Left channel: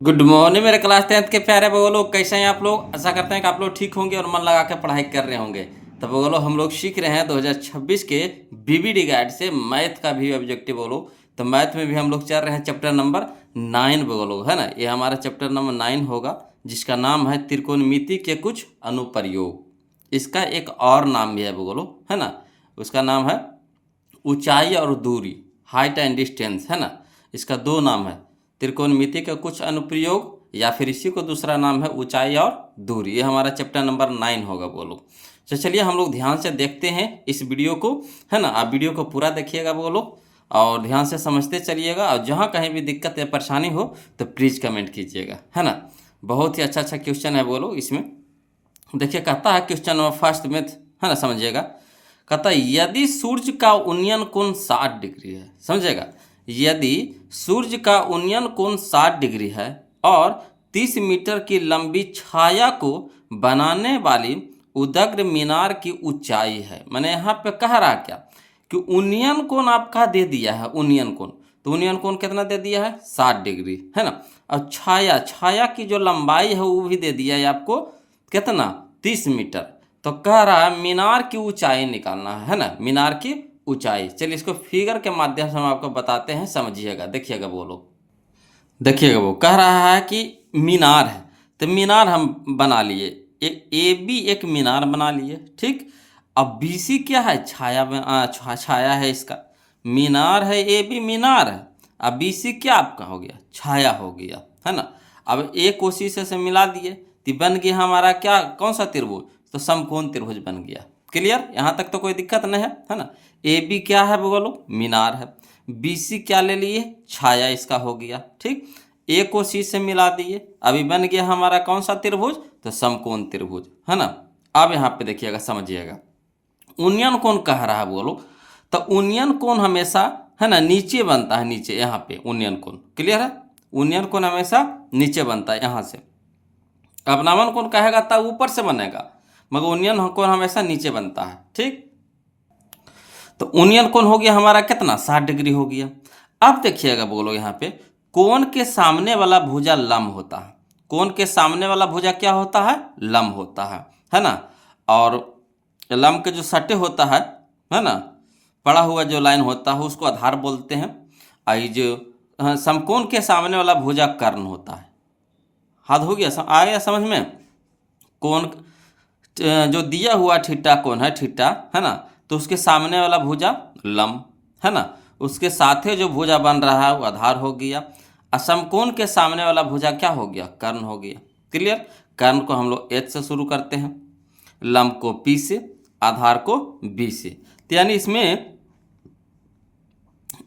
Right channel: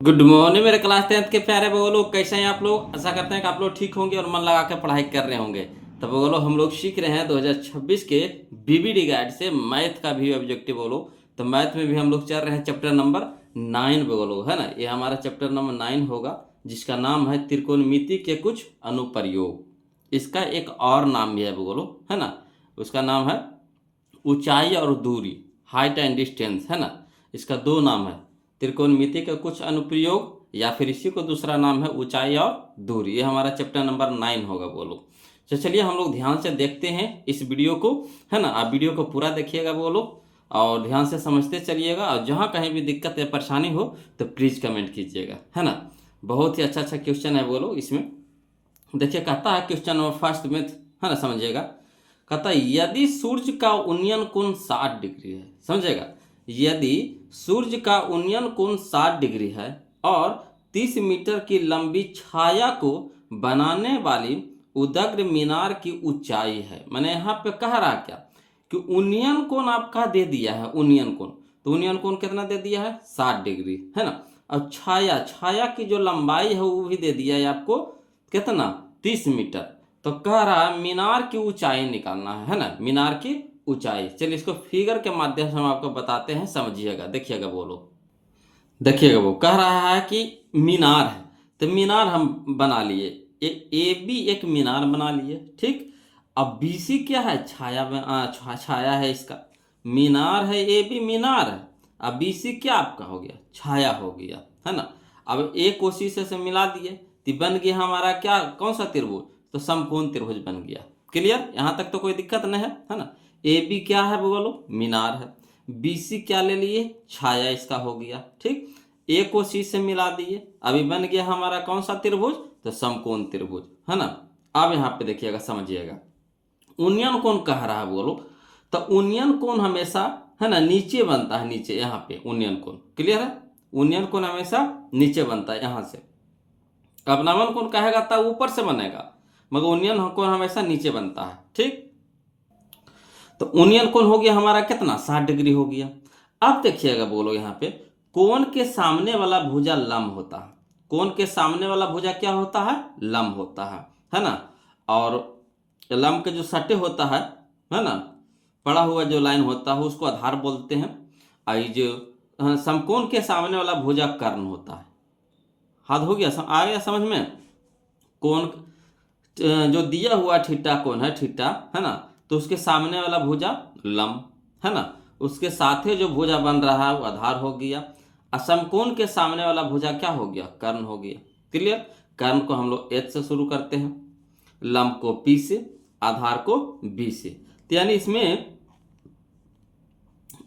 Good morning मेरे class 10th के प्यारे बगलो, कैसे हैं आप लोग। आशा करते हैं कि आप लोग ठीक होंगे और मन लगा कर पढ़ाई कर रहे होंगे। तो बगलो हम लोग सीख रहे हैं 2026 के बीबीडी गाइड से मैथ का भी ऑब्जेक्टिव बोलो। तो मैथ में भी हम लोग चल रहे हैं चैप्टर नंबर 9 बगलो, है ना। ये हमारा चैप्टर नंबर 9 होगा, जिसका नाम है त्रिकोणमिति के कुछ अनुप्रयोग। इसका एक और नाम भी है बगलो, है ना। उसका नाम है ऊंचाई और दूरी, हाइट एंड डिस्टेंस, है ना। इसका दो नाम है, त्रिकोणमिति के कुछ अनुप्रयोग, या फिर इसी को दूसरा नाम है ऊंचाई और दूरी। ये हमारा चैप्टर नंबर 9 होगा बोलो। तो चलिए हम लोग ध्यान से देखते हैं इस वीडियो को, है ना। आप वीडियो को पूरा देखिएगा बोलो और ध्यान से समझते चलिएगा। और जहाँ कहीं भी दिक्कत या परेशानी हो तो प्लीज़ कमेंट कीजिएगा, है ना। बहुत ही अच्छा अच्छा क्वेश्चन है बोलो इसमें। देखिए कहता है क्वेश्चन नंबर फर्स्ट में, है ना, समझिएगा। कहता है यदि सूर्य का उन्नयन कोण 60 डिग्री है, समझेगा। यदि सूर्य का उन्नयन कोण 60 डिग्री है और 30 मीटर की लंबी छाया को बनाने वाली उदग्र मीनार की ऊंचाई है। मैंने यहाँ पे कह रहा क्या कि उन्नयन कोण आपका दे दिया है, उन्नयन कोण। तो उन्नयन कोण कितना दे दिया है, 60 डिग्री, है ना। और छाया छाया की जो लंबाई है वो भी दे दिया है आपको, कितना, 30 मीटर। तो कह रहा है मीनार की ऊंचाई निकालना है ना, मीनार की ऊंचाई। चलिए इसको फिगर के माध्यम से हम आपको बताते हैं, समझिएगा, देखिएगा बोलो। देखिएगा वो कह रहा है कि मीनार है, तो मीनार हम बना लिए। ए बी एक मीनार बना लिए, ठीक। अब बी सी क्या है, छाया है इसका। मीनार है ए बी, मीनार है। अब बी सी क्या आपका हो गया, छाया हो गया, है ना। अब ए को सी से मिला दिए तो बन गया हमारा क्या, कौन सा त्रिभुज, तो समकोण त्रिभुज बन गया। क्लियर, यहाँ तक तो कोई दिक्कत नहीं है ना। ए बी क्या है बोलो, मीनार है। बी सी क्या ले लिए, छाया इसका हो गया, ठीक। ए को सी से मिला दिए, अभी बन गया हमारा कौन सा त्रिभुज, तो समकोण त्रिभुज, है ना। अब यहाँ पे देखिएगा, समझिएगा। उन्नयन कोण कह रहा है बोलो, तो उन्नयन कोण हमेशा, है ना, नीचे बनता है, नीचे यहाँ पे उन्नयन कोण। क्लियर है, उन्नयन कोण हमेशा नीचे बनता है यहाँ से। अपनावन कोण कहेगा तब ऊपर से बनेगा, मगर उन्नयन कोण हमेशा नीचे बनता है, ठीक। तो उन्नयन कोण हो गया हमारा कितना, 60 डिग्री हो गया। अब देखिएगा बोलो यहाँ पे, कोण के सामने वाला भुजा लंब होता है। कोण के सामने वाला भुजा क्या होता है, लंब होता है ना। और लंब के जो सटे होता है ना, पड़ा हुआ जो लाइन होता है उसको आधार बोलते हैं। और ये जो समकोण के सामने वाला भुजा कर्ण होता है। हाथ हो गया, आ गया समझ में। कोण जो दिया हुआ थीटा कोण है, थीटा, है ना, तो उसके सामने वाला भुजा लंब, है ना। उसके साथ ही जो भुजा बन रहा है वो आधार हो गया। असमकोण के सामने वाला भुजा क्या हो गया, कर्ण हो गया। क्लियर, कर्ण को हम लोग एच से शुरू करते हैं, लंब को पी से, आधार को बी से। तो यानी इसमें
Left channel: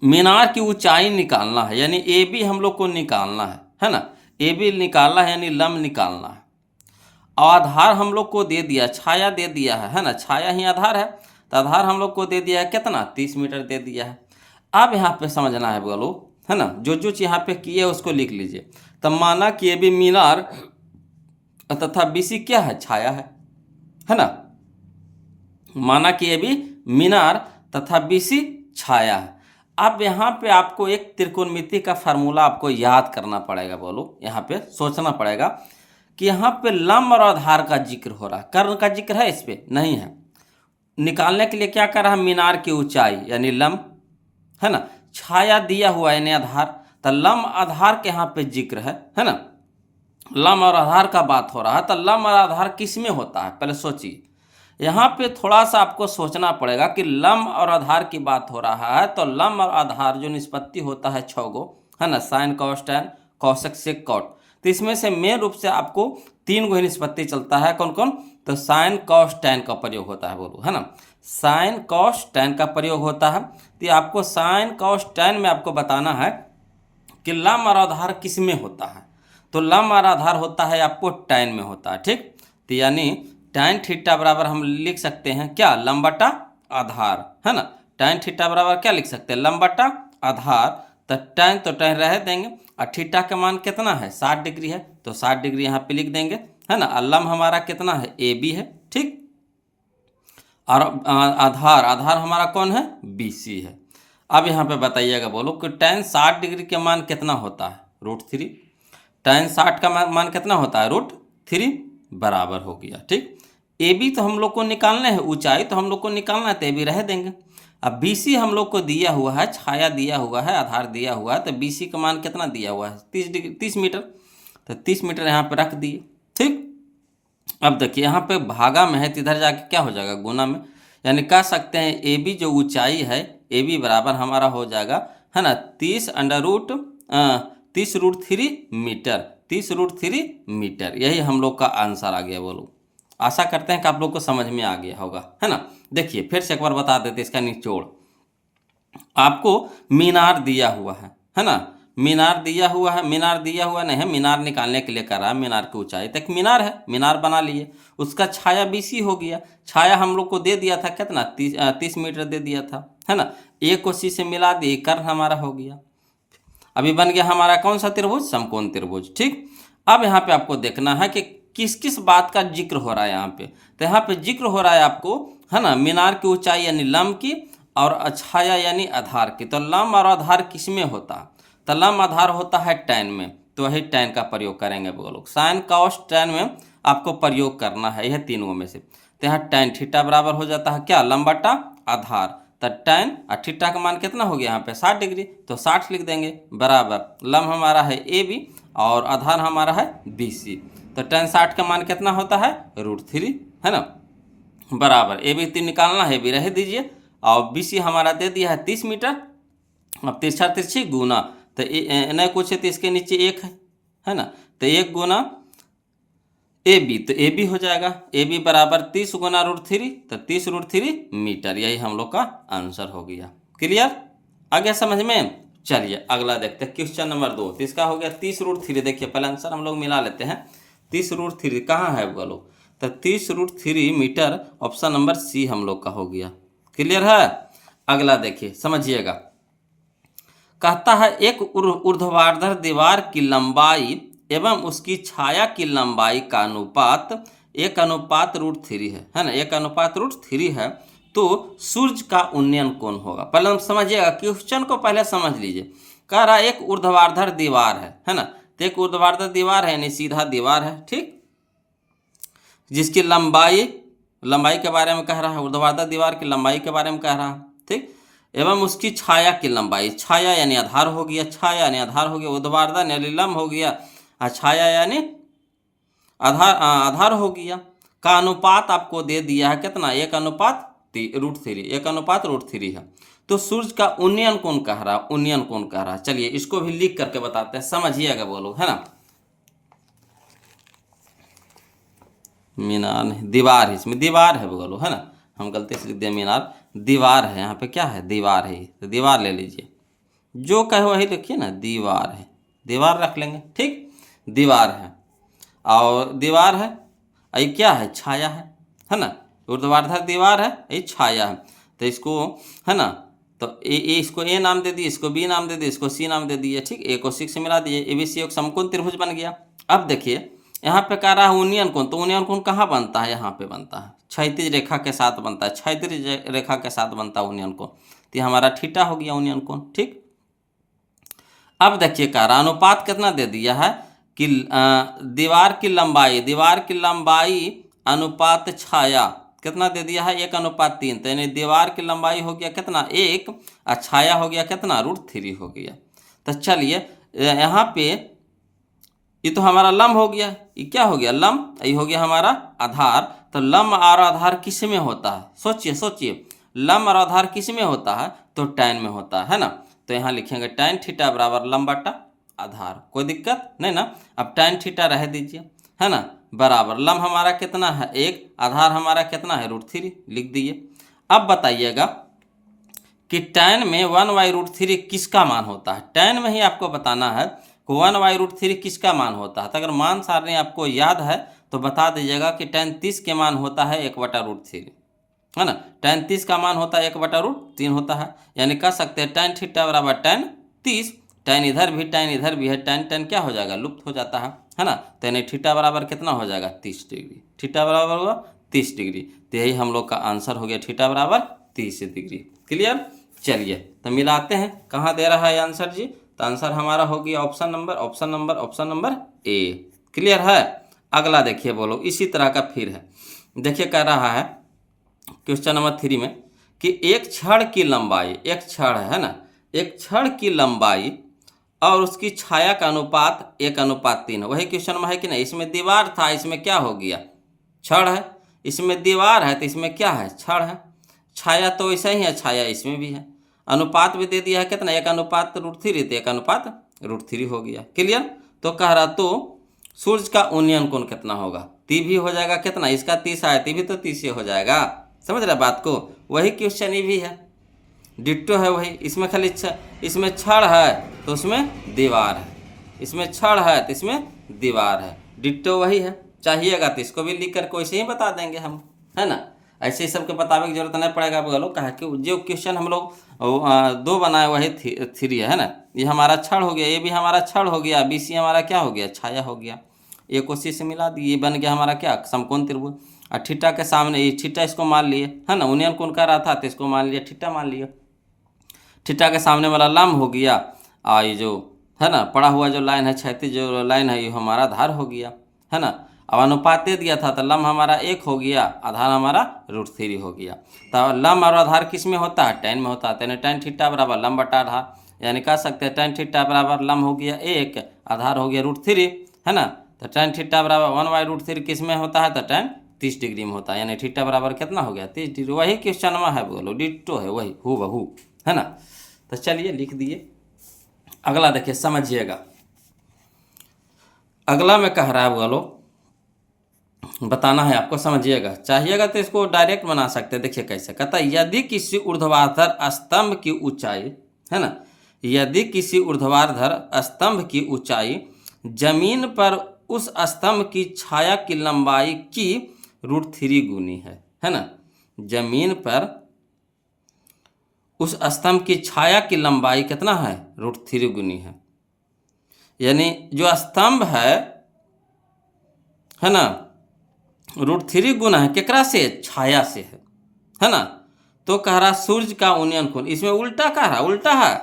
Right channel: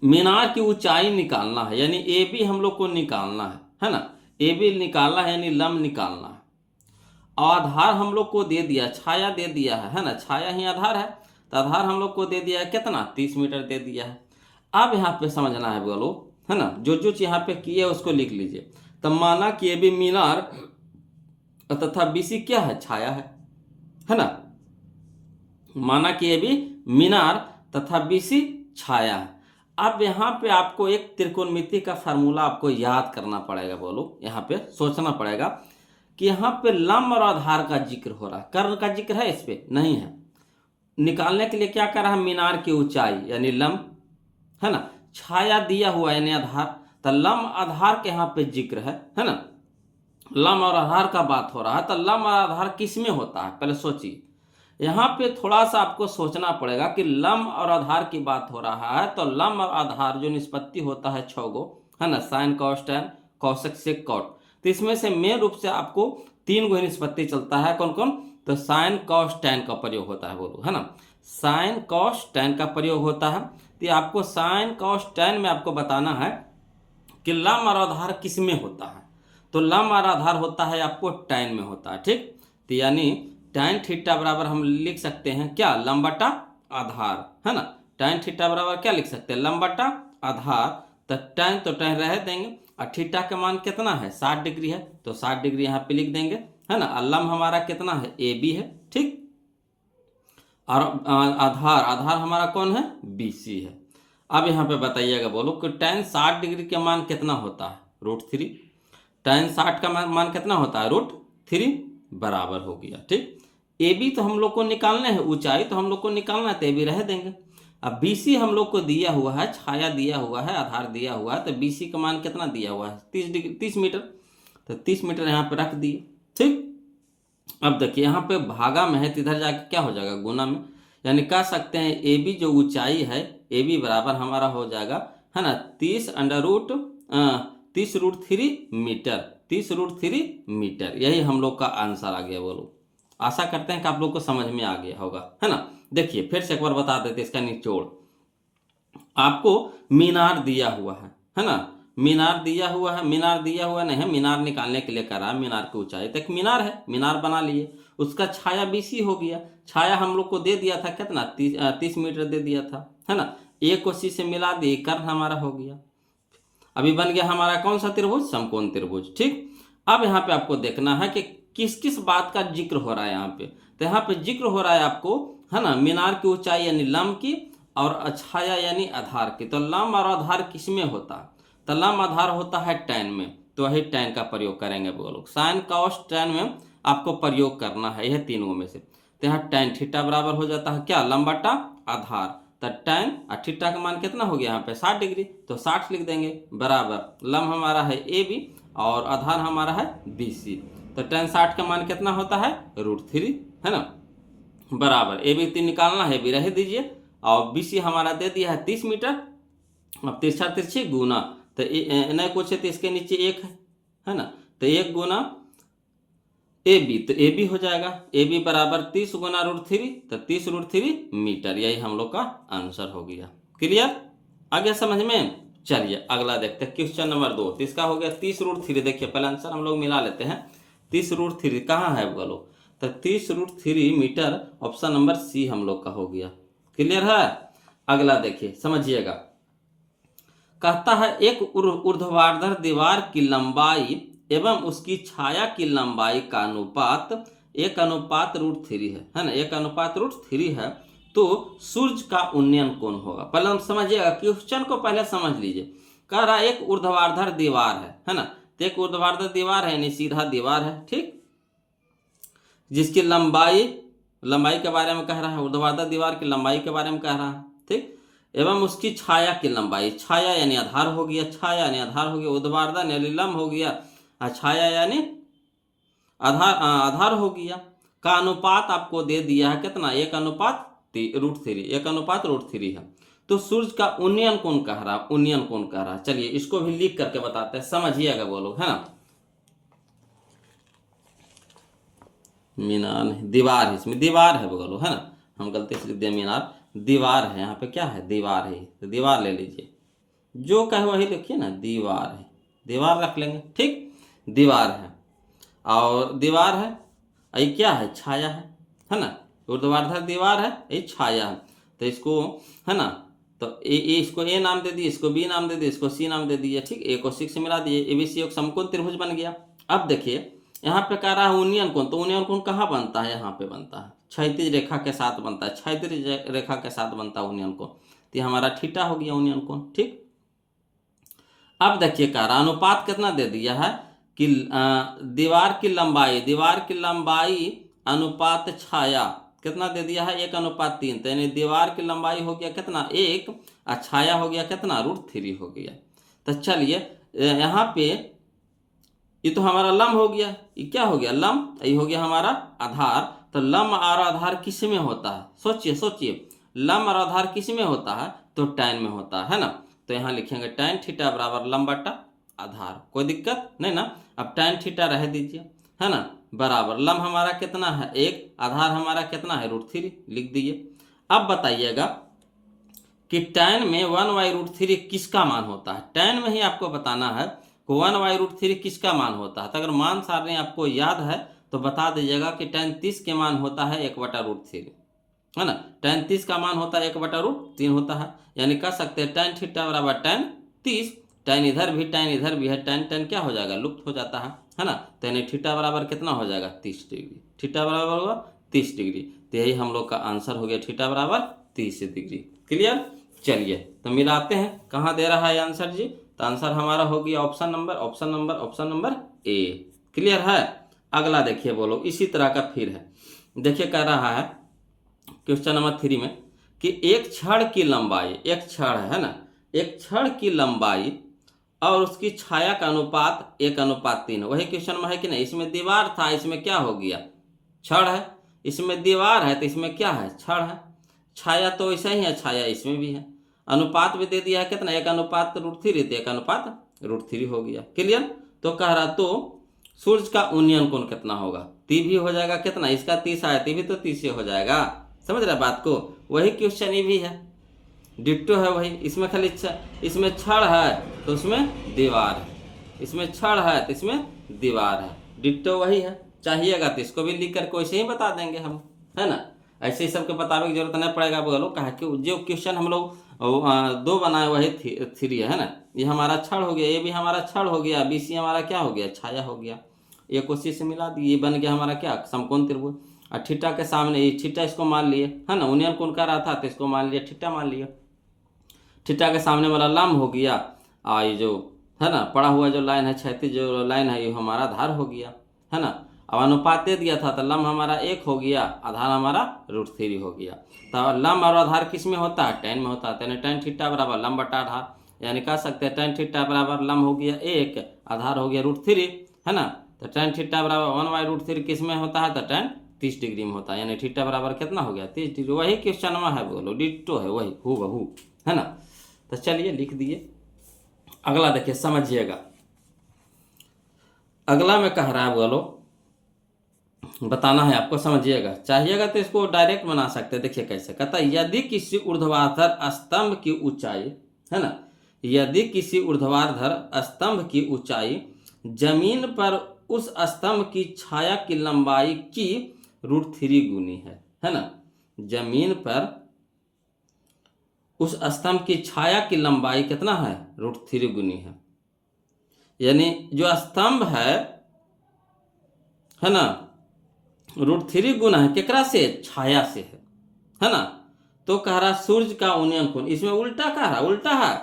मीनार की ऊंचाई निकालना है, यानी ए बी हम लोग को निकालना है ना। ए बी निकालना है, यानी लंब निकालना है। आधार हम लोग को दे दिया, छाया दे दिया है ना, छाया ही आधार है। तो आधार हम लोग को दे दिया है कितना, 30 मीटर दे दिया है। अब यहाँ पे समझना है बोलो, है ना, जो जो चीज यहाँ पे किए उसको लिख लीजिए। तब माना कि ये भी मीनार तथा बीसी क्या है, छाया है ना। माना कि ये भी मीनार तथा बीसी छाया है। अब यहाँ पे आपको एक त्रिकोणमिति का फार्मूला आपको याद करना पड़ेगा बोलो, यहाँ पे सोचना पड़ेगा कि यहाँ पे लंब और आधार का जिक्र हो रहा है, कर्ण का जिक्र है इस पे नहीं है। निकालने के लिए क्या कर रहा है, मीनार की ऊंचाई यानी लंब, है ना। छाया दिया हुआ यानी आधार, तो लंब आधार के यहाँ पे जिक्र है ना। लंब और आधार का बात हो रहा है, तो लंब और आधार किस में होता है, पहले सोचिए। यहाँ पे थोड़ा सा आपको सोचना पड़ेगा कि लंब और आधार की बात हो रहा है, तो लंब और आधार जो निष्पत्ति होता है 6 गो, है ना, sine cos tan cosec sec cot. तो इसमें से मेन रूप से आपको 3 गो ही निष्पत्ति चलता है, कौन कौन, तो साइन कॉस टैन का प्रयोग होता है बोलो, है ना। साइन कॉस टैन का प्रयोग होता है। तो आपको साइन कॉस टैन में आपको बताना है कि लंब और आधार किस में होता है। तो लंब और आधार होता है आपको टैन में होता है, ठीक। तो यानी टैन थीटा बराबर हम लिख सकते हैं क्या, लंब बटा आधार, है ना। टैन थीटा बराबर क्या लिख सकते हैं, लंब बटा आधार। तो टैन रह देंगे, और थीटा का मान कितना है, 60 डिग्री है, तो 60 डिग्री यहाँ पे लिख देंगे, है ना। और लंब हमारा कितना है, ए बी है, ठीक। और आधार आधार हमारा कौन है, बी सी है। अब यहाँ पे बताइएगा बोलो कि टैन 60 डिग्री के मान कितना होता है, √3। tan 60 का मान कितना होता है, √3 बराबर हो गया। ठीक, ए बी तो हम लोग को निकालना है, ऊंचाई तो हम लोग को निकालना है, तो ए बी रह देंगे। अब बी सी हम लोग को दिया हुआ है, छाया दिया हुआ है, आधार दिया हुआ है, तो बी सी का मान कितना दिया हुआ है, 30 मीटर, तो 30 मीटर यहाँ पे रख दिए। ठीक, अब देखिए यहाँ पे भागा में है तो इधर जाके क्या हो जाएगा, गुना में, यानी कह सकते हैं ए बी जो ऊंचाई है, ए बी बराबर हमारा हो जाएगा, है ना, 30√3 मीटर, 30√3 मीटर। यही हम लोग का आंसर आ गया। बोलो, आशा करते हैं कि आप लोग को समझ में आ गया होगा, है ना। देखिए फिर से एक बार बता देते इसका निचोड़। आपको मीनार दिया हुआ है ना, मीनार दिया हुआ है, मीनार दिया हुआ नहीं है, मीनार निकालने के लिए कह रहा है, मीनार की ऊंचाई तक मीनार है, मीनार बना लिए, उसका छाया बीसी हो गया, छाया हम लोग को दे दिया था कितना, 30 मीटर दे दिया था, है ना। ए को सी से मिला दिए, कर्ण हमारा हो गया। अभी बन गया हमारा कौन सा त्रिभुज, समकोण त्रिभुज। ठीक, अब यहाँ पे आपको देखना है कि किस किस बात का जिक्र हो रहा है यहाँ पे, तो यहाँ पे जिक्र हो रहा है आपको, है ना, मीनार की ऊंचाई यानी लंब की, और छाया यानी आधार की। तो लंब और आधार किस में होता है, तो लंब आधार होता है टैन में, तो वही टैन का प्रयोग करेंगे वो लोग। साइन कॉस टैन में आपको प्रयोग करना है, यह तीनों में से। तो यहाँ टैन थीटा बराबर हो जाता है क्या, लंब बटा आधार, तो टैन और थीटा का मान कितना हो गया यहाँ पे 60 डिग्री, तो 60 लिख देंगे, बराबर लंब हमारा है ए बी और आधार हमारा है बी सी, तो टैन 60 का मान कितना होता है, √3, है ना, बराबर ए बी निकालना है, बी रह दीजिए, और बी सी हमारा दे दिया है 30 मीटर। अब तिरछा तिरछी गुना, तो न कुछ है तो इसके नीचे एक है ना, तो 1 गुना ए बी, तो ए बी हो जाएगा, ए बी बराबर 30 गुना √3, तो 30√3 मीटर। यही हम लोग का आंसर हो गया। क्लियर, आ गया समझ में। चलिए अगला देखते हैं, क्वेश्चन नंबर 2। तो इसका हो गया 30√3। देखिए पहले आंसर हम लोग मिला लेते हैं। 30√3 कहाँ है बोलो, तो 30√3 मीटर, ऑप्शन नंबर सी हम लोग का हो गया। क्लियर है। अगला देखिए समझिएगा, कहता है एक ऊर्ध्वाधर दीवार की लंबाई एवं उसकी छाया की लंबाई का अनुपात 1:√3 है ना, 1:√3 है, तो सूर्य का उन्नयन कोण होगा। पहले हम समझिएगा, क्वेश्चन को पहले समझ लीजिए। कह रहा है एक ऊर्ध्वाधर दीवार है ना, तो एक ऊर्ध्वाधर दीवार है यानी सीधा दीवार है, ठीक, जिसकी लंबाई के बारे में कह रहा है, ऊर्ध्वाधर दीवार की लंबाई के बारे में कह रहा है, ठीक, एवं उसकी छाया की लंबाई, छाया यानी आधार हो गया, छाया यानी आधार हो गया, ऊर्ध्वाधर यानी लंब हो गया, छाया यानी आधार हो गया, का अनुपात आपको दे दिया है कितना, 1:√3, 1:√3 है। तो सूर्य का उन्नयन कोण कह रहा, उन्नयन कोण कह रहा। चलिए इसको भी लिख करके बताते हैं, समझिएगा वो लोग, है ना। मीनार नहीं, दीवार है, इसमें दीवार है बोलो, है ना, हम गलती से लिख दिया मीनार, दीवार है, यहाँ पे क्या है, दीवार है, तो दीवार ले लीजिए, जो कहे वही लिखिए ना, दीवार है, दीवार रख लेंगे, ठीक, दीवार है, और दीवार है, ये क्या है, छाया है ना, ऊर्ध्वाधर दीवार है, ये छाया है, तो इसको, है ना, तो ए इसको ए नाम दे दिए, इसको बी नाम दे दिए, इसको सी नाम दे दिए, ठीक, ए को सी से मिला दिए, ए बी सी एक समकोण त्रिभुज बन गया। अब देखिए यहाँ पे कह रहा है उन्नयन कोण, तो उन्नयन कोण कहाँ बनता है, यहाँ पे बनता है, क्षैतिज रेखा के साथ बनता है, क्षैतिज रेखा के साथ बनता है उन्नयन कोण, तो ये हमारा थीटा हो गया उन्नयन कोण, ठीक। अब देखिए कह रहा अनुपात कितना दे दिया है कि दीवार की लंबाई अनुपात छाया कितना दे दिया है, 1:3, तो यानी दीवार की लंबाई हो गया कितना 1, और छाया हो गया कितना √3 हो गया। तो चलिए यहाँ पे ये तो हमारा लंब हो गया, ये क्या हो गया लंब, ये हो गया हमारा आधार। तो लंब और आधार किस में होता है, सोचिए लंब और आधार किस में होता है, तो टैन में होता है ना। तो यहाँ लिखेंगे टैन थीटा बराबर लंब बटा आधार, कोई दिक्कत नहीं ना। अब टैन थीटा रह दीजिए, है ना, बराबर लंब हमारा कितना है 1, आधार हमारा कितना है √3, लिख दिए। अब बताइएगा कि टैन में 1/√3 किसका मान होता है, टैन में ही आपको बताना है 1/√3 किसका मान होता है। तो अगर मान सारणी आपको याद है तो बता दीजिएगा कि टैन 30 के मान होता है 1/√3, है ना, टैन 30 का मान होता है 1/√3 होता है, यानी कह सकते हैं टैन थीटा बराबर टैन 30, टैन इधर भी है, टैन क्या हो जाएगा, लुप्त हो जाता है ना। तो यानी थीटा बराबर कितना हो जाएगा 30 डिग्री, थीटा बराबर होगा 30 डिग्री। तो यही हम लोग का आंसर हो गया, थीटा बराबर 30 डिग्री। क्लियर। चलिए तो मिलाते हैं, कहाँ दे रहा है आंसर जी, तो आंसर हमारा हो गया ऑप्शन नंबर ए। क्लियर है। अगला देखिए बोलो इसी तरह का फिर है। देखिए कह रहा है क्वेश्चन नंबर 3 में कि एक छड़ की लंबाई, एक छड़ है ना, एक छड़ की लंबाई और उसकी छाया का अनुपात 1:3। वही क्वेश्चन में है कि नहीं। इसमें दीवार था, इसमें क्या हो गया, छड़ है। इसमें दीवार है तो इसमें क्या है, छड़ है। छाया तो ऐसा ही है, छाया इसमें भी है। अनुपात भी दे दिया है कितना, 1:3, तो 1:3 हो गया। क्लियर। तो कह रहा तो सूर्य का उन्नयन कोण कितना होगा, ती भी हो जाएगा कितना, इसका 30 आया, ती भी तो 30 हो जाएगा। समझ रहे बात को। वही क्वेश्चन ये भी है, डिट्टो है वही। इसमें खाली इसमें छड़ है तो उसमें दीवार है, इसमें छड़ है तो इसमें दीवार है, डिट्टो वही है। चाहिएगा तो इसको भी लिख करके वैसे ही बता देंगे हम, है ना। ऐसे ही सबके बताने की जरूरत नहीं पड़ेगा। बोलो कहा कि जो क्वेश्चन हम लोग 2 बनाए वही 3 है ना। ये हमारा छड़ हो गया, ये भी हमारा छड़ हो गया, BC हमारा क्या हो गया, छाया हो गया। एक उसी से मिला दिए, ये बन गया हमारा क्या, समकोण त्रिभुज। और थीटा के सामने ये थीटा, इसको मान लिए, है ना। उन्नयन कोण कर रहा था तो इसको मान लिया, थीटा मान लिया। थीटा के सामने वाला लंब हो गया, और ये जो है ना पड़ा हुआ जो लाइन है, क्षैतिज जो लाइन है, ये हमारा आधार हो गया, है ना। अब अनुपात दे दिया था तो लंब हमारा 1 हो गया, आधार हमारा √3 हो गया। तो लंब और आधार किस में होता है, tan में होता है। यानी tan थीटा बराबर लंब बटा आधार, यानी कह सकते हैं tan थीटा बराबर लंब हो गया 1, आधार हो गया √3, है ना। तो tan थीटा बराबर 1/√3 किस में होता है, तो tan 30 डिग्री में होता है। यानी थीटा बराबर कितना हो गया, 30 डिग्री। वही क्वेश्चन में है, बोलो डिट्टो है वही, हूबहू, है ना। तो चलिए लिख दिए। अगला देखिए समझिएगा। अगला में कह रहा है, बोलो बताना है आपको, समझिएगा। चाहिएगा तो इसको डायरेक्ट बना सकते हैं। देखिए कैसे कहता है, यदि किसी ऊर्ध्वाधर स्तंभ की ऊंचाई, है ना, यदि किसी ऊर्ध्वाधर स्तंभ की ऊंचाई जमीन पर उस स्तंभ की छाया की लंबाई की √3 गुनी है ना। जमीन पर उस स्तंभ की छाया की लंबाई कितना है, √3 गुनी है। यानी जो स्तंभ है ना, √3 गुना है केकरा से, छाया से है ना। तो कह रहा सूर्य का उन्नयन कोण, इसमें उल्टा कह रहा, उल्टा है।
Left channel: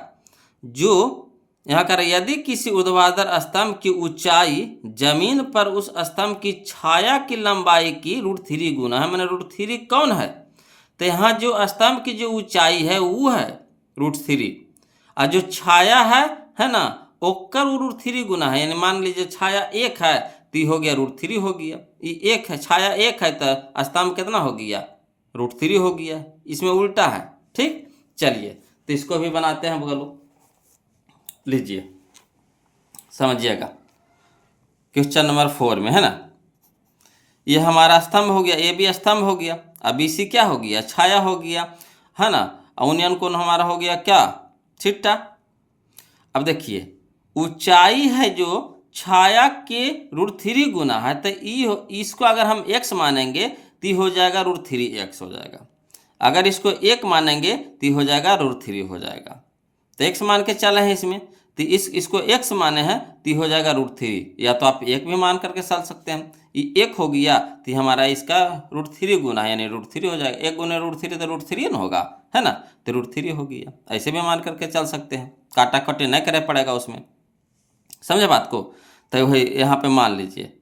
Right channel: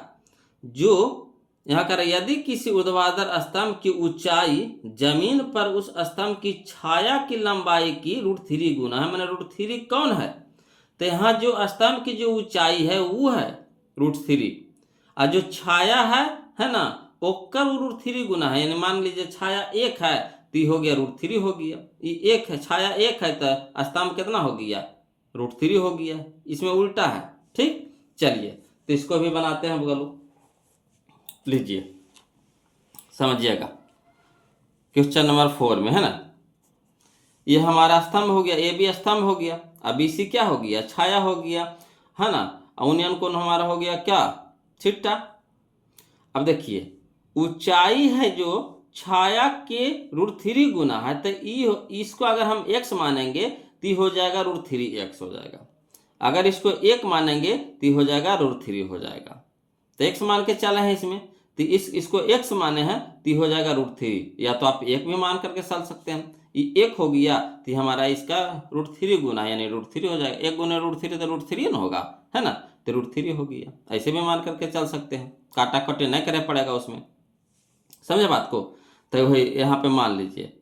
जो यहाँ कह रहा यदि किसी ऊर्ध्वाधर स्तंभ की ऊंचाई जमीन पर उस स्तंभ की छाया की लंबाई की √3 गुना है, मैंने √3 कौन है, तो यहाँ जो स्तंभ की जो ऊंचाई है वो है √3, और जो छाया है ना, ओकर √3 गुना है। यानी मान लीजिए छाया 1 है तो हो गया √3 हो गया। ये 1 है, छाया 1 है तो स्तंभ कितना हो गया, √3 हो गया। इसमें उल्टा है। ठीक, चलिए तो इसको भी बनाते हैं, बोलो लीजिए समझिएगा। क्वेश्चन नंबर 4 में है ना, ये हमारा स्तंभ हो गया, ये भी स्तंभ हो गया, अब BC क्या हो गया, छाया हो गया, है ना। उन्नयन कोण हमारा हो गया क्या, थीटा। अब देखिए ऊंचाई है जो छाया के √3 गुना है, तो इसको अगर हम x मानेंगे तो हो जाएगा √3x हो जाएगा। अगर इसको 1 मानेंगे तो हो जाएगा √3 हो जाएगा। तो x मान के चले हैं इसमें, तो इसको x माने हैं तो हो जाएगा √3, या तो आप 1 भी मान करके चल सकते हैं। ये 1 हो गया तो हमारा इसका √3 गुना है, यानी √3 हो जाएगा। 1 गुना √3 तो √3 ना होगा, है ना, तो √3 हो गया। ऐसे भी मान करके चल सकते हैं, काटा कटे नहीं करे पड़ेगा उसमें, समझे बात को। तो वही यहाँ पे मान लीजिए,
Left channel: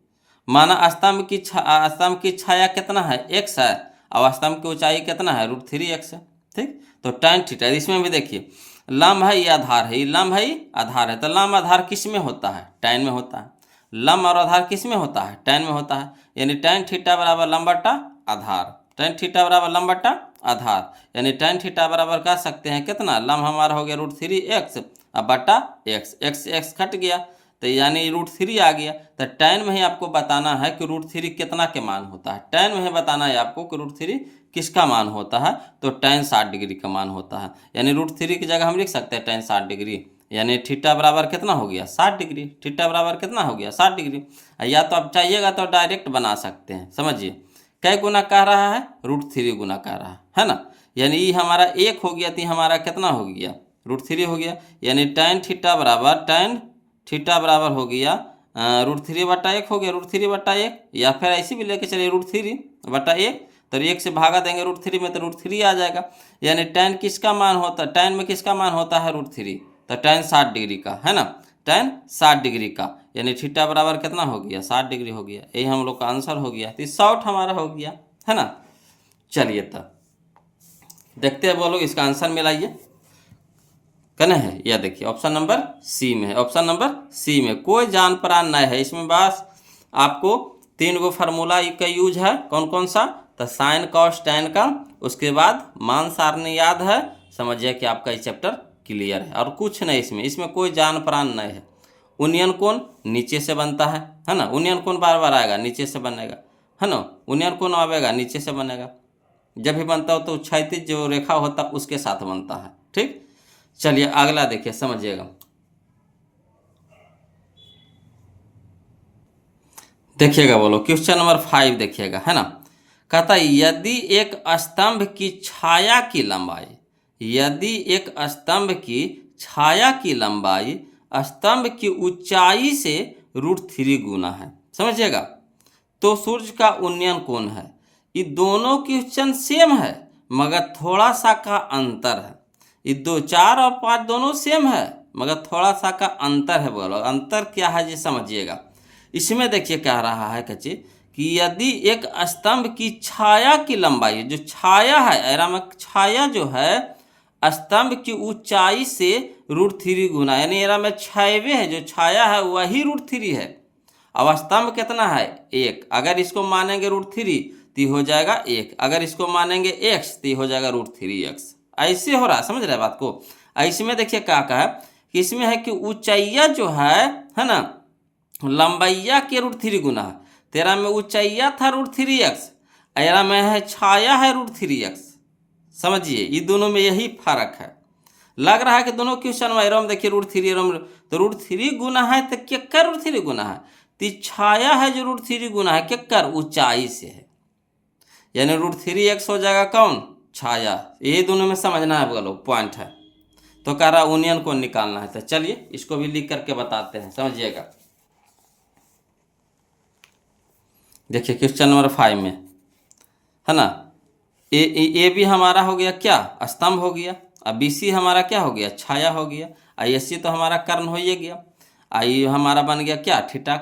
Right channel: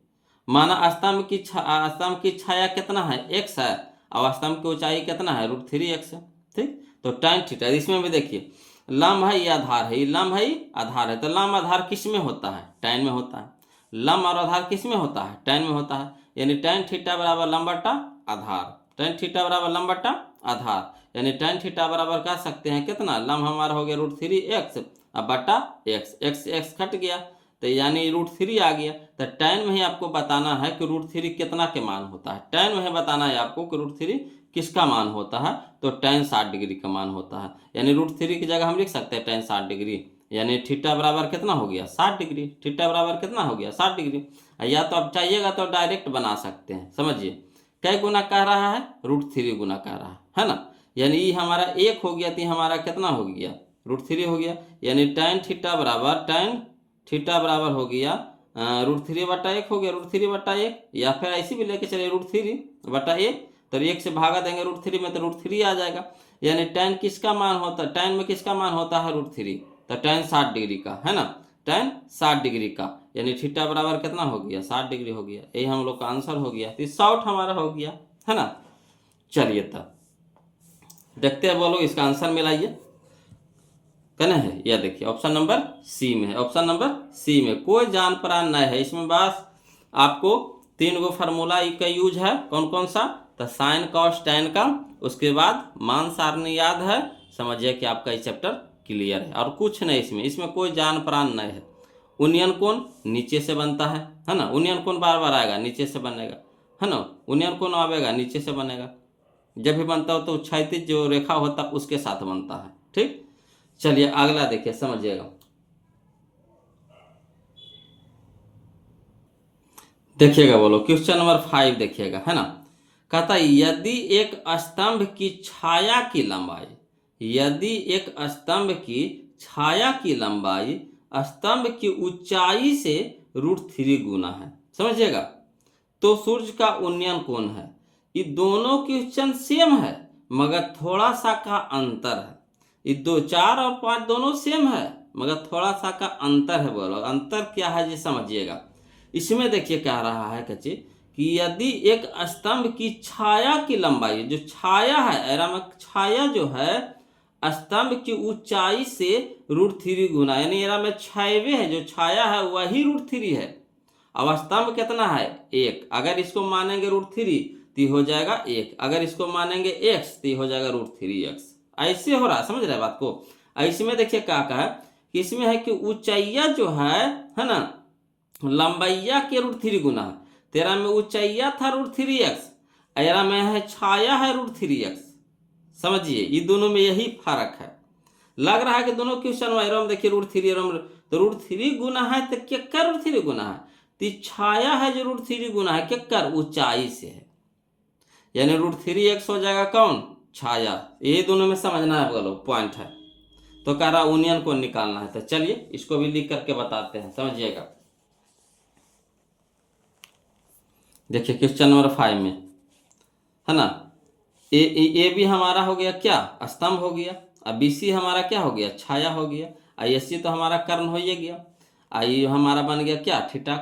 माना स्तंभ की छाया कितना है, x है, और स्तंभ की ऊंचाई कितना है, √3x है। ठीक, तो tan थीटा, इसमें भी देखिए लंब है, ये आधार है, ये लंब है, ये आधार है। तो लंब आधार किस में होता है, tan में होता है। लंब और आधार किस में होता है, tan में होता है। यानी tan थीटा बराबर लंब बटा आधार, tan थीटा बराबर लंब बटा आधार, यानी tan थीटा बराबर कह सकते हैं कितना, लंब हमारा हो गया √3x अब बटा x कट गया, तो यानी √3 आ गया। तो tan में ही आपको बताना है कि √3 कितना के मान होता है। tan में ही बताना है आपको कि √3 किसका मान होता है, तो tan 60 डिग्री का मान होता है। यानी √3 की जगह हम लिख सकते हैं tan 60 डिग्री, यानी थीटा बराबर कितना हो गया, 60 डिग्री। थीटा बराबर कितना हो गया, 60 डिग्री। या तो आप चाहिएगा तो डायरेक्ट बना सकते हैं। समझिए कै गुना कह रहा है, √3 गुना कह रहा है ना। यानी ये हमारा 1 हो गया तो हमारा कितना हो गया, √3 हो गया। यानी tan थीटा बराबर हो गया √3 बटा 1 हो गया, √3 बटा 1, या फिर ऐसे भी लेके चलिए √3 बटा 1, तो 1 से भागा देंगे √3 में तो √3 आ जाएगा। यानी tan किसका मान होता है, tan में किसका मान होता है √3, तो tan 60 डिग्री का, है ना। tan 60 डिग्री का, यानी थीटा बराबर कितना हो गया 60 डिग्री हो गया। यही हम लोग का आंसर हो गया। तो शॉर्ट हमारा हो गया, है ना। चलिए तब देखते हैं बोलो इसका आंसर मिलाइए, कहना है। यह देखिए ऑप्शन नंबर सी में है। ऑप्शन नंबर सी में कोई जान परान नहीं है इसमें, बस आपको 3 गो फार्मूला का यूज है। कौन कौन सा? तो साइन कॉस टैन का, उसके बाद मान सारणी याद है, समझिए कि आपका ये चैप्टर क्लियर है। और कुछ नहीं इसमें कोई जान परान नहीं है। उनियन कोण नीचे से बनता है ना। उनियन कोण बार बार आएगा नीचे से बनेगा, है ना। उनियन कोण आएगा नीचे से बनेगा, जब भी बनता हो तो क्षैतिज जो रेखा होता है उसके साथ बनता है, ठीक। चलिए अगला देखिए, समझिएगा। देखिएगा बोलो क्वेश्चन नंबर 5 देखिएगा, है ना। कहता है यदि एक स्तंभ की छाया की लंबाई, यदि एक स्तंभ की छाया की लंबाई स्तंभ की ऊंचाई से √3 गुना है, समझिएगा, तो सूर्य का उन्नयन कोण है। ये दोनों क्वेश्चन सेम है मगर थोड़ा सा का अंतर है। ये 2, 4 और 5 दोनों सेम है मगर थोड़ा सा का अंतर है। बोलो अंतर क्या है जी, समझिएगा। इसमें देखिए कह रहा है कच्चे कि यदि एक स्तंभ की छाया की लंबाई, जो छाया है एरा में, छाया जो है स्तंभ की ऊंचाई से √3 गुना, यानी एरा में छायवे है, जो छाया है वही √3 है। अब स्तंभ कितना है 1, अगर इसको मानेंगे √3 तो हो जाएगा 1, अगर इसको मानेंगे x तो हो जाएगा √3x। ऐसे हो रहा, समझ रहे बात को। ऐसे में देखिए क्या कहा कि इसमें है कि ऊंचाइया जो है ना, लंबाइया के √3 गुना है। तेरा में ऊंचाइया था √3x, एरा में है छाया है √3x। समझिए ये दोनों में यही फर्क है। लग रहा है कि दोनों क्वेश्चन में एरम देखिए √3 तो √3 गुना है, तो क्या कर √3 गुना है, तो छाया है जो √3 गुना है क्या कर ऊंचाई से है, यानी √3x हो जाएगा कौन, छाया। ये दोनों में समझना है, बोलो पॉइंट है। तो कह रहा यूनियन को निकालना है, तो चलिए इसको भी लिख करके बताते हैं, समझिएगा। देखिए क्वेश्चन नंबर 5 में, है ना, ए भी हमारा हो गया क्या, स्तंभ हो गया। अब BC हमारा क्या हो गया, छाया हो गया। ISC तो हमारा कर्ण हो ही गया। आई हमारा बन गया क्या, थीटा।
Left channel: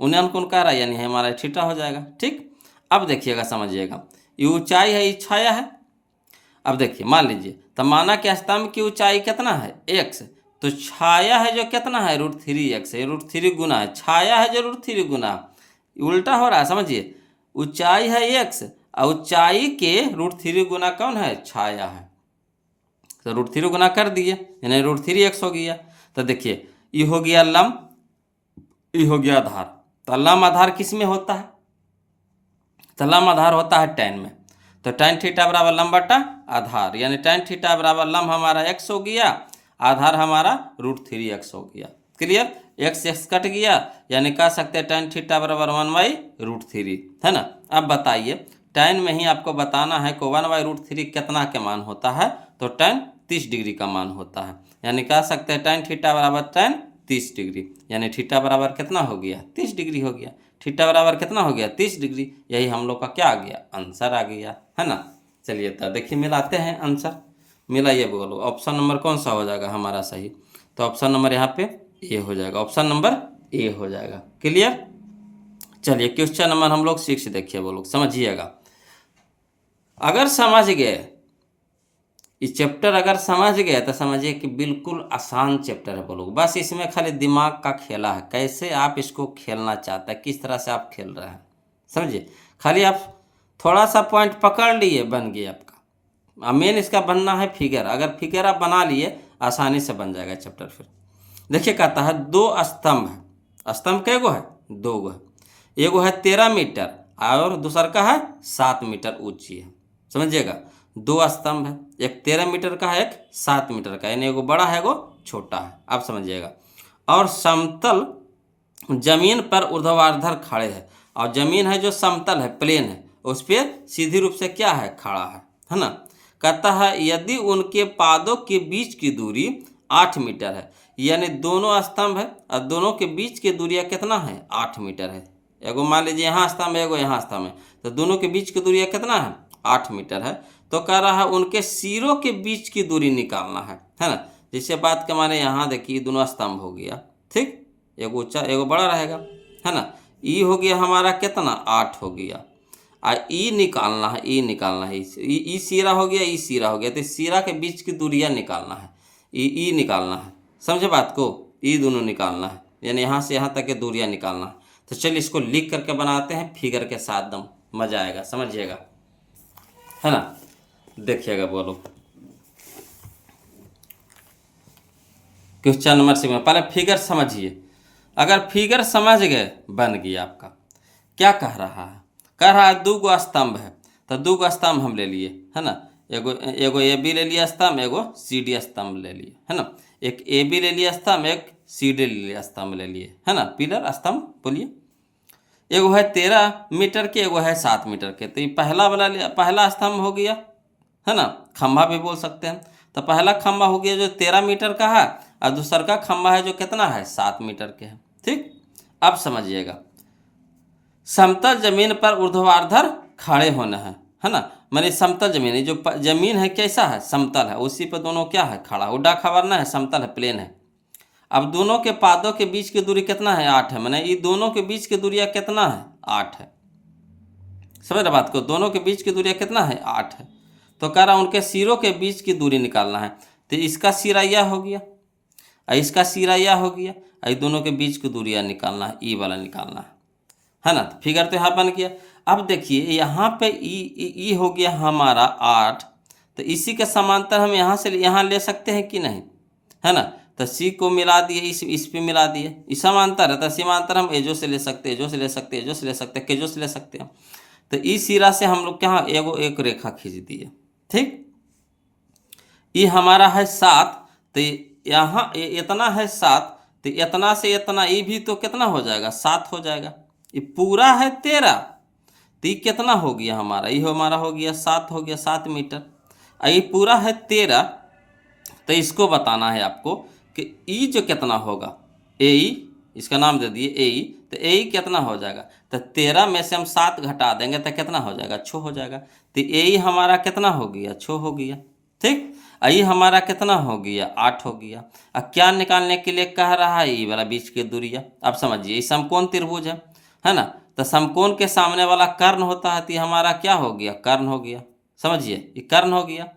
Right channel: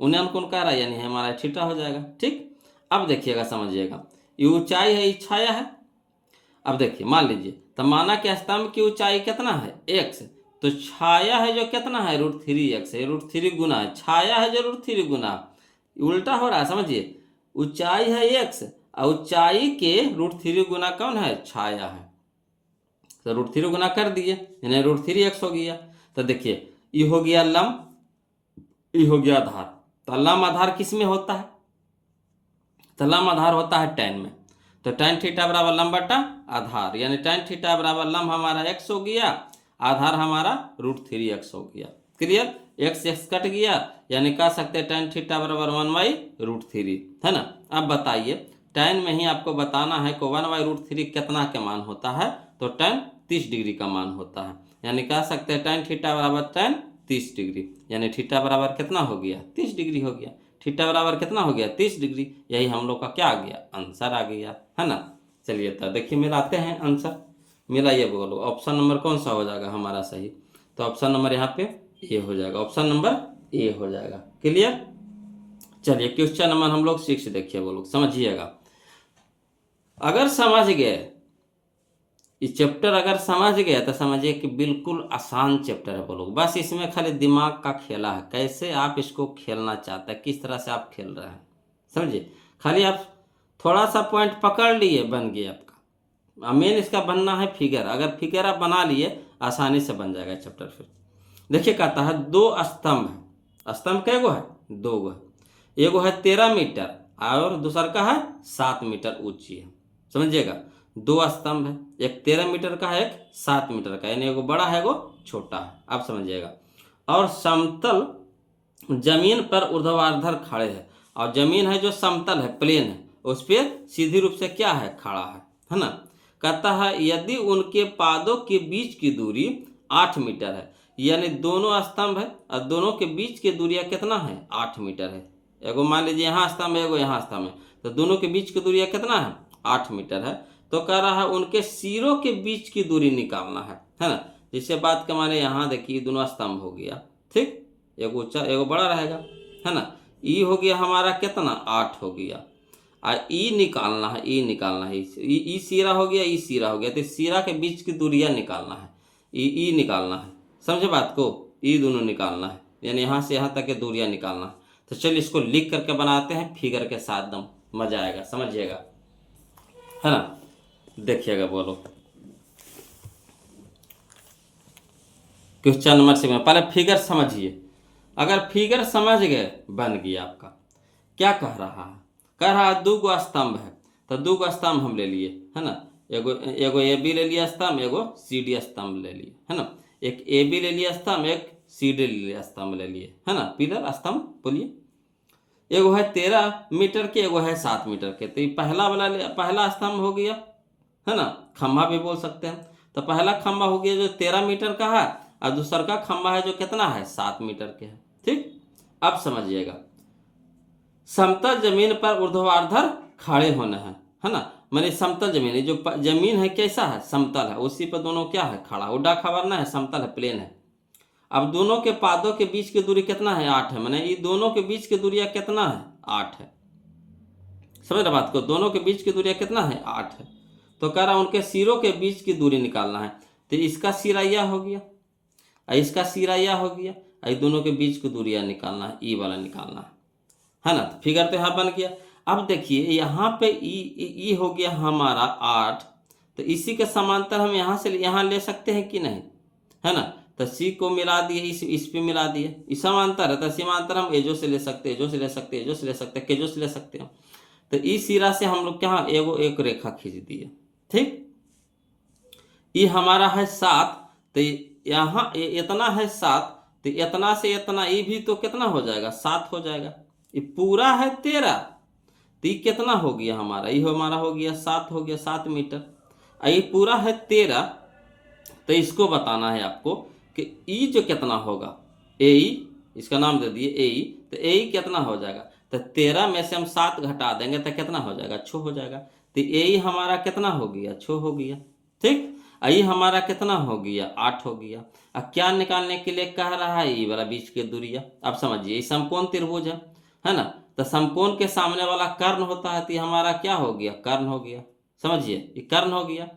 उन्नयन कोण कह रहा है, यानी हमारा थीटा हो जाएगा, ठीक। अब देखिएगा, समझिएगा, ये ऊंचाई है, ये छाया है। अब देखिए मान लीजिए, तो माना कि स्तंभ की ऊंचाई कितना है x, तो छाया है जो कितना है √3x है, √3 गुना है, छाया है जो √3 गुना, उल्टा हो रहा है, समझिए। ऊंचाई है x और ऊंचाई के √3 गुना कौन है, छाया है। तो √3 गुना कर दिए, यानी √3x हो गया। तो देखिए ये हो गया लंब, ये हो गया आधार। तो लंब आधार किस में होता है, तो लंब आधार होता है tan में। तो tan थीटा बराबर लंब बटा आधार, यानी tan थीटा बराबर लंब हमारा x हो गया, आधार हमारा √3x हो गया। क्लियर, x कट गया, यानी कह सकते हैं tan थीटा बराबर 1/√3, है ना। अब बताइए tan में ही आपको बताना है को 1/√3 कितना के मान होता है, तो tan 30 डिग्री का मान होता है, यानी कह सकते हैं tan थीटा बराबर tan 30 डिग्री, यानी थीटा बराबर कितना हो गया 30 डिग्री हो गया। थीटा बराबर कितना हो गया 30 डिग्री, यही हम लोग का क्या आ गया, आंसर आ गया, है ना। चलिए तो देखिए मिलाते हैं आंसर, मिलाइए, बोलो ऑप्शन नंबर कौन सा हो जाएगा हमारा सही। तो ऑप्शन नंबर यहाँ पे ए हो जाएगा, ऑप्शन नंबर ए हो जाएगा। क्लियर। चलिए क्वेश्चन नंबर हम लोग 6 देखिए, बोलो समझिएगा। अगर समझ गए ये चैप्टर, अगर समझ गए तो समझिए कि बिल्कुल आसान चैप्टर है। बोलो बस इसमें खाली दिमाग का खेला है, कैसे आप इसको खेलना चाहते हैं, किस तरह से आप खेल रहे हैं, समझिए। खाली आप थोड़ा सा पॉइंट पकड़ लिए, बन गया आपका। मेन इसका बनना है फिगर, अगर फिगर आप बना लिए आसानी से बन जाएगा चैप्टर। फिर देखिए कहता है 2 स्तंभ है, स्तंभ कै गो है, 2 गो है। एगो है 13 मीटर और दूसर का है 7 मीटर ऊंची है, समझिएगा। 2 स्तंभ है, एक 13 मीटर का है, एक 7 मीटर का, यानी एगो बड़ा है एगो छोटा है, आप समझिएगा। और समतल जमीन पर ऊर्ध्वाधर खड़े हैं, और जमीन है जो समतल है, प्लेन है, उस पर सीधी रूप से क्या है, खड़ा है ना। कहता है यदि उनके पादों के बीच की दूरी 8 मीटर है, यानी दोनों स्तंभ है और दोनों के बीच की दूरिया कितना है, 8 मीटर है। एगो मान लीजिए यहाँ स्तंभ है, एगो यहाँ स्तंभ है, तो दोनों के बीच की दूरिया कितना है, 8 मीटर है। तो कह रहा है उनके सिरों के बीच की दूरी निकालना है ना। जैसे बात के माने यहाँ देखिए दोनों स्तंभ हो गया, ठीक, एगो ऊंचा एगो बड़ा रहेगा, है ना। ई हो गया हमारा कितना, 8 हो गया। ई निकालना है, ई निकालना है, ई सीरा हो गया, ई सीरा हो गया, तो सीरा के बीच की दूरियां निकालना है, ई निकालना है, समझे बात को, ई दोनों निकालना है, यानी यहाँ से यहाँ तक की दूरियां निकालना है। तो चलिए इसको लिख करके बनाते हैं फिगर के साथ, दम मजा आएगा, समझिएगा, है ना। देखिएगा, बोलो क्वेश्चन नंबर 6 पहले फिगर समझिए। अगर फिगर समझ गए बन गया आपका। क्या कह रहा है, कह रहा है 2 गो स्तंभ है, तो 2 गो स्तंभ हम ले लिए, है ना। एगो ए बी ले लिया स्तंभ, एगो सी डी स्तंभ ले लिए, है ना। एक ए बी ले लिया स्तंभ, एक सी डी ले लिया स्तंभ ले लिए, है ना, पिलर स्तंभ बोलिए। एगो है 13 मीटर के, एगो है 7 मीटर के, तो ये पहला स्तंभ हो गया, है ना, खंभा भी बोल सकते हैं। तो पहला खंभा हो गया जो 13 मीटर का है, और दूसरा का खंभा है जो कितना है, 7 मीटर के है, ठीक। अब समझिएगा, समतल जमीन पर ऊर्ध्वाधर खड़े होना है ना, माने समतल जमीन है, जो जमीन है कैसा है, समतल है, उसी पर दोनों क्या है, खड़ा, उड्डा खबरना है, समतल है, प्लेन है। अब दोनों के पादों के बीच की दूरी कितना है, 8 है, माने ये दोनों के बीच की दूरिया कितना है, 8 है, समझ रहे बात को, दोनों के बीच की दूरिया कितना है, 8 है। तो कह रहा उनके सिरों के बीच की दूरी निकालना है, तो इसका सिरा यह हो गया, इसका सिरा यह हो गया, ये दोनों के बीच की दूरियां निकालना है, ई वाला निकालना है ना। तो फिगर तो यहाँ बन गया। अब देखिए यहाँ पे ई हो गया हमारा 8, तो इसी के समांतर हम यहाँ से यहाँ ले सकते हैं कि नहीं, है ना। तो सी को मिला दिए, इस पे मिला दिए, इस समांतर है, तो समांतर हम एजो से ले सकते हैं, एजो से ले सकते हैं, एजो से ले सकते हैं, केजो से ले सकते हैं। तो इस सिरा से हम लोग क्या एक रेखा खींच दिए, ठीक। ये हमारा है 7, तो यहाँ इतना है 7, तो इतना से इतना ये भी तो कितना हो जाएगा, 7 हो जाएगा। ये पूरा है 13, तो ये कितना हो गया हमारा, ये हमारा हो गया 7, हो गया 7 मीटर। ये पूरा है 13, तो इसको बताना है आपको कि ई जो कितना होगा, ए, इसका नाम दे दिए ए, तो ए कितना हो जाएगा, तो 13 में से हम 7 घटा देंगे तो कितना हो जाएगा, 6 हो जाएगा। तो ए हमारा कितना हो गया, 6 हो गया, ठीक। ये हमारा कितना हो गया, 8 हो गया। अब क्या निकालने के लिए कह रहा है, ये वाला बीच की दूरिया। अब समझिए ये समकोण त्रिभुज है ना, तो समकोण के सामने वाला कर्ण होता है, तो ये हमारा क्या हो गया, कर्ण हो गया, समझिए ये कर्ण हो गया।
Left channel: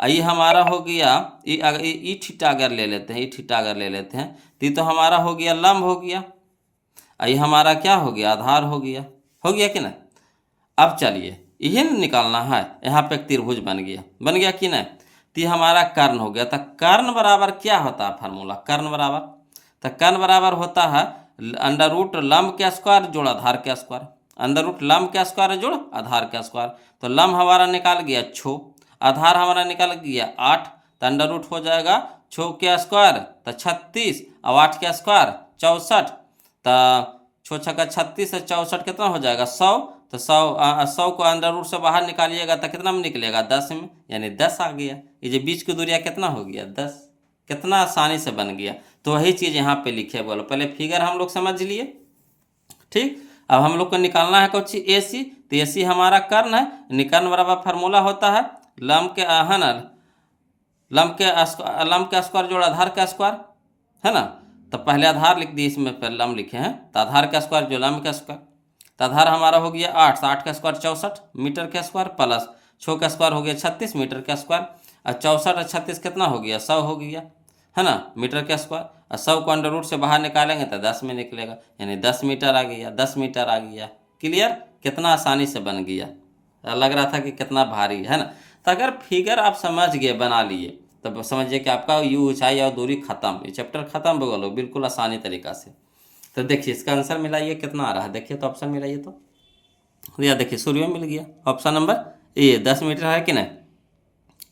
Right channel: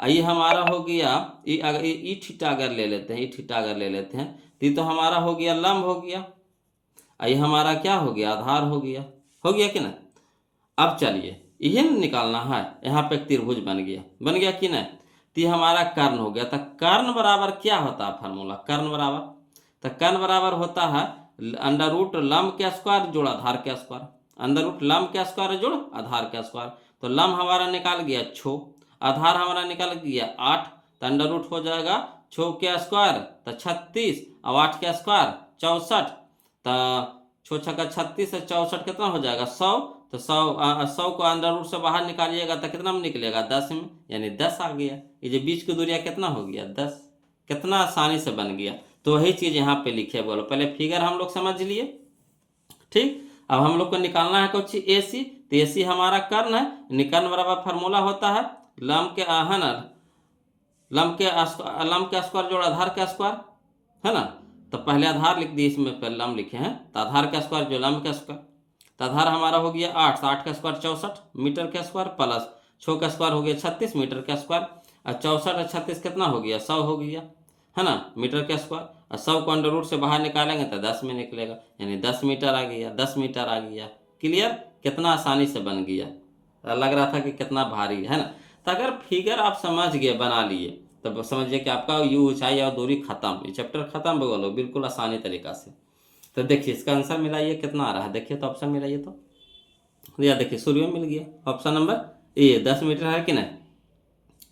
ये हमारा हो गया, ये थीटा अगर ले लेते हैं, ये थीटा अगर ले लेते हैं, तो ये तो हमारा हो गया लंब हो गया, ये हमारा क्या हो गया, आधार हो गया कि ना। अब चलिए यही निकालना है, यहाँ पे एक त्रिभुज बन गया कि नहीं। तो ये हमारा कर्ण हो गया। तो कर्ण बराबर क्या होता है फार्मूला, कर्ण बराबर, तो कर्ण बराबर होता है अंडर रूट लंब के स्क्वायर जोड़ आधार के स्क्वायर, अंडर रूट लंब के स्क्वायर जोड़ आधार के स्क्वायर। तो लंब हमारा निकाल गया 6, आधार हमारा निकाल गया 8, तो अंडर रूट हो जाएगा 6 के स्क्वायर तो 36, और 8 के स्क्वायर 64, तो 6 छक्का 36 से 64 कितना हो जाएगा, 100। तो 100 को अंडर रूट से बाहर निकालिएगा तो कितना में निकलेगा, 10 में, यानी 10 आ गया। ये जो बीच की दूरिया कितना हो गया, 10, कितना आसानी से बन गया। तो वही चीज़ यहाँ पे लिखे, बोलो पहले फिगर हम लोग समझ लिए, ठीक। अब हम लोग को निकालना है कुछ ए सी, तो ए सी हमारा कर्ण है, निकर्ण बराबर फार्मूला होता है लंब के लंब के स्क्वायर जोड़ आधार का स्क्वायर, है ना। तो पहले आधार लिख दिए, इसमें पहले लंब लिखे हैं, तो आधार का स्क्वायर जो लंब का स्क्वायर, तो आधार हमारा हो गया 8, 8 का स्क्वायर 64 मीटर का स्क्वायर, प्लस 6 का स्क्वायर हो गया 36 मीटर का स्क्वायर, और 64 और 36 कितना हो गया, 100 हो गया, है ना, मीटर का स्क्वायर। और 100 को अंडर रूट से बाहर निकालेंगे तो 10 में निकलेगा, यानी 10 मीटर आ गया, 10 मीटर आ गया। क्लियर, कितना आसानी से बन गया, लग रहा था कि कितना भारी है ना। तो अगर फिगर आप समझ गए, बना लिए, तब समझिए कि आपका यू ऊंचाई और दूरी खत्म, ये चैप्टर खत्म बोलो बिल्कुल आसानी तरीका से। तो देखिए इसका आंसर मिलाइए कितना आ रहा है, देखिए तो ऑप्शन मिलाइए, तो या देखिए सूर्य मिल गया, ऑप्शन नंबर ए 10 मीटर है कि नहीं,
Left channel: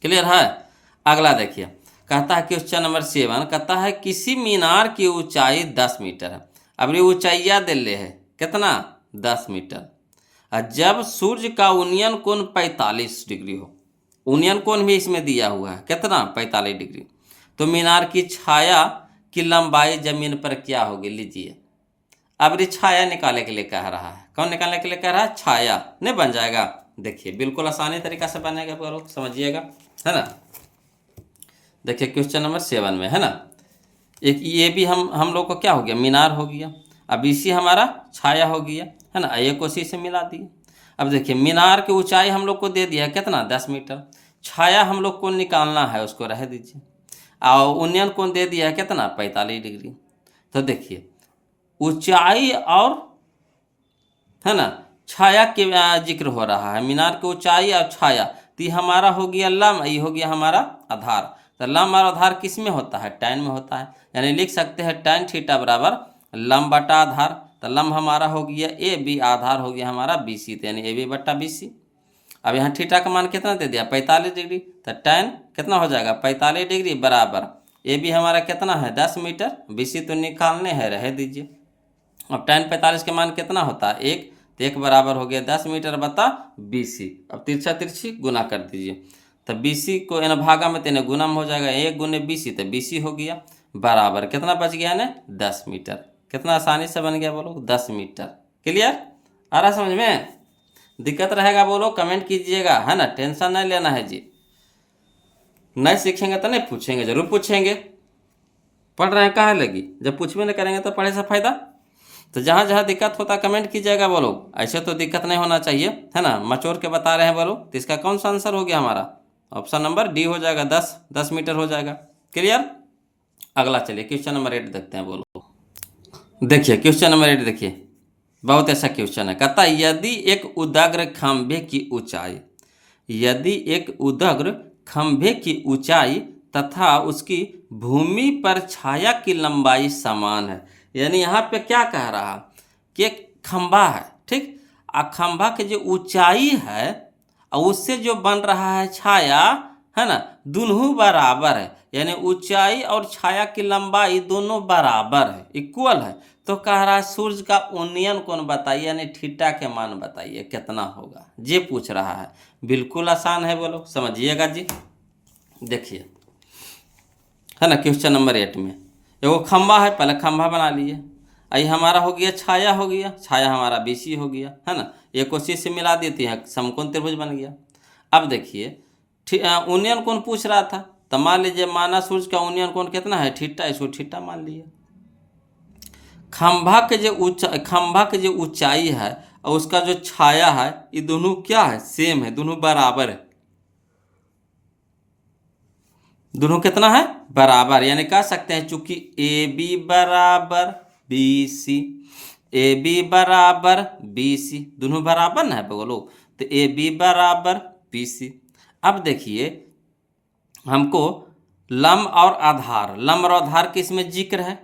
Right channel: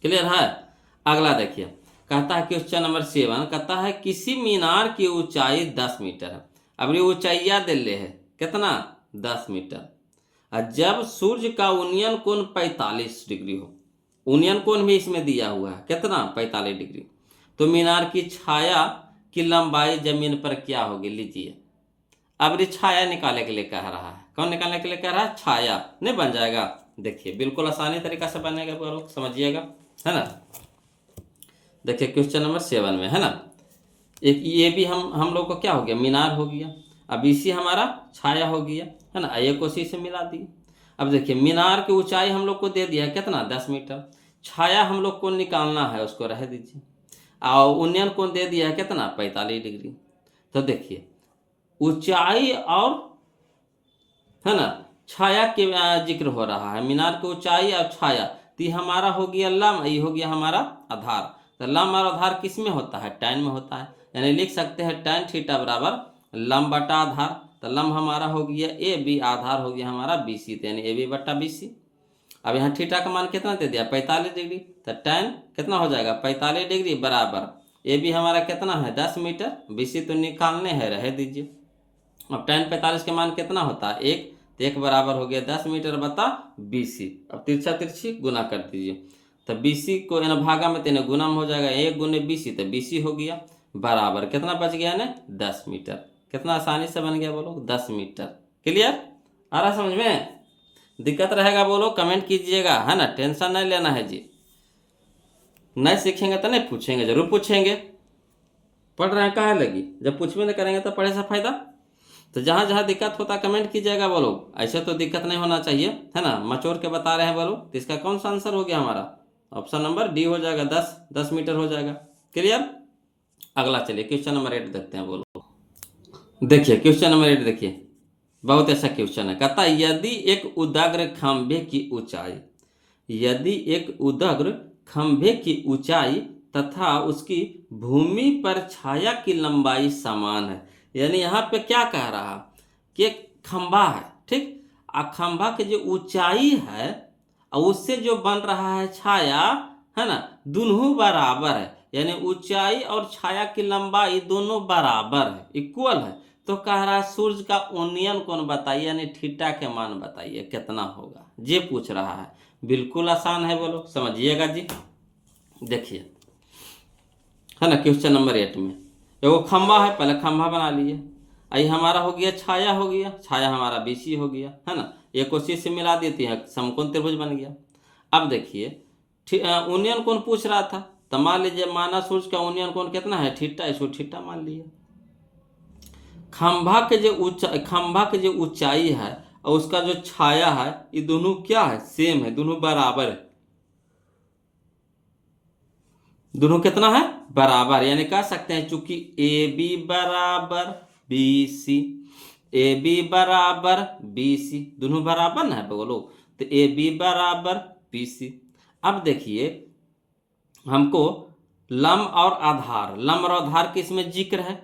क्लियर है। अगला देखिए, कहता है क्वेश्चन नंबर 7, कहता है किसी मीनार की ऊंचाई 10 मीटर है। अब ये ऊंचाइया दे ले है कितना, 10 मीटर, और जब सूर्य का उन्नयन कोण 45 डिग्री हो, उन्नयन कोण भी इसमें दिया हुआ है कितना, 45 डिग्री, तो मीनार की छाया की लंबाई जमीन पर क्या होगी, लीजिए। अब ये छाया निकालने के लिए कह रहा है, कौन निकालने के लिए कह रहा है, छाया नहीं बन जाएगा। देखिए बिल्कुल आसानी तरीका से बनेगा, लोग समझिएगा, है ना। देखिए क्वेश्चन नंबर 7 में, है ना, एक ये भी हम लोग को क्या हो गया, मीनार हो गया। अब इसी हमारा छाया हो गया, है ना, एक उसी से मिला दिया। अब देखिए मीनार की ऊंचाई हम लोग को दे दिया है कितना, 10 मीटर। छाया हम लोग को निकालना है, उसको रह दीजिए। और उन्नयन कोण दे दिया है कितना, 45 डिग्री। तो देखिए ऊंचाई और, है ना, छाया के जिक्र हो रहा है, मीनार की ऊंचाई और छाया। तो ये हमारा हो गया लंब, ये हो गया हमारा आधार। तो लंब और आधार किस में होता है, tan में होता है। यानी लिख सकते हैं tan थीटा बराबर लंब बटा आधार। तो लंब हमारा हो गया ए बी, आधार हो गया हमारा बी सी, तो यानी ए बी बटा बी सी। अब यहाँ थीटा का मान कितना दे दिया, 45 डिग्री। तो tan कितना हो जाएगा, 45 डिग्री बराबर ए बी हमारा कितना है, 10 मीटर। बी सी तो निकालने हैं, रह दीजिए। अब tan 45 के मान कितना होता है, 1। तो 1 बराबर हो गया 10 मीटर बता बी सी। अब तिरछा तिरछी गुना कर दीजिए। तो बी सी को इन भागा में तेने गुना में हो जाएगा, 1 गुने बी सी, तो बी सी हो गया बराबर कितना बच गया ना, 10 मीटर। कितना आसानी से बन गया बोलो, 10 मीटर। क्लियर, आ रहा समझ में? दिक्कत रहेगा बोलो कमेंट कीजिएगा, है ना, टेंशन नहीं लेना है जी। नहीं सीखेंगे तो नहीं पूछेंगे, जरूर पूछेंगे। पढ़ रहे हैं कहाँ लगी, जब पूछबे नहीं करेंगे तो पढ़े से फायदा। तो जहाँ जहाँ दिक्कत होता कमेंट कीजिएगा बोलो, ऐसे तो दिक्कत नहीं होना चाहिए, है ना, मचोर के बता रहे हैं बोलो। तो इसका कौन सा आंसर हो गया हमारा, ऑप्शन नंबर डी हो जाएगा, 10 मीटर हो जाएगा। क्लियर। अगला चलिए क्वेश्चन नंबर 8 देखते हैं बोलो। देखिए क्वेश्चन नंबर 8 देखिए, बहुत अच्छा क्वेश्चन है। कहता है यदि एक उदाग्र खंभे की ऊंचाई, यदि एक उदाग्र खंभे की ऊंचाई तथा उसकी भूमि पर छाया की लंबाई समान है। यानी यहाँ पे क्या कह रहा कि एक खंभा है, ठीक, आ खंभा की जो ऊंचाई है और उससे जो बन रहा है छाया, है ना, दोनों बराबर है। यानी ऊंचाई और छाया की लंबाई दोनों बराबर है, इक्वल है। तो कह रहा है सूर्य का उन्नयन कोण बताइए, यानी थीटा के मान बताइए कितना होगा, ये पूछ रहा है। बिल्कुल आसान है बोलो, समझिएगा जी। देखिए, है ना, क्वेश्चन नंबर 8 में एगो खंभा है, पहले खंभा बना लिए। आई हमारा हो गया छाया, हो गया छाया हमारा बीसी हो गया, है ना, एक उसी से मिला देती है, समकोण त्रिभुज बन गया। अब देखिए उन्नयन कोण पूछ रहा था, तो मान लीजिए माना सूर्य का उन्नयन कोण कितना है, थीटा, इसको थीटा मान लिए। खंभा के जो ऊंचाई है और उसका जो छाया है, ये दोनों क्या है, सेम है, दोनों बराबर है। दोनों कितना है, बराबर। यानी कह सकते हैं चूंकि ए बी बराबर बी सी, ए बी बराबर बी सी, दोनों बराबर ना है बोलो। तो ए बी बराबर बी सी। अब देखिए हमको लंब और आधार, लंब और आधार किस में जिक्र है,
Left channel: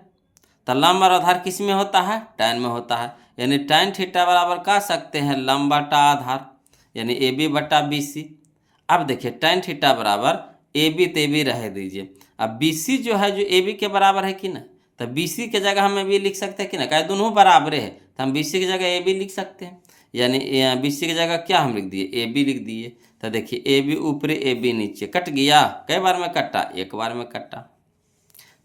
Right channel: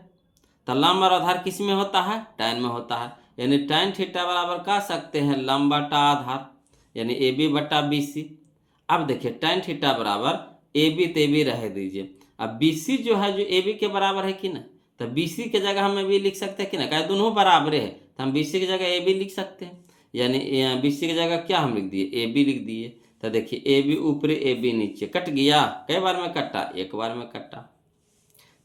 तो लंब और आधार किस में होता है, tan में होता है। यानी tan थीटा बराबर कह सकते हैं लंब बटा आधार, यानी ए बी बटा बी सी। अब देखिए tan थीटा बराबर ए बी, तो ए बी रह दीजिए। अब बी सी जो है, जो ए बी के बराबर है कि ना, तो बी सी के जगह हम ए बी लिख सकते हैं कि ना, क्या दोनों बराबर है, तो हम बी सी की जगह ए बी लिख सकते हैं। यानी बी सी की जगह क्या हम लिख दिए, ए बी लिख दिए। तो देखिए ए बी ऊपरी ए बी नीचे, कट गया, कई बार में कटा, एक बार में कटा।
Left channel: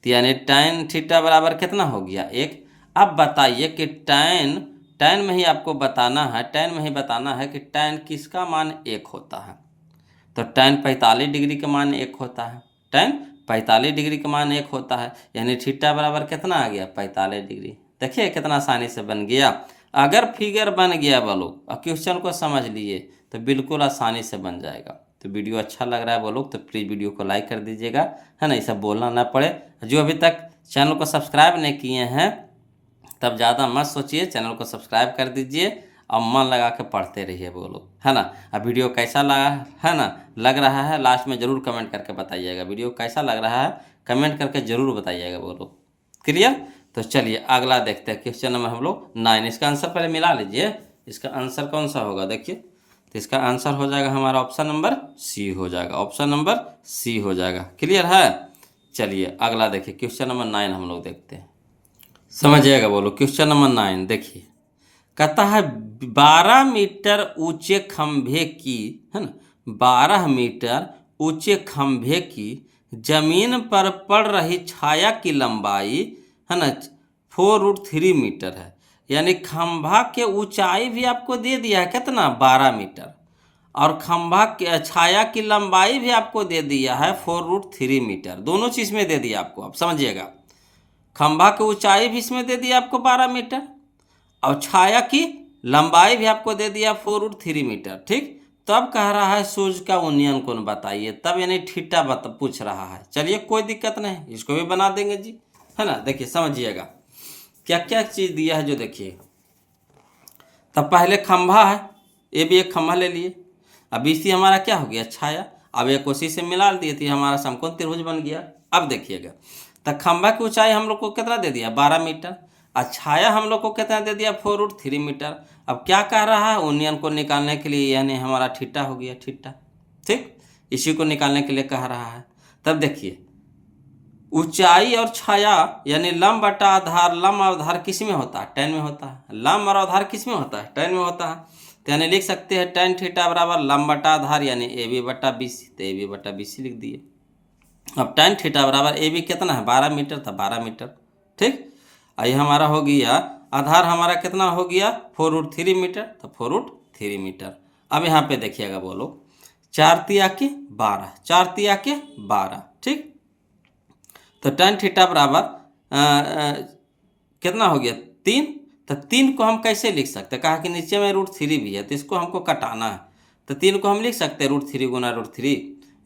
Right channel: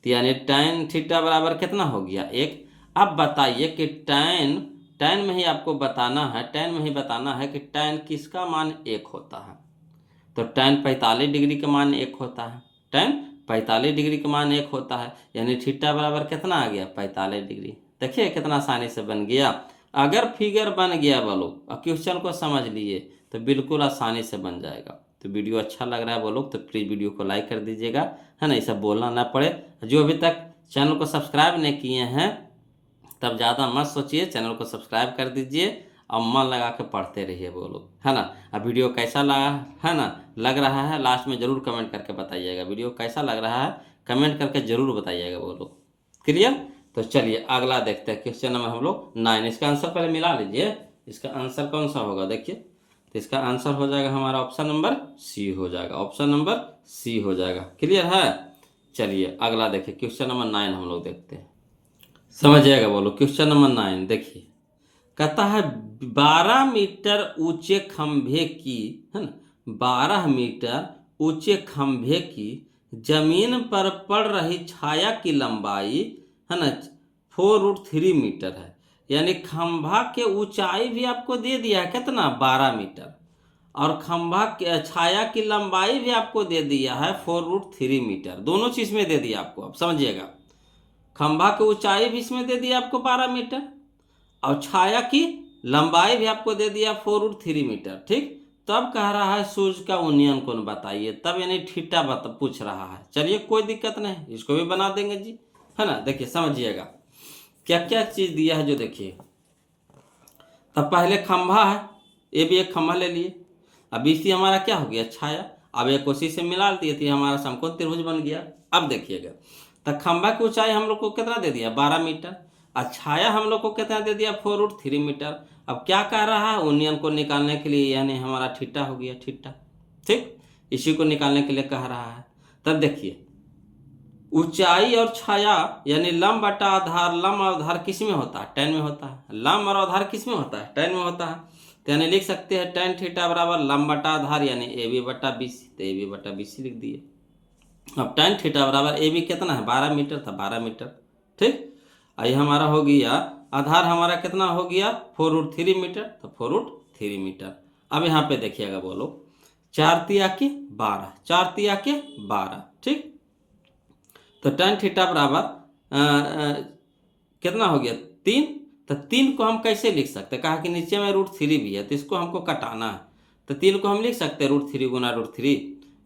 तो यानी tan थीटा बराबर कितना हो गया, 1। अब बताइए कि tan में ही आपको बताना है, tan में ही बताना है कि tan किसका मान 1 होता है। तो tan 45 डिग्री का मान 1 होता है, tan 45 डिग्री का मान 1 होता है। यानी थीटा बराबर कितना आ गया, 45 डिग्री। देखिए कितना आसानी से बन गया। अगर फिगर बन गया बोलो और क्वेश्चन को समझ लिए तो बिल्कुल आसानी से बन जाएगा। तो वीडियो अच्छा लग रहा है बोलो तो प्लीज़ वीडियो को लाइक कर दीजिएगा, है ना, ये सब बोलना ना पड़े। जो अभी तक चैनल को सब्सक्राइब नहीं किए हैं तब ज़्यादा मत सोचिए, चैनल को सब्सक्राइब कर दीजिए और मन लगा के पढ़ते रहिए बोलो, है ना। अब वीडियो कैसा लगा, है ना, लग रहा है, लास्ट में ज़रूर कमेंट करके बताइएगा वीडियो कैसा लग रहा है, कमेंट करके ज़रूर बताइएगा बोलो। क्लियर। तो चलिए अगला देखते हैं क्वेश्चन नंबर हम लोग 9। इसका आंसर पहले मिला लीजिए, इसका आंसर कौन सा होगा, देखिए। तो इसका आंसर हो जाएगा हमारा ऑप्शन नंबर सी हो जाएगा, ऑप्शन नंबर सी हो जाएगा। क्लियर है। चलिए अगला देखिए क्वेश्चन नंबर 9 हम लोग देखते हैं, समझिएगा बोलो। क्वेश्चन नंबर 9 देखिए, कहता है 12 मीटर ऊंचे खंभे की, है ना, 12 मीटर ऊंचे खंभे की जमीन पर पड़ रही छाया की लंबाई, है ना, 4√3 मीटर है। यानी खंभा के ऊंचाई भी आपको दे दिया है कितना, 12 मीटर, और खंभा के छाया की लंबाई भी आपको दे दिया है 4√3 मीटर। दोनों चीज़ में दे दिया आपको, आप समझिएगा। खंभा की ऊंचाई भी इसमें दे दिया आपको 12 मीटर, और छाया की लंबाई भी आपको दे दिया 4√3 मीटर। ठीक, तब कह रहा है सूर्य का उन्नयन कोण बताइए, तब यानी थीटा पूछ रहा है। चलिए कोई दिक्कत नहीं, इसको भी बना देंगे जी, है ना। देखिए समझिएगा क्या क्या चीज़ दिया है जो देखिए। तब पहले खंभा है, ये भी एक खंभा ले लिए। अब इसी हमारा क्या हो गया, छाया। अब एक उसी से मिला दिए थी, हमारा समकोण त्रिभुज बन गया। अब देखिएगा, तो खंभा की ऊंचाई हम लोग को कितना दे दिया, 12 मीटर, और छाया हम लोग को कितना दे दिया, 4√3 मीटर। अब क्या कह रहा है, उन्नयन को निकालने के लिए, यानी हमारा थीटा हो गया, थीटा। ठीक, इसी को निकालने के लिए कह रहा है। तब देखिए, ऊंचाई और छाया यानी लंब बटा आधार, लंब और आधार किस में होता है, tan में होता है। लंब और आधार किस में होता है, tan में होता है। तो यानी लिख सकते हैं tan थीटा बराबर लंब बटा आधार यानी AB बटा BC, तो AB बटा BC लिख दिए। अब tan थीटा बराबर AB कितना है, 12 मीटर था, 12 मीटर। ठीक, ये हमारा हो गया, आधार हमारा कितना हो गया, 4√3 मीटर, तो 4√3 मीटर। अब यहाँ पे देखिएगा, बोलो 4 तिया के 12, 4 तिया के 12। ठीक, तो tan थीटा बराबर कितना हो गया, 3। तो 3 को हम कैसे लिख सकते हैं, कहा कि नीचे में √3 भी है, तो इसको हमको कटाना है। तो 3 को हम लिख सकते हैं √3 गुना √3,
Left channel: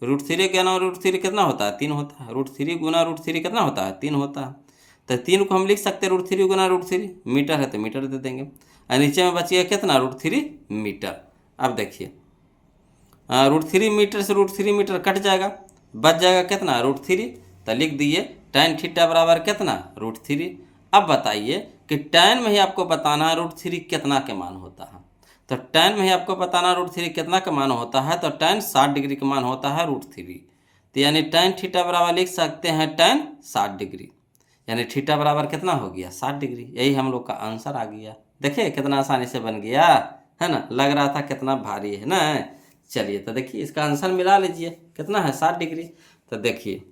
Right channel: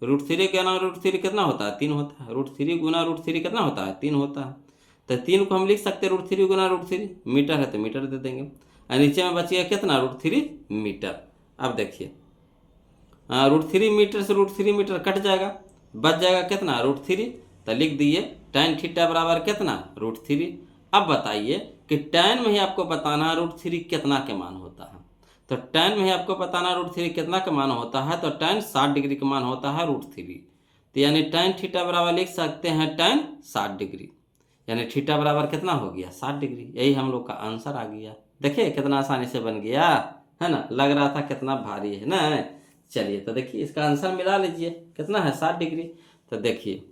√3 गुना √3 कितना होता है, 3 होता है। √3 गुना √3 कितना होता है, 3 होता है। तो 3 को हम लिख सकते हैं √3 गुना √3, मीटर है तो मीटर दे देंगे, और नीचे में बचिएगा कितना, √3 मीटर। अब देखिए, √3 मीटर से √3 मीटर कट जाएगा, बच जाएगा कितना, √3। तो लिख दिए tan थीटा बराबर कितना, √3। अब बताइए कि tan में ही आपको बताना है √3 कितना के मान होता है। तो tan में ही आपको बताना √3 कितना का मान होता है, तो tan 60 डिग्री का मान होता है √3। तो यानी tan थीटा बराबर लिख सकते हैं tan 60 डिग्री, यानी थीटा बराबर कितना हो गया, 60 डिग्री। यही हम लोग का आंसर आ गया। देखिए कितना आसानी से बन गया, है ना। लग रहा था कितना भारी है ना। चलिए तो देखिए इसका आंसर मिला लीजिए, कितना है, 60 डिग्री। तो देखिए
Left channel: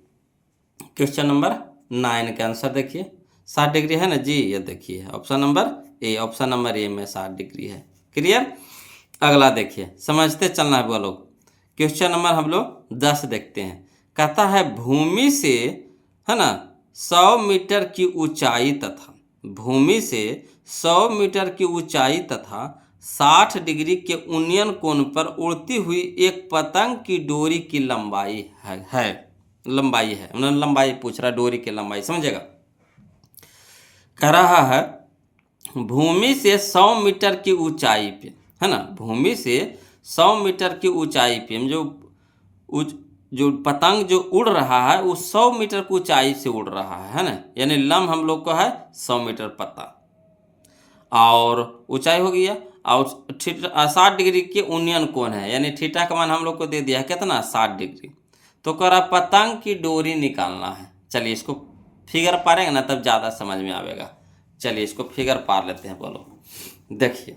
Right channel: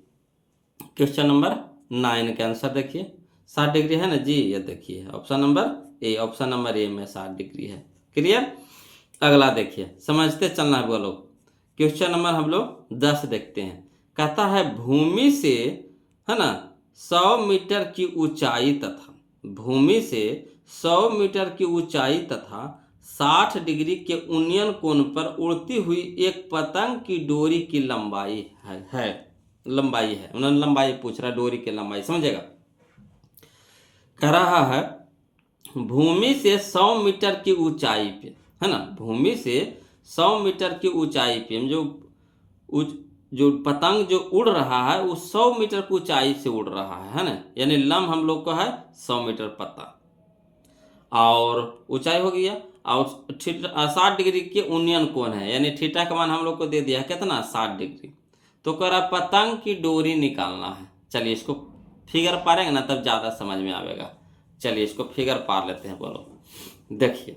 क्वेश्चन नंबर 9 का आंसर देखिए, 60 डिग्री है ना जी। ये देखिए option number A, option number A में 60 डिग्री है। क्लियर। अगला देखिए, समझते चलना है बोलो। क्वेश्चन नंबर हम लोग 10 देखते हैं। कहता है भूमि से, है ना, 100 मीटर की ऊंचाई तथा, भूमि से 100 मीटर की ऊंचाई तथा 60 डिग्री के उन्नयन कोण पर उड़ती हुई एक पतंग की डोरी की लंबाई है लंबाई है, उन्होंने लंबाई पूछ रहा, डोरी की लंबाई, समझेगा। कह रहा है भूमि से 100 मीटर की ऊंचाई पे, है ना, भूमि से 100 मीटर की ऊंचाई पे हम जो पतंग जो उड़ रहा है वो 100 मीटर की ऊंचाई से उड़ रहा है ना। यानी लंब हम लोग को है 100 मीटर पता, और ऊंचाई हो गया, और 60 डिग्री के उन्नयन कोण है, यानी थीटा का मान हम लोग को दे दिया कितना, 60 डिग्री। तो कह रहा पतंग की डोरी निकालना है। चलिए इसको फिगर पारेंगे ना तब ज़्यादा समझ में आएगा। चलिए इसको फिगर पार लेते हैं। बोलो देखिए,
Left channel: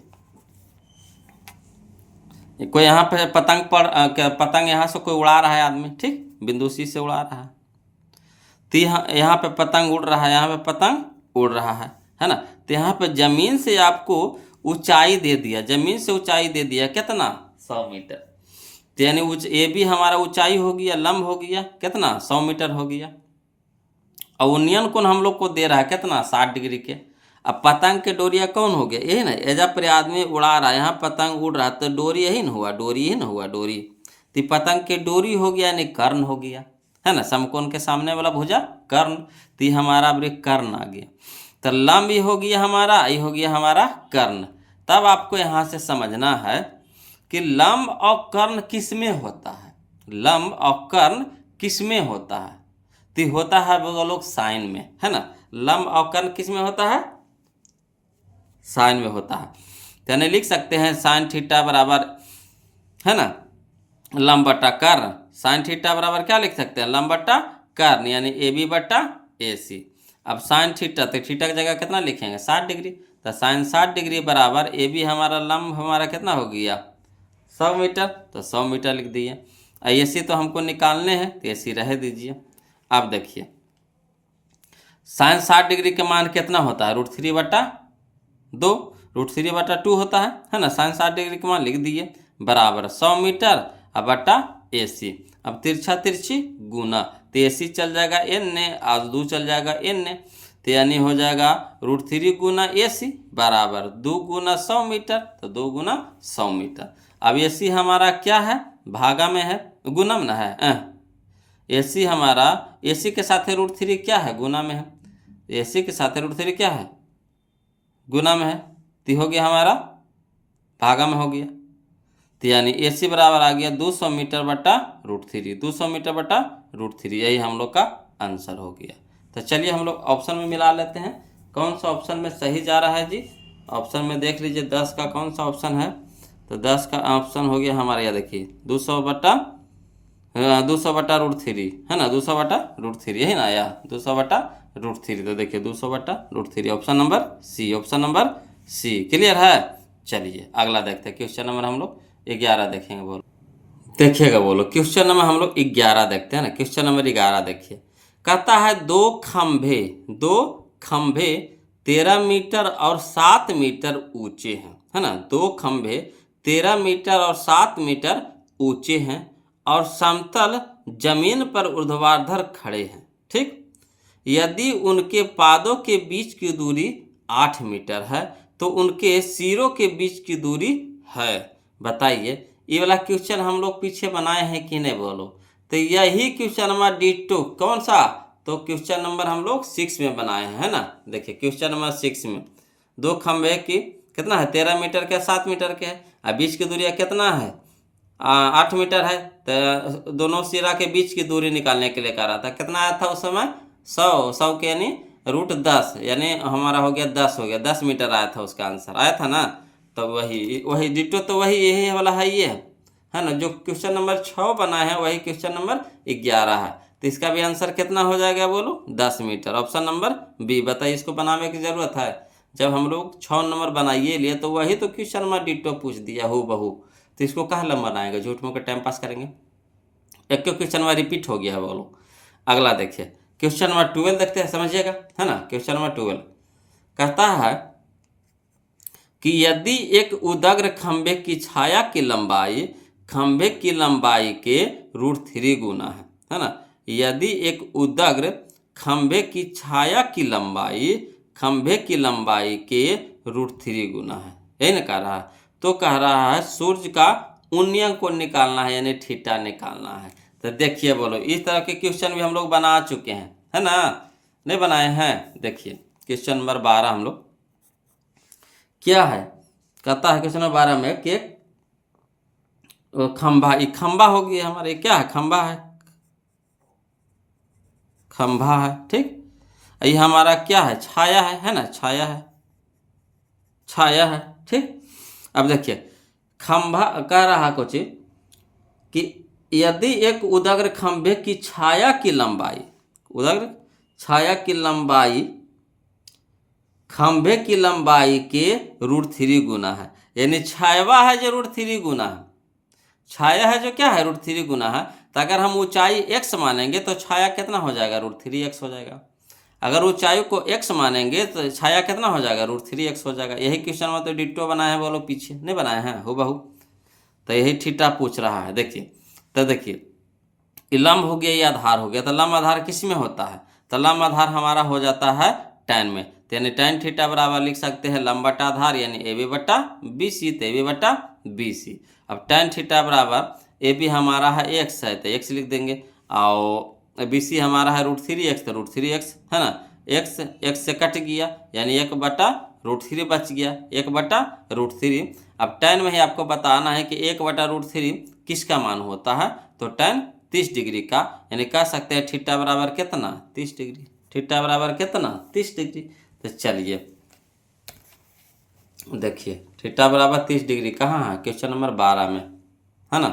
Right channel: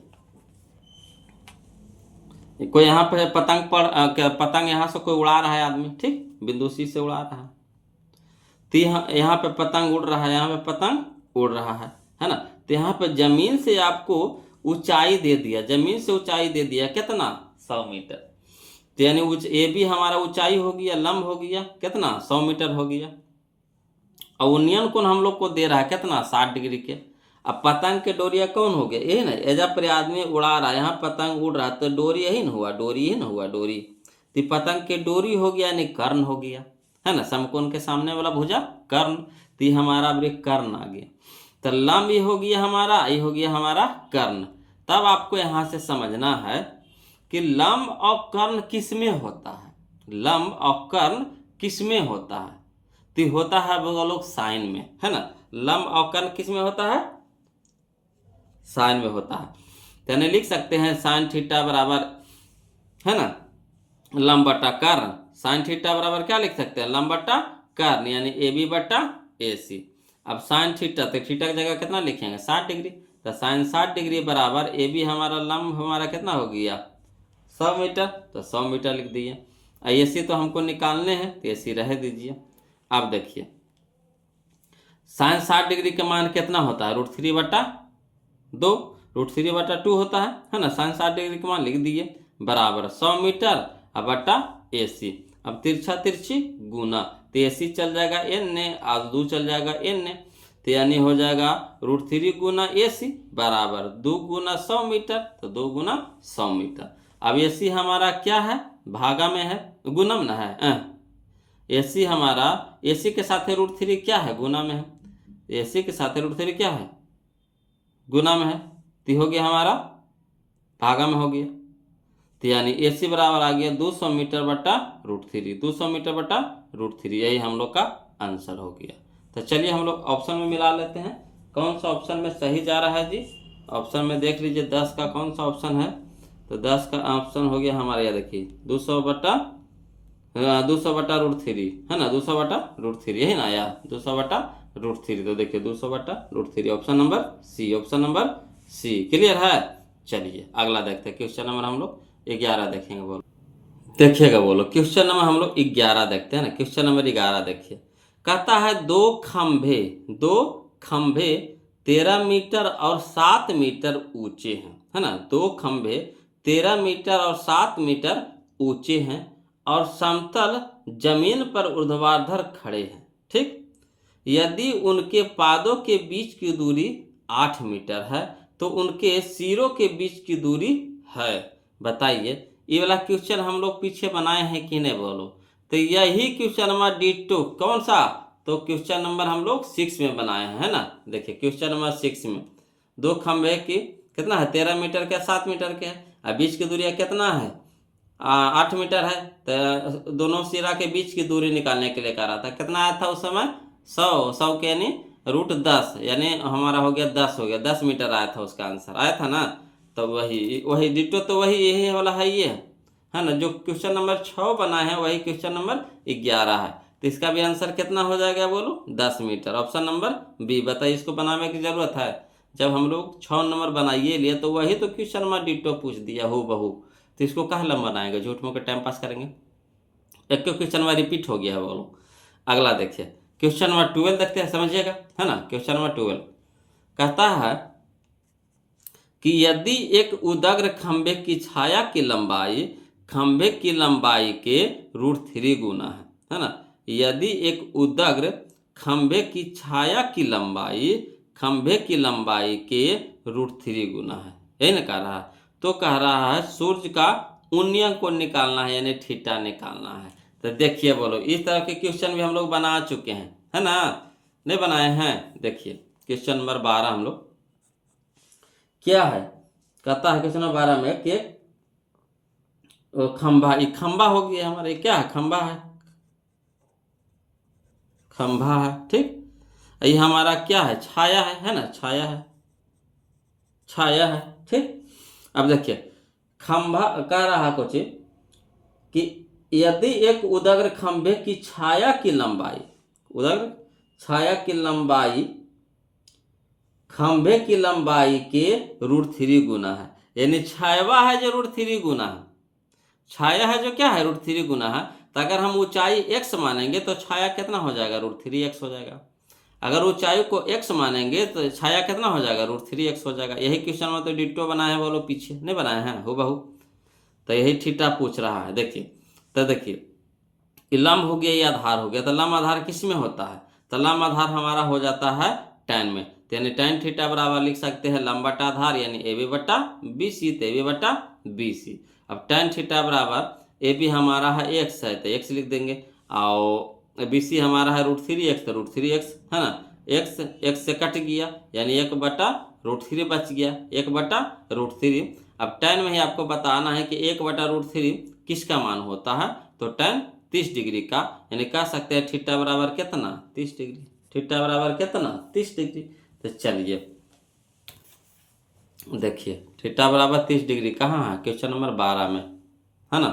कोई यहाँ पे पतंग यहाँ से कोई उड़ा रहा है आदमी, ठीक, बिंदु सी से उड़ा रहा है। तो यहाँ पे पतंग उड़ रहा है, यहाँ पे पतंग उड़ रहा है ना। तो यहाँ पे जमीन से आपको ऊंचाई दे दिया, जमीन से ऊंचाई दे दिया कितना, 100 मीटर। तो यानी ए भी हमारा ऊंचाई हो गया, लंब हो गया कितना, 100 मीटर हो गया, और उन्नयन कोण हम लोग को दे रहा है कितना, 60 डिग्री के। अब पतंग के डोरिया कौन हो गया, यही ना, एजा पर आदमी उड़ा रहा है, यहाँ पतंग उड़ रहा है, तो डोरी यही ना हुआ, डोरी ही ना हुआ, डोरी। तो पतंग के डोरी हो गया यानी कर्ण हो गया, है ना, समकोण के सामने वाला भुजा कर्ण। तो हमारा कर्ण आ गया। तो लंब ये हो गया हमारा, ये हो गया हमारा कर्ण। तब आपको यहाँ से समझना है कि लंब और कर्ण किस में होता है, लंब और कर्ण किस में होता है। तो होता है वो लोग साइन में, है ना। लंब और कर्ण किस में होता है, साइन में होता है। तो यानी लिख सकते हैं साइन थीटा बराबर, है ना, लंब बटा कर्ण। साइन थीटा बराबर क्या लिख सकते हैं, लंब बटा कर्ण, यानी AB बटा AC। अब साइन थीटा, तो थीटा की जगह कितना लिखेंगे, 60 डिग्री। तो साइन 60 डिग्री बराबर AB हमारा लंब हमारा कितना हो गया, 100 मीटर, तो 100 मीटर लिख दिए। AC तो हमको निकालने हैं, तो AC रह दीजिए। अब देखिए साइन 60 डिग्री के मान कितना होता है, √3 बटा 2, √3 बटा 2 होता है ना। साइन 60 डिग्री के मान लिख दिए बराबर 100 मीटर अब बटा AC। अब तिरछा तिरछी गुना, तो AC चल जाएगा N, और 2 चल जाएगा N। तो यानी हो जाएगा √3 गुना AC बराबर 2 गुना 100 मीटर, तो 2 गुना 100 मीटर। अब AC हमारा क्या है, भागा में है, गुना में ना है। AC हमारा, AC के साथ √3 क्या है, गुना में है। AC के साथ √3 क्या है, गुना में है, तो हो गया हमारा भागा में हो गया। तो यानी AC बराबर आ गया 200 मीटर बटा √3, 200 मीटर बटा √3, यही हम लोग का आंसर हो गया। तो चलिए हम लोग ऑप्शन में मिला लेते हैं, कौन सा ऑप्शन में सही जा रहा है जी। ऑप्शन में देख लीजिए 10 का कौन सा ऑप्शन है, तो 10 का ऑप्शन हो गया हमारा, यह देखिए 200 बटा √3 है ना, 200 बटा √3 यही ना आया, 200 बटा √3, तो देखिए 200 बटा √3 option number C, option number C. Clear है। चलिए अगला देखते हैं, क्वेश्चन नंबर हम लोग 11 देखेंगे, बोलो देखिएगा, बोलो क्वेश्चन नंबर हम लोग 11 देखते हैं ना। क्वेश्चन नंबर 11 देखिए, कहता है दो खंभे 13 मीटर और 7 मीटर ऊंचे हैं, है ना। 2 खंभे 13 मीटर और 7 मीटर ऊंचे हैं और समतल जमीन पर ऊर्ध्वाधर खड़े हैं, ठीक। यदि उनके पादों के बीच की दूरी 8 मीटर है तो उनके सिरों के बीच की दूरी है, बताइए। ये वाला क्वेश्चन हम लोग पीछे बनाए हैं कि नहीं, बोलो। तो यही क्वेश्चन नंबर D2 कौन सा, तो क्वेश्चन नंबर हम लोग 6 में बनाए हैं, है ना। देखिए क्वेश्चन नंबर 6 में 2 खंभे की कितना है, 13 मीटर के 7 मीटर के है, और बीच की दूरी कितना है, 8 मीटर है। तो दोनों सिरा के बीच की दूरी निकालने के लिए कह रहा था, कितना आया था उस समय, 100 के यानी √10, यानी हमारा हो गया 10, हो गया 10 मीटर आया था, उसका आंसर आया था ना। तो वही डिटो, तो वही यही वाला है, ये है ना। जो क्वेश्चन नंबर 6 बना है वही क्वेश्चन नंबर 11 है, तो इसका भी आंसर कितना हो जाएगा, बोलो 10 मीटर, ऑप्शन नंबर बी। बताइए इसको बनाने की ज़रूरत है, जब हम लोग 6 नंबर बनाइए लिए तो वही तो क्वेश्चन नंबर डिटो पूछ दिया हूँ बहू, तो इसको कहाँ लंबा बनाएगा, झूठ मूठ के टाइम पास करेंगे। एक क्वेश्चन नंबर रिपीट हो गया है, बोलो। अगला देखिए क्वेश्चन नंबर 12 देखते हैं, समझिएगा, है ना। क्वेश्चन नंबर 12 कहता है कि यदि एक उदग्र खंभे की छाया की लंबाई खंभे की लंबाई के √3 गुना है ना। यदि एक उदग्र खंभे की छाया की लंबाई खंभे की लंबाई के √3 गुना है, यही ना कह रहा है। तो कह रहा है सूर्य का उन्नयन कोण निकालना है, यानी थीटा निकालना है। तो देखिए बोलो, इस तरह के क्वेश्चन भी हम लोग बना चुके हैं, है ना, नहीं बनाए हैं। देखिए क्वेश्चन नंबर 12 हम लोग क्या है, कहता है क्वेश्चन नंबर 12 में कि खंभा, ये खंभा हो गया हमारे, क्या है, खंभा है, खंभा है, ठीक। ये हमारा क्या है, छाया है ना, छाया है, छाया है, ठीक। अब देखिए खंभा कह रहा कुछ कि यदि एक उदग्र खंभे की छाया की लंबाई, उदग्र छाया की लंबाई खंभे की लंबाई के √3 गुना है, यानी छाया है जो √3 गुना है, छाया है जो क्या है, √3 गुना है। तो अगर हम ऊंचाई x मानेंगे तो छाया कितना हो जाएगा, √3x हो जाएगा। अगर ऊंचाई को x मानेंगे तो छाया कितना हो जाएगा, √3x हो जाएगा। यही क्वेश्चन में तो डिट्टो बनाए हैं, बोलो पीछे नहीं बनाए हैं हूबहू। तो यही थीटा पूछ रहा है। देखिए तो देखिए लंब हो गया, ये आधार हो गया, तो लंब आधार किस में होता है, तो लंब आधार हमारा हो जाता है tan में, तो यानी tan थीटा बराबर लिख सकते हैं लंब बटा आधार यानी AB बटा BC, तो AB बटा BC। अब tan थीटा बराबर AB हमारा है x है तो x लिख देंगे, और BC हमारा है √3x, तो √3x है ना, x से कट गया यानी 1 बटा √3 बच गया, 1 बटा √3। अब tan में ही आपको बताना है कि 1 बटा √3 किसका मान होता है, तो tan 30 डिग्री का, यानी कह सकते हैं थीटा बराबर कितना, 30 डिग्री, थीटा बराबर कितना, 30 डिग्री। तो चलिए देखिए थीटा बराबर 30 डिग्री कहाँ है, क्वेश्चन नंबर 12 में, है ना,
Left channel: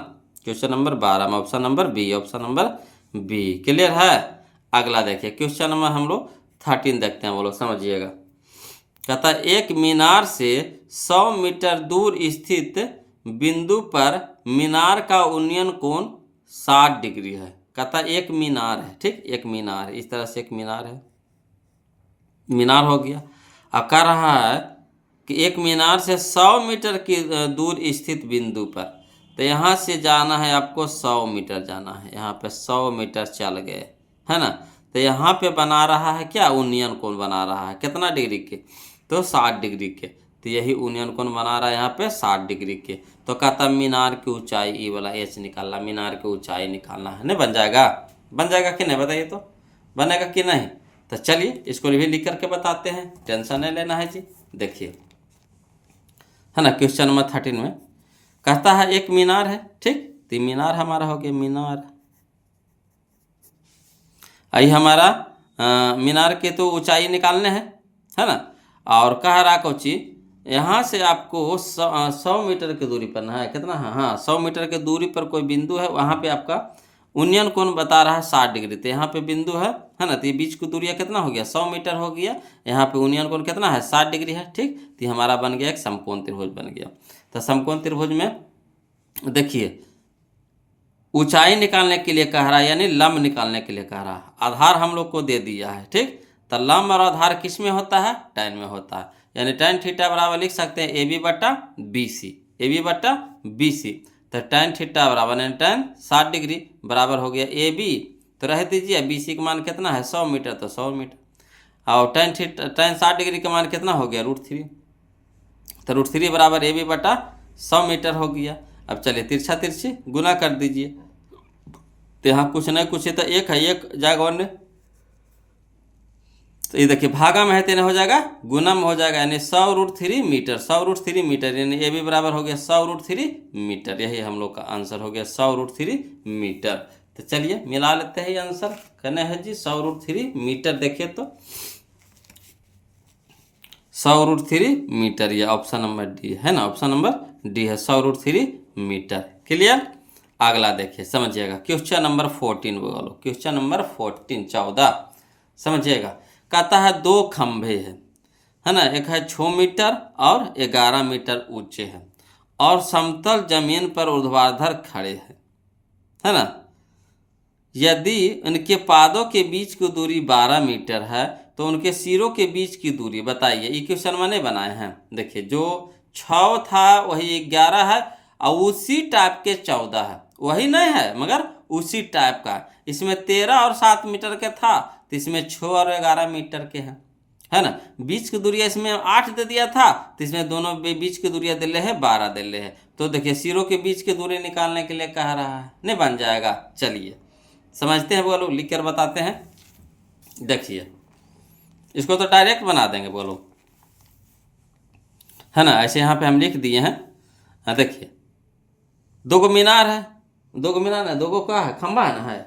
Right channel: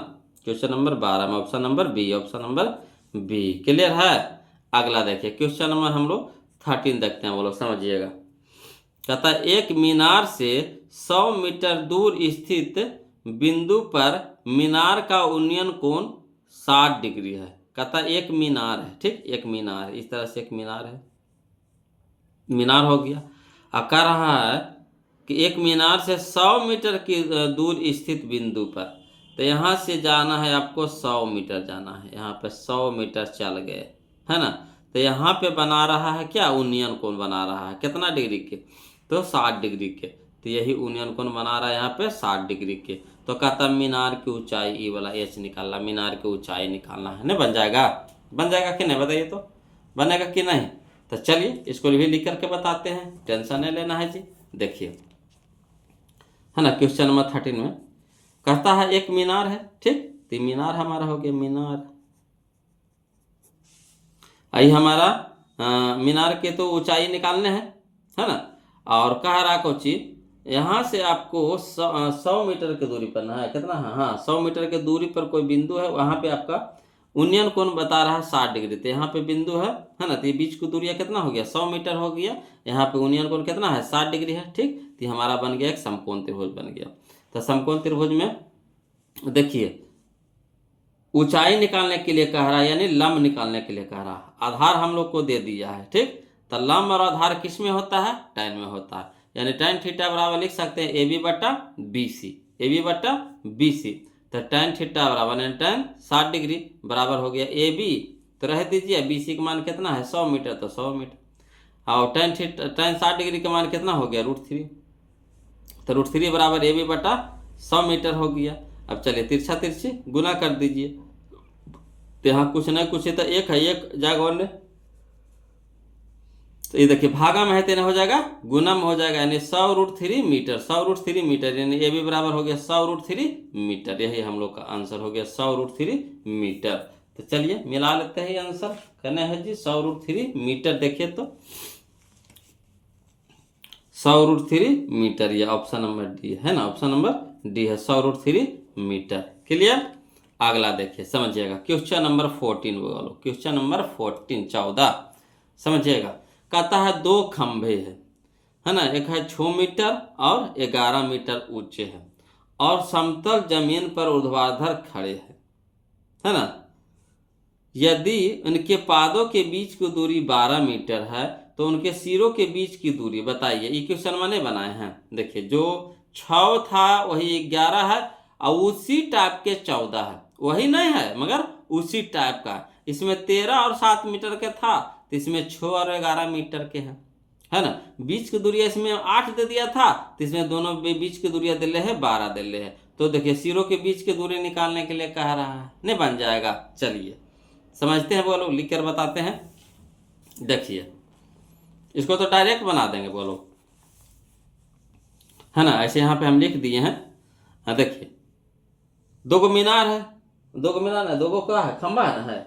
क्वेश्चन नंबर 12 में option number B, option number B. Clear है। अगला देखिए क्वेश्चन नंबर हम लोग 13 देखते हैं, बोलो समझिएगा। कहता है एक मीनार से 100 मीटर दूर स्थित बिंदु पर मीनार का उन्नयन कोण 60 डिग्री है। कहता है एक मीनार है, ठीक, एक मीनार, इस तरह से एक मीनार है, मीनार हो गया। अब कह रहा है कि एक मीनार से 100 मीटर की दूर स्थित बिंदु पर, तो यहाँ से जाना है आपको 100 मीटर जाना है, यहाँ पे 100 मीटर चल गए, है ना। तो यहाँ पे बना रहा है क्या, यूनियन कोण बना रहा है कितना डिग्री के, तो 60 डिग्री के। तो यही यूनियन कोण बना रहा है यहाँ पे 60 डिग्री के। तो कहता मीनार की ऊंचाई, ई वाला एच निकालना, मीनार की ऊंचाई निकालना है ना। बन जाएगा, बन जाएगा कि नहीं बताइए, तो बनेगा कि नहीं। तो चलिए इसको भी लिख करके बताते हैं, टेंशन नहीं लेना है जी। देखिए है ना, क्वेश्चन नंबर 13 में कहता है एक मीनार है, ठीक। तो मीनार हमारा हो गया, मीनार आई हमारा मीनार के तो ऊंचाई निकालने हैं, है ना। और कह रहा कुछ यहाँ से आपको 100 मीटर की दूरी पर है, कितना है, हाँ 100 मीटर की दूरी पर कोई बिंदु है, वहाँ पे आपका यूनियन कोण बता रहा है 60 डिग्री। तो यहाँ पे बिंदु है ना, तो ये बीच की दूरिया कितना हो गया, 100 मीटर हो गया। यहाँ पे यूनियन कोण कितना है, 60 डिग्री है, ठीक। तो हमारा बन गया एक समकोण त्रिभुज बन गया। तो समकोण त्रिभुज में देखिए ऊंचाई निकालने के लिए कह रहा है, यानी लंब निकालने के लिए कह रहा है। आधार हम लोग को दे दिया है, ठीक। तो लंब और आधार किस में होता है, tan में होता है। यानी tan थीटा बराबर लिख सकते हैं AB बटा BC, AB बटा BC। तो tan थीटा बराबर tan 60 डिग्री बराबर हो गया AB, तो रह दीजिए BC का मान कितना है 100 मीटर, तो 100 मीटर। और tan 60 डिग्री का मान कितना हो गया √3, तो √3 बराबर AB बटा 100 मीटर हो गया। अब चलिए तिरछा तिरछी गुना कर दीजिए, तो यहाँ कुछ न कुछ तो एक है, एक जाएगा और तो ये देखिए भागा में है तो हो जाएगा गुना में हो जाएगा, यानी 100√3 मीटर, 100√3 मीटर, यानी ए बी बराबर हो गया 100√3 मीटर। यही हम लोग का आंसर हो गया 100√3 मीटर। तो चलिए मिला लेते हैं ये आंसर, कहना है जी 100√3 मीटर। देखिए तो 100√3 मीटर, ये ऑप्शन नंबर डी है ना, ऑप्शन नंबर डी है 100√3 मीटर। क्लियर। अगला देखिए समझिएगा, क्वेश्चन नंबर 14 बोलो, क्वेश्चन नंबर 14 समझिएगा। कहता है दो खंभे हैं, है ना, एक है 6 मीटर और 11 मीटर ऊंचे हैं और समतल जमीन पर ऊर्ध्वाधर खड़े हैं, है ना। यदि उनके पादों के बीच की दूरी 12 मीटर है तो उनके सिरों के बीच की दूरी बताइए। ये क्वेश्चन मैंने बनाए हैं। देखिए जो 6 था वही 11 है और उसी टाइप के 14 है, वही नहीं है मगर उसी टाइप का। इसमें 13 और 7 मीटर के था, तो इसमें 6 और 11 मीटर के हैं, है ना। बीच की दूरिया इसमें 8 दे दिया था, तो इसमें दोनों बीच की दूरिया दिले है 12 दिले है। तो देखिए सिरों के बीच की दूरी निकालने के लिए कह रहा है, नहीं बन जाएगा। चलिए समझते हैं, बोलो लिख कर बताते हैं। देखिए इसको तो डायरेक्ट बना देंगे, बोलो, है ना। ऐसे यहाँ पे हम लिख दिए हैं। हाँ देखिए दो गो मीनार है, दो गो मीनार है, दो गो क्या है, खंबा है ना, है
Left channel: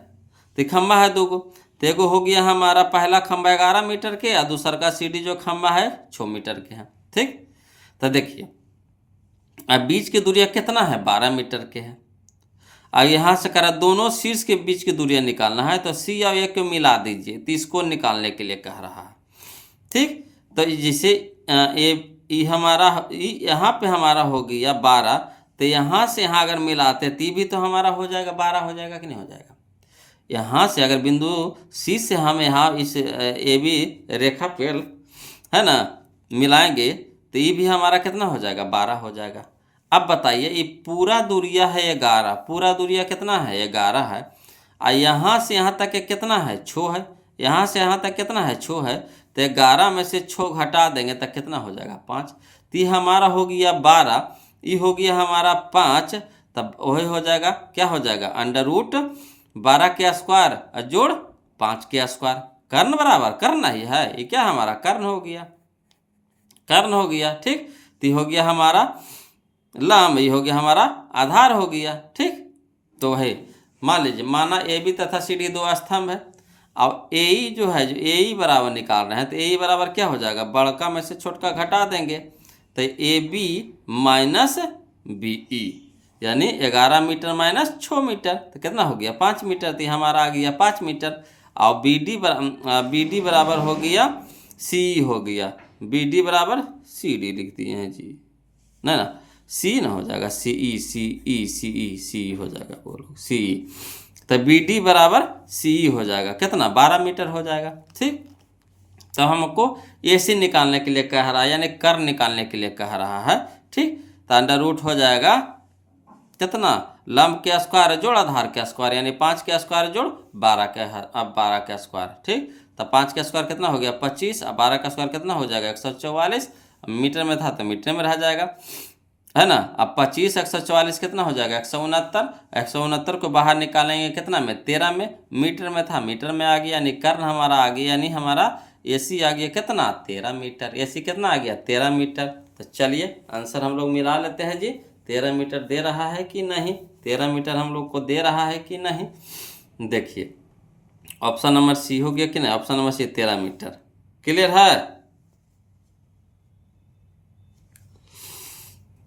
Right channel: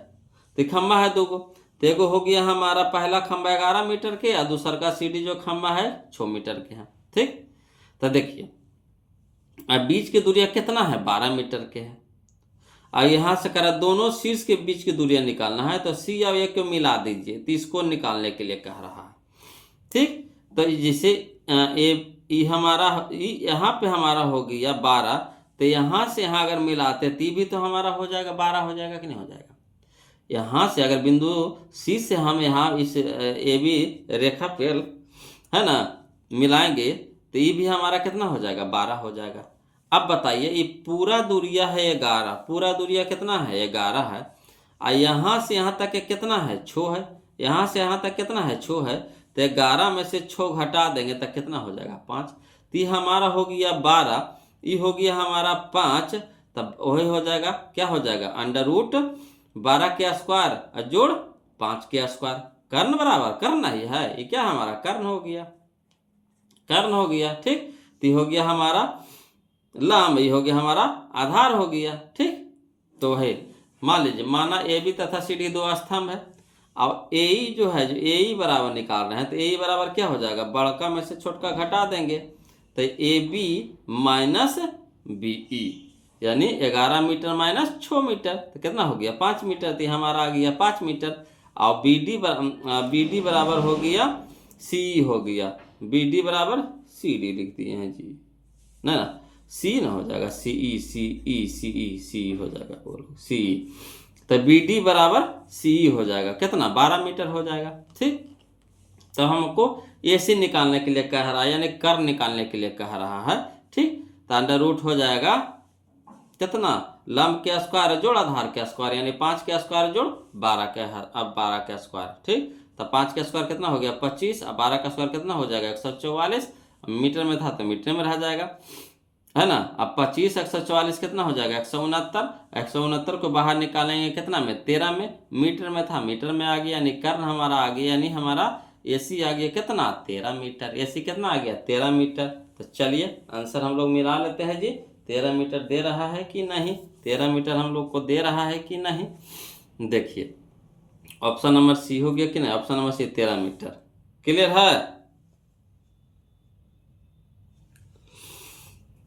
तो खंबा है दो गो। तो एगो हो गया हमारा पहला खंबा 11 मीटर के और दूसरा का सीढ़ी जो खंबा है 6 मीटर के है, ठीक। तो देखिए अब बीच की दूरिया कितना है, 12 मीटर के है। और यहाँ से करा दोनों शीर्ष के बीच की दूरियां निकालना है, तो सी और ए को मिला दीजिए, तो इसको निकालने के लिए कह रहा है, ठीक। तो जैसे ये हमारा यहाँ पे हमारा हो गया 12, तो यहाँ से यहाँ अगर मिलाते ती भी तो हमारा हो जाएगा 12 हो जाएगा कि नहीं हो जाएगा। यहाँ से अगर बिंदु सी से हम यहाँ इस ए बी रेखा पे है ना मिलाएंगे तो ये भी हमारा कितना हो जाएगा 12 हो जाएगा। अब बताइए ये पूरा दूरिया है 11, पूरा दूरिया कितना है 11 है, और यहाँ से यहाँ तक कितना है 6 है, यहाँ से यहाँ तक कितना है 6 है। तो 11 में से 6 घटा देंगे तब कितना हो जाएगा 5। तो ये हमारा हो गया 12, ये हो गया हमारा 5, तब वही हो जाएगा क्या हो जाएगा √12 के स्क्वायर जोड़ 5 के स्क्वायर, कर्ण बराबर कर्ण ही है, ये क्या हमारा कर्ण हो गया, कर्ण हो गया, ठीक। तो हो गया हमारा लंब, ये हो गया हमारा आधार हो गया, ठीक। तो है मान लीजिए माना ए बी तथा सी डी दो स्तंभ है, अब ए जो है जो ए बराबर निकाल रहे हैं, तो ए बराबर क्या हो जाएगा, बड़का में से छोटका घटा देंगे, तो A B minus B E, यानी 11 मीटर माइनस 6 मीटर, तो कितना हो गया 5 मीटर। तो हमारा आ गया 5 मीटर। और बी डी बराबर हो गया सी हो गया, बी डी बराबर सी डी लिख दिए हैं जी, नहीं ना सी ना हो जाएगा सी ई सी हो जाएगा, बोलो सी। तो बी डी बराबर सी हो जाएगा, कितना 12 मीटर हो जाएगा, ठीक। तो हमको ए सी निकालने के लिए कह रहा है, यानी कर्ण निकालने के लिए कह रहा है, ठीक। तो अंडर रूट हो जाएगा कितना लंब के स्क्वायर जोड़ आधार के स्क्वायर, यानी 5 के स्क्वायर जोड़ 12 के, अब 12 के स्क्वायर, ठीक। तो 5 का स्क्वायर कितना हो गया 25, अब 12 का स्क्वायर कितना हो जाएगा 144, मीटर में था तो मीटर में रह जाएगा, है ना। अब 25 144 कितना हो जाएगा 169, 169 को बाहर निकालेंगे कितना में 13 में, मीटर में था मीटर में आ गया, यानी कर्ण हमारा आ गया, यानी हमारा एसी आ गया कितना 13 मीटर, एसी कितना आ गया 13 मीटर। तो चलिए आंसर हम लोग मिला लेते हैं जी, 13 मीटर दे रहा है कि नहीं, 13 मीटर हम लोग को दे रहा है कि नहीं। देखिए ऑप्शन नंबर सी हो गया कि नहीं, option number C 13 metre, clear है।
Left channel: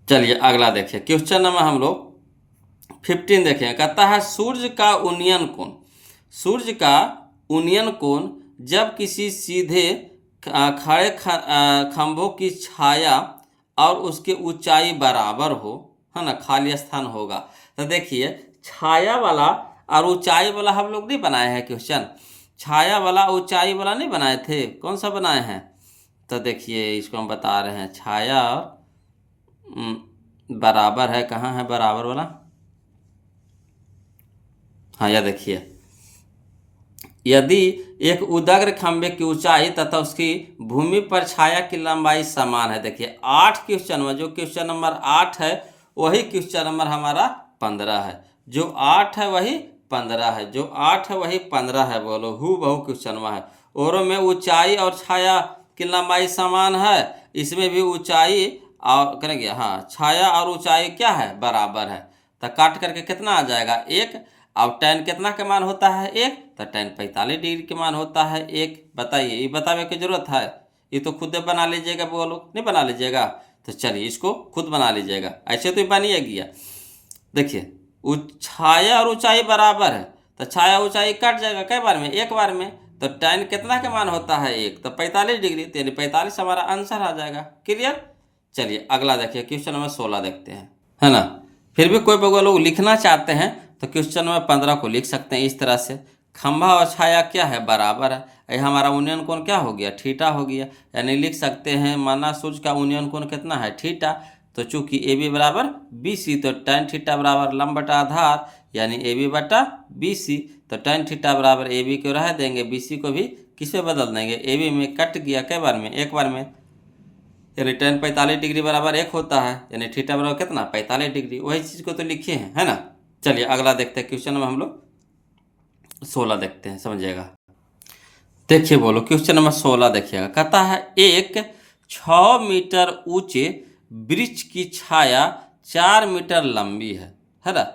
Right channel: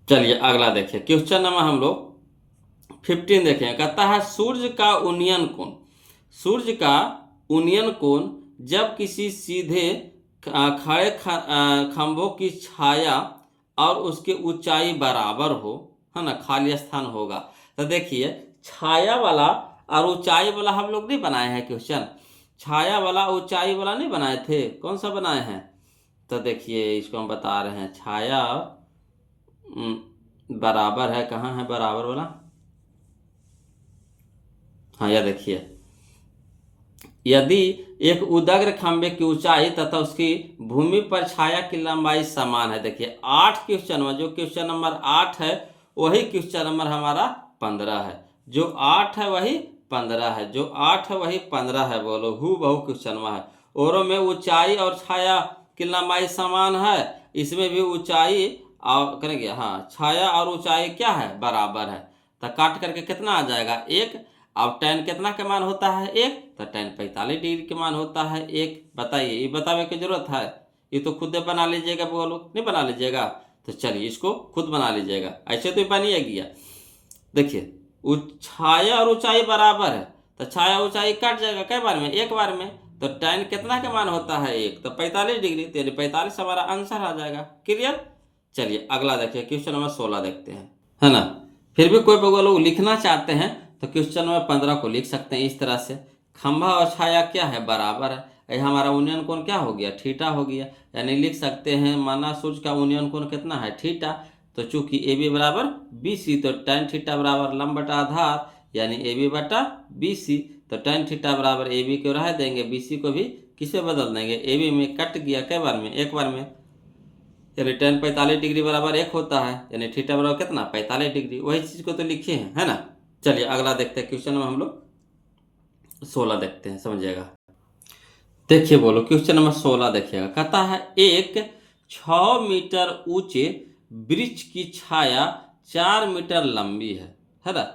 चलिए अगला देखिए, क्वेश्चन नंबर हम लोग 15 देखें। कहता है सूर्य का उन्नयन कोण, सूर्य का उन्नयन कोण जब किसी सीधे खड़े खंभों की छाया और उसकी ऊंचाई बराबर हो, है ना, खाली स्थान होगा। तो देखिए छाया वाला और ऊंचाई वाला हम लोग नहीं बनाए हैं क्वेश्चन, छाया वाला ऊंचाई वाला नहीं बनाए थे, कौन सा बनाए हैं। तो देखिए इसको हम बता रहे हैं, छाया बराबर है, कहाँ है बराबर वाला, हाँ यह देखिए, यदि एक उदग्र खंभे की ऊंचाई तथा उसकी भूमि पर छाया की लंबाई समान है। देखिए 8 क्वेश्चन में जो क्वेश्चन नंबर 8 है वही क्वेश्चन नंबर हमारा 15 है, जो 8 है वही 15 है, जो 8 है वही 15 है, बोलो हु बहु क्वेश्चन में है। औरों में ऊंचाई और छाया की लंबाई समान है, इसमें भी ऊंचाई और करेंगे, हाँ छाया और ऊंचाई क्या है बराबर है। तो काट करके कितना आ जाएगा 1, अब tan कितना के मान होता है 1, तो tan 45 डिग्री के मान होता है 1। बताइए ये बतावे की जरूरत है, ये तो खुद बना लीजिएगा, बोलो नहीं बना लीजिएगा, तो चलिए इसको खुद बना लीजिएगा, ऐसे तो बनिए गया। देखिए छाया और ऊंचाई बराबर है, तो छाया ऊंचाई कट जाएगा कई बार में, एक बार में, तो tan कितना के मान होता है 1, तो 45 डिग्री, तो यानी 45 हमारा आंसर आ जाएगा, क्लियर। चलिए अगला देखिए क्वेश्चन नंबर 16 देखते हैं, है ना। फिर भी कोई लोग लिखना चाहते हैं तो क्वेश्चन नंबर 15 को लिख सकते हैं इस तरह से, खंभा और छाया क्या है बराबर है, ये हमारा उन्नयन कोण क्या हो गया थीटा हो गया, यानी लिख सकते हैं माना सूर्य का उन्नयन कोण कितना है थीटा, तो चूंकि ए बी बराबर बी सी, तो tan थीटा बराबर लंब बटा आधार, यानी ए बी बटा बी सी, तो tan थीटा बराबर ए बी को रह देंगे, बी सी को भी किस में बदल देंगे, ए बी में कट गया कई बार में, एक बार में, यानी tan 45 डिग्री बराबर 1 होता है, यानी थीटा बराबर कितना 45 डिग्री, वही चीज़ को तो लिखे हैं, है ना। चलिए अगला देखते हैं, क्वेश्चन में हम लोग 16 देखते हैं, समझिएगा। देखिए बोलो क्वेश्चन नंबर 16 देखिएगा, कहता है एक 6 मीटर ऊंचे वृक्ष की छाया 4 मीटर लंबी है ना।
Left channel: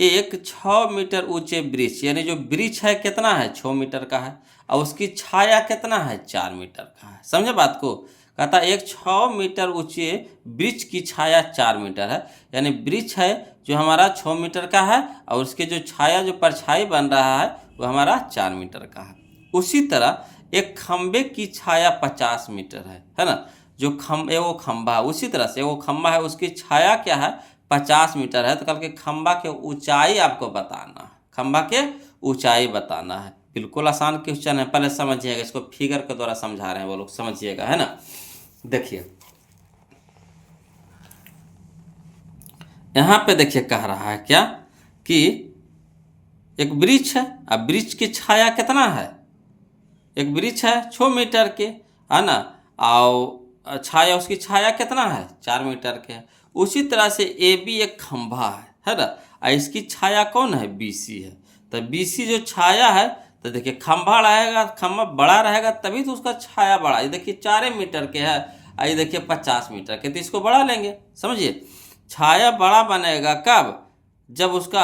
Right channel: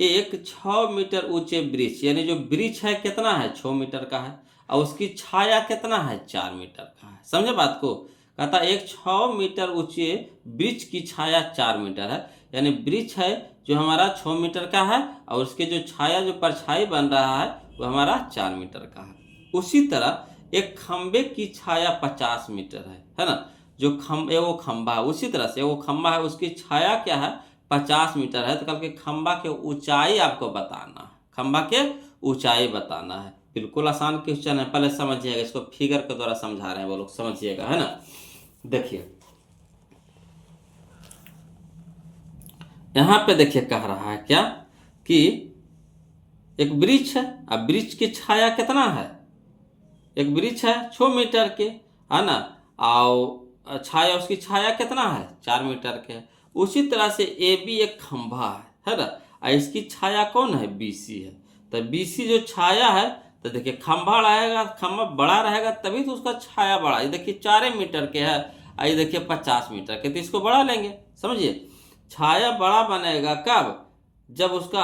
एक 6 मीटर ऊंचे वृक्ष, यानी जो वृक्ष है कितना है 6 मीटर का है, और उसकी छाया कितना है 4 मीटर का है, समझे बात को। कहता है एक 6 मीटर ऊंचे वृक्ष की छाया 4 मीटर है, यानी वृक्ष है जो हमारा 6 मीटर का है, और उसके जो छाया जो परछाई बन रहा है वो हमारा 4 मीटर का है। उसी तरह एक खंबे की छाया 50 मीटर है ना, जो वो खंबा है, उसी तरह से वो खंबा है उसकी छाया क्या है 50 मीटर है, तो कल के खंबा के ऊंचाई आपको बताना है, खंबा के ऊंचाई बताना है। बिल्कुल आसान क्वेश्चन है, पहले समझिएगा, इसको फिगर के द्वारा समझा रहे हैं वो लोग, समझिएगा, है ना। देखिए यहाँ पे देखिए कह रहा है क्या कि एक वृक्ष है, अब वृक्ष की छाया कितना है, एक वृक्ष है 6 मीटर के, है ना, और छाया उसकी छाया कितना है 4 मीटर के है। उसी तरह से ए बी एक खंभा है ना, और इसकी छाया कौन है बी सी है, तो बी सी जो छाया है, तो देखिए खंभा रहेगा, खंभा बड़ा रहेगा तभी तो उसका छाया बड़ा, ये देखिए 4 मीटर के है, ये देखिए 50 मीटर के, तो इसको बढ़ा लेंगे, समझिए। छाया बड़ा बनेगा कब, जब उसका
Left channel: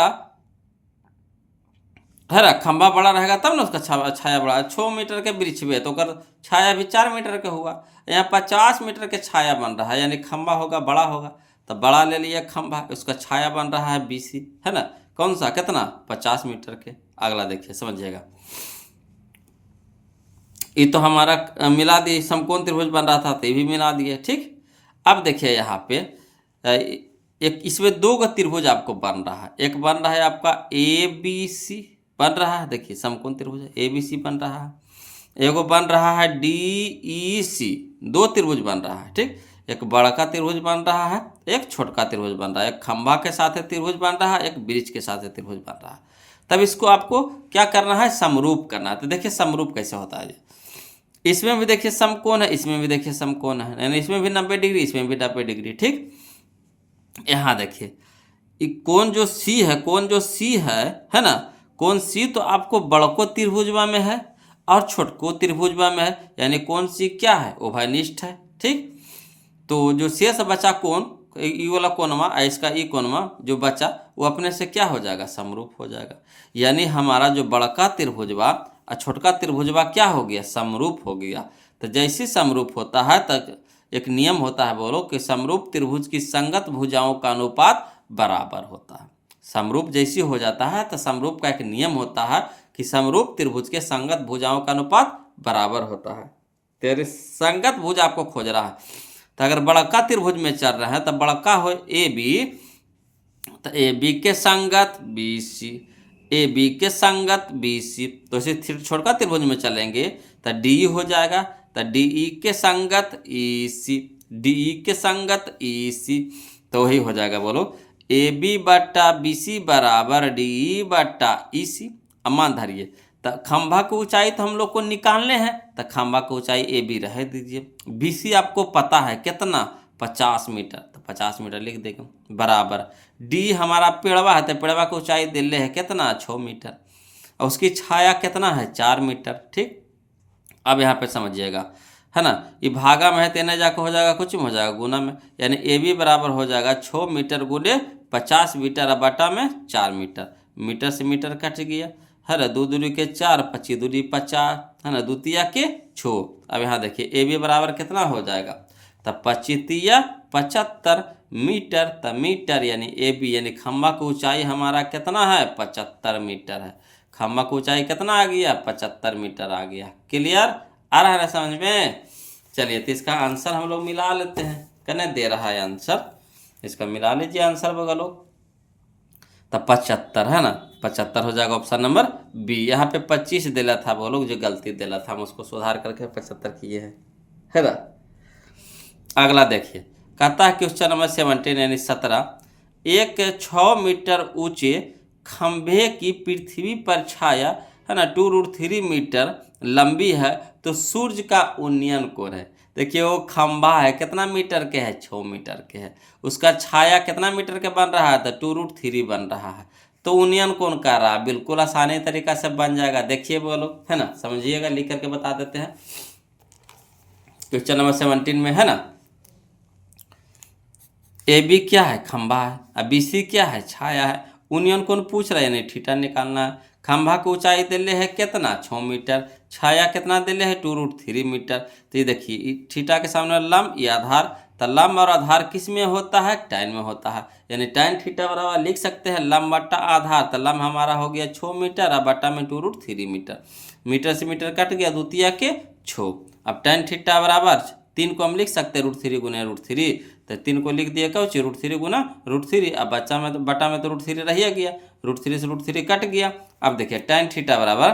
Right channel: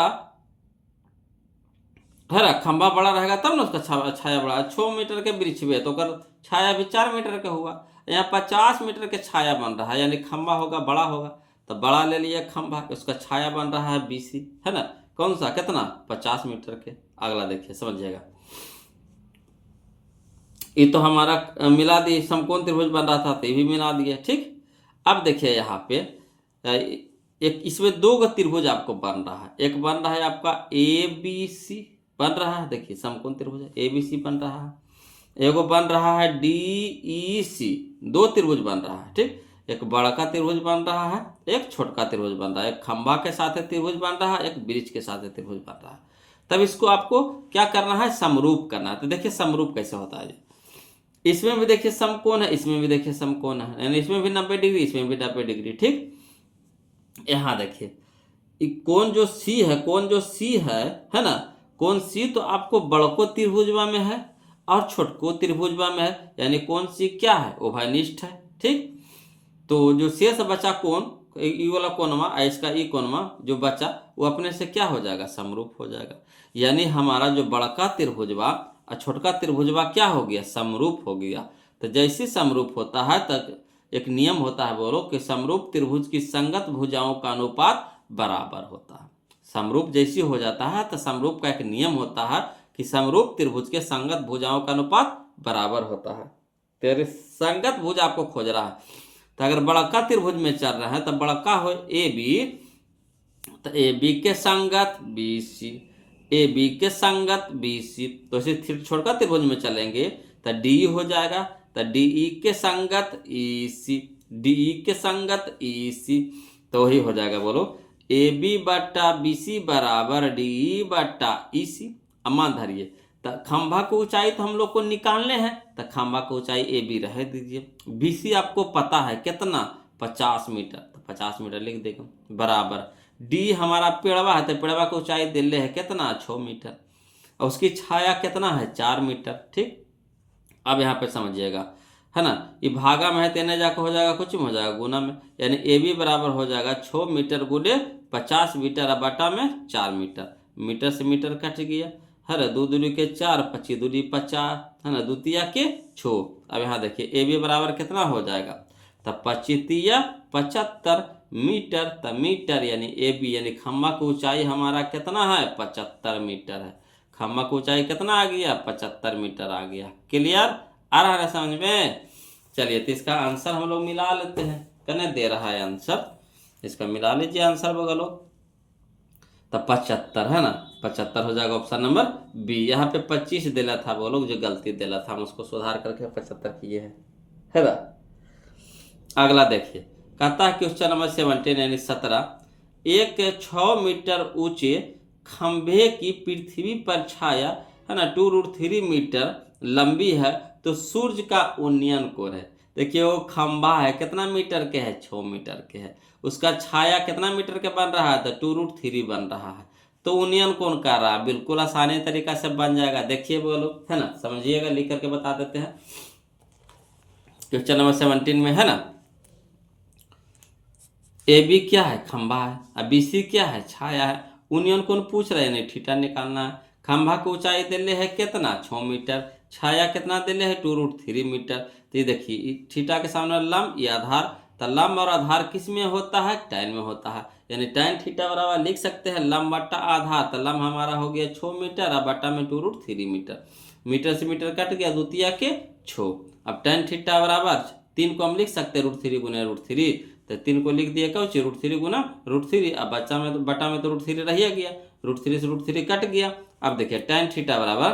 है ना खंभा बड़ा रहेगा तब ना उसका छाया बड़ा, 6 मीटर के वृक्ष भी है तो कर छाया भी 4 मीटर का हुआ, यहाँ 50 मीटर के छाया बन रहा है, यानी खंभा होगा बड़ा होगा, तो बड़ा ले लिया खंभा, उसका छाया बन रहा है बीसी, है ना, कौन सा कितना 50 मीटर के। अगला देखिए समझिएगा, ये तो हमारा मिला दिए, समकोण त्रिभुज बन रहा था तो ये भी मिला दिए, ठीक। अब देखिए यहाँ पे एक इसमें 2 त्रिभुज आपको बन रहा है, एक बन रहा है आपका ए बी सी बन रहा है, देखिए समकोण त्रिभुज है, ए बी सी बन रहा है, एगो बन रहा है डी ई सी, 2 त्रिभुज बन रहा है, ठीक। एक बड़ा त्रिभुज बन रहा है, एक छोटा त्रिभुज बन रहा है, एक खंभा के साथ त्रिभुज बन रहा है, एक ब्रिज के साथ त्रिभुज बन रहा है। तब इसको आपको क्या करना है, समरूप करना है। तो देखिए समरूप कैसे होता है। इसमें भी देखिए समकोण है, इसमें भी देखिए समकोण है, यानी इसमें भी 90 डिग्री, इसमें भी 90 डिग्री। ठीक, यहाँ देखिए कोण जो सी है, कोण जो सी है ना, कोण सी तो आपको बड़को त्रिभुजवा में है और छोटको त्रिभुजवा में है, यानी कोण सी क्या है, उभयनिष्ठ है। ठीक, तो जो शेष बचा कोण, ई वाला कोणवा, इसका ई कोणवा जो बचा वो अपने से क्या हो जाएगा, समरूप हो जाएगा। यानी हमारा जो बड़का त्रिभुजवा और छोटका त्रिभुजवा क्या हो गया, समरूप हो गया। तो जैसे समरूप होता है तब एक नियम होता है, बोलो कि समरूप त्रिभुज की संगत भुजाओं का अनुपात बराबर होता है। समरूप जैसी हो जाता है तो समरूप का एक नियम होता है कि समरूप त्रिभुज के संगत भुजाओं का अनुपात बराबर होता है। तेरे संगत भुज आपको खोज रहा है, तो अगर बड़का त्रिभुज में चल रहा है तो बड़का हो ए बी, तो ए बी के संगत बी सी, ए बी के संगत बी सी। तो इसे छोटका त्रिभुज में चलेंगे तो डी हो जाएगा, तो डी ई के संगत ई सी, डी ई के संगत ई सी। तो वही हो जाएगा, बोलो ए बी बट्टा बी सी बराबर डी ई बट्टा ई सी। अमान धरिए, तो खंभा की ऊंचाई तो हम लोग को निकालने हैं, तो खंभा की ऊंचाई ए बी रह दीजिए। बी सी आपको पता है कितना, 50 मीटर, तो 50 मीटर लिख देगा बराबर। डी हमारा पेड़वा है, तो पेड़वा की ऊंचाई दिल्ले है कितना, 6 मीटर, और उसकी छाया कितना है, 4 मीटर। ठीक, अब यहाँ पे समझिएगा, है ना, ये भागा में है, तेने जाकर हो जाएगा कुछ में हो जाएगा गुना में, यानी ए बी बराबर हो जाएगा 6 मीटर गुने 50 मीटर, और बटा में 4 मीटर। मीटर से मीटर कट गया, है ना, 2 दूरी के 4, 25 दूरी 50, है ना, द्वितीया के 6। अब यहाँ देखिए ए बी बराबर कितना हो जाएगा, तब 25 75 मीटर, तब मीटर यानी ए बी यानी खम्बा की ऊंचाई हमारा कितना है, 75 मीटर है। खम्बा की ऊंचाई कितना आ गया, 75 मीटर आ गया। क्लियर, आ रहा है समझ में। चलिए तो इसका आंसर हम लोग मिला लेते हैं, कहने दे रहा है आंसर, इसका मिला लीजिए आंसर बगलो, तब 75 है ना, 75 हो जाएगा ऑप्शन नंबर बी। यहाँ पे 25 दिला था, वो लोग जो गलती दिला था हम उसको सुधार करके 75 किए हैं, है ना। अगला देखिए, कहता है क्वेश्चन नंबर 17 यानी 17, एक 6 मीटर ऊंचे खंभे की पृथ्वी पर छाया, है ना, 2√3 मीटर लंबी है, तो सूर्य का उन्नयन कोण है। देखिए वो खंभा है कितना मीटर के है, 6 मीटर के है, उसका छाया कितना मीटर के बन रहा है, तो 2√3 बन रहा है, तो उन्नयन कोण कर रहा है। बिल्कुल आसानी तरीका से बन जाएगा, देखिए बोलो, है ना, समझिएगा, लिख करके बता देते हैं। क्वेश्चन नंबर 17 में है ना, ए बी क्या है, खंभा है, और बी सी क्या है, छाया है। उन्नयन कोण पूछ रहे हैं, नहीं थीटा निकालना है। खंभा की ऊंचाई दिले है कितना, 6 मीटर, छाया कितना दिले है, 2√3 मीटर। तो ये देखिए थीटा के सामने लंब, ये आधार, तो लंब और आधार किस में होता है, tan में होता है, यानी tan थीटा बराबर लिख सकते हैं लंब बट्टा आधार। तो लंब हमारा हो गया 6 मीटर और बट्टा में 2√3 मीटर, मीटर से मीटर कट गया, द्वितीया के 6। अब tan थीटा बराबर 3 को हम लिख सकते हैं √3 गुने √3, तो 3 को लिख दिया क्यों, √3 गुना √3। अब बच्चा में तो बटा में तो √3 रह गया, √3 से √3 कट गया। अब देखिए tan थीटा बराबर,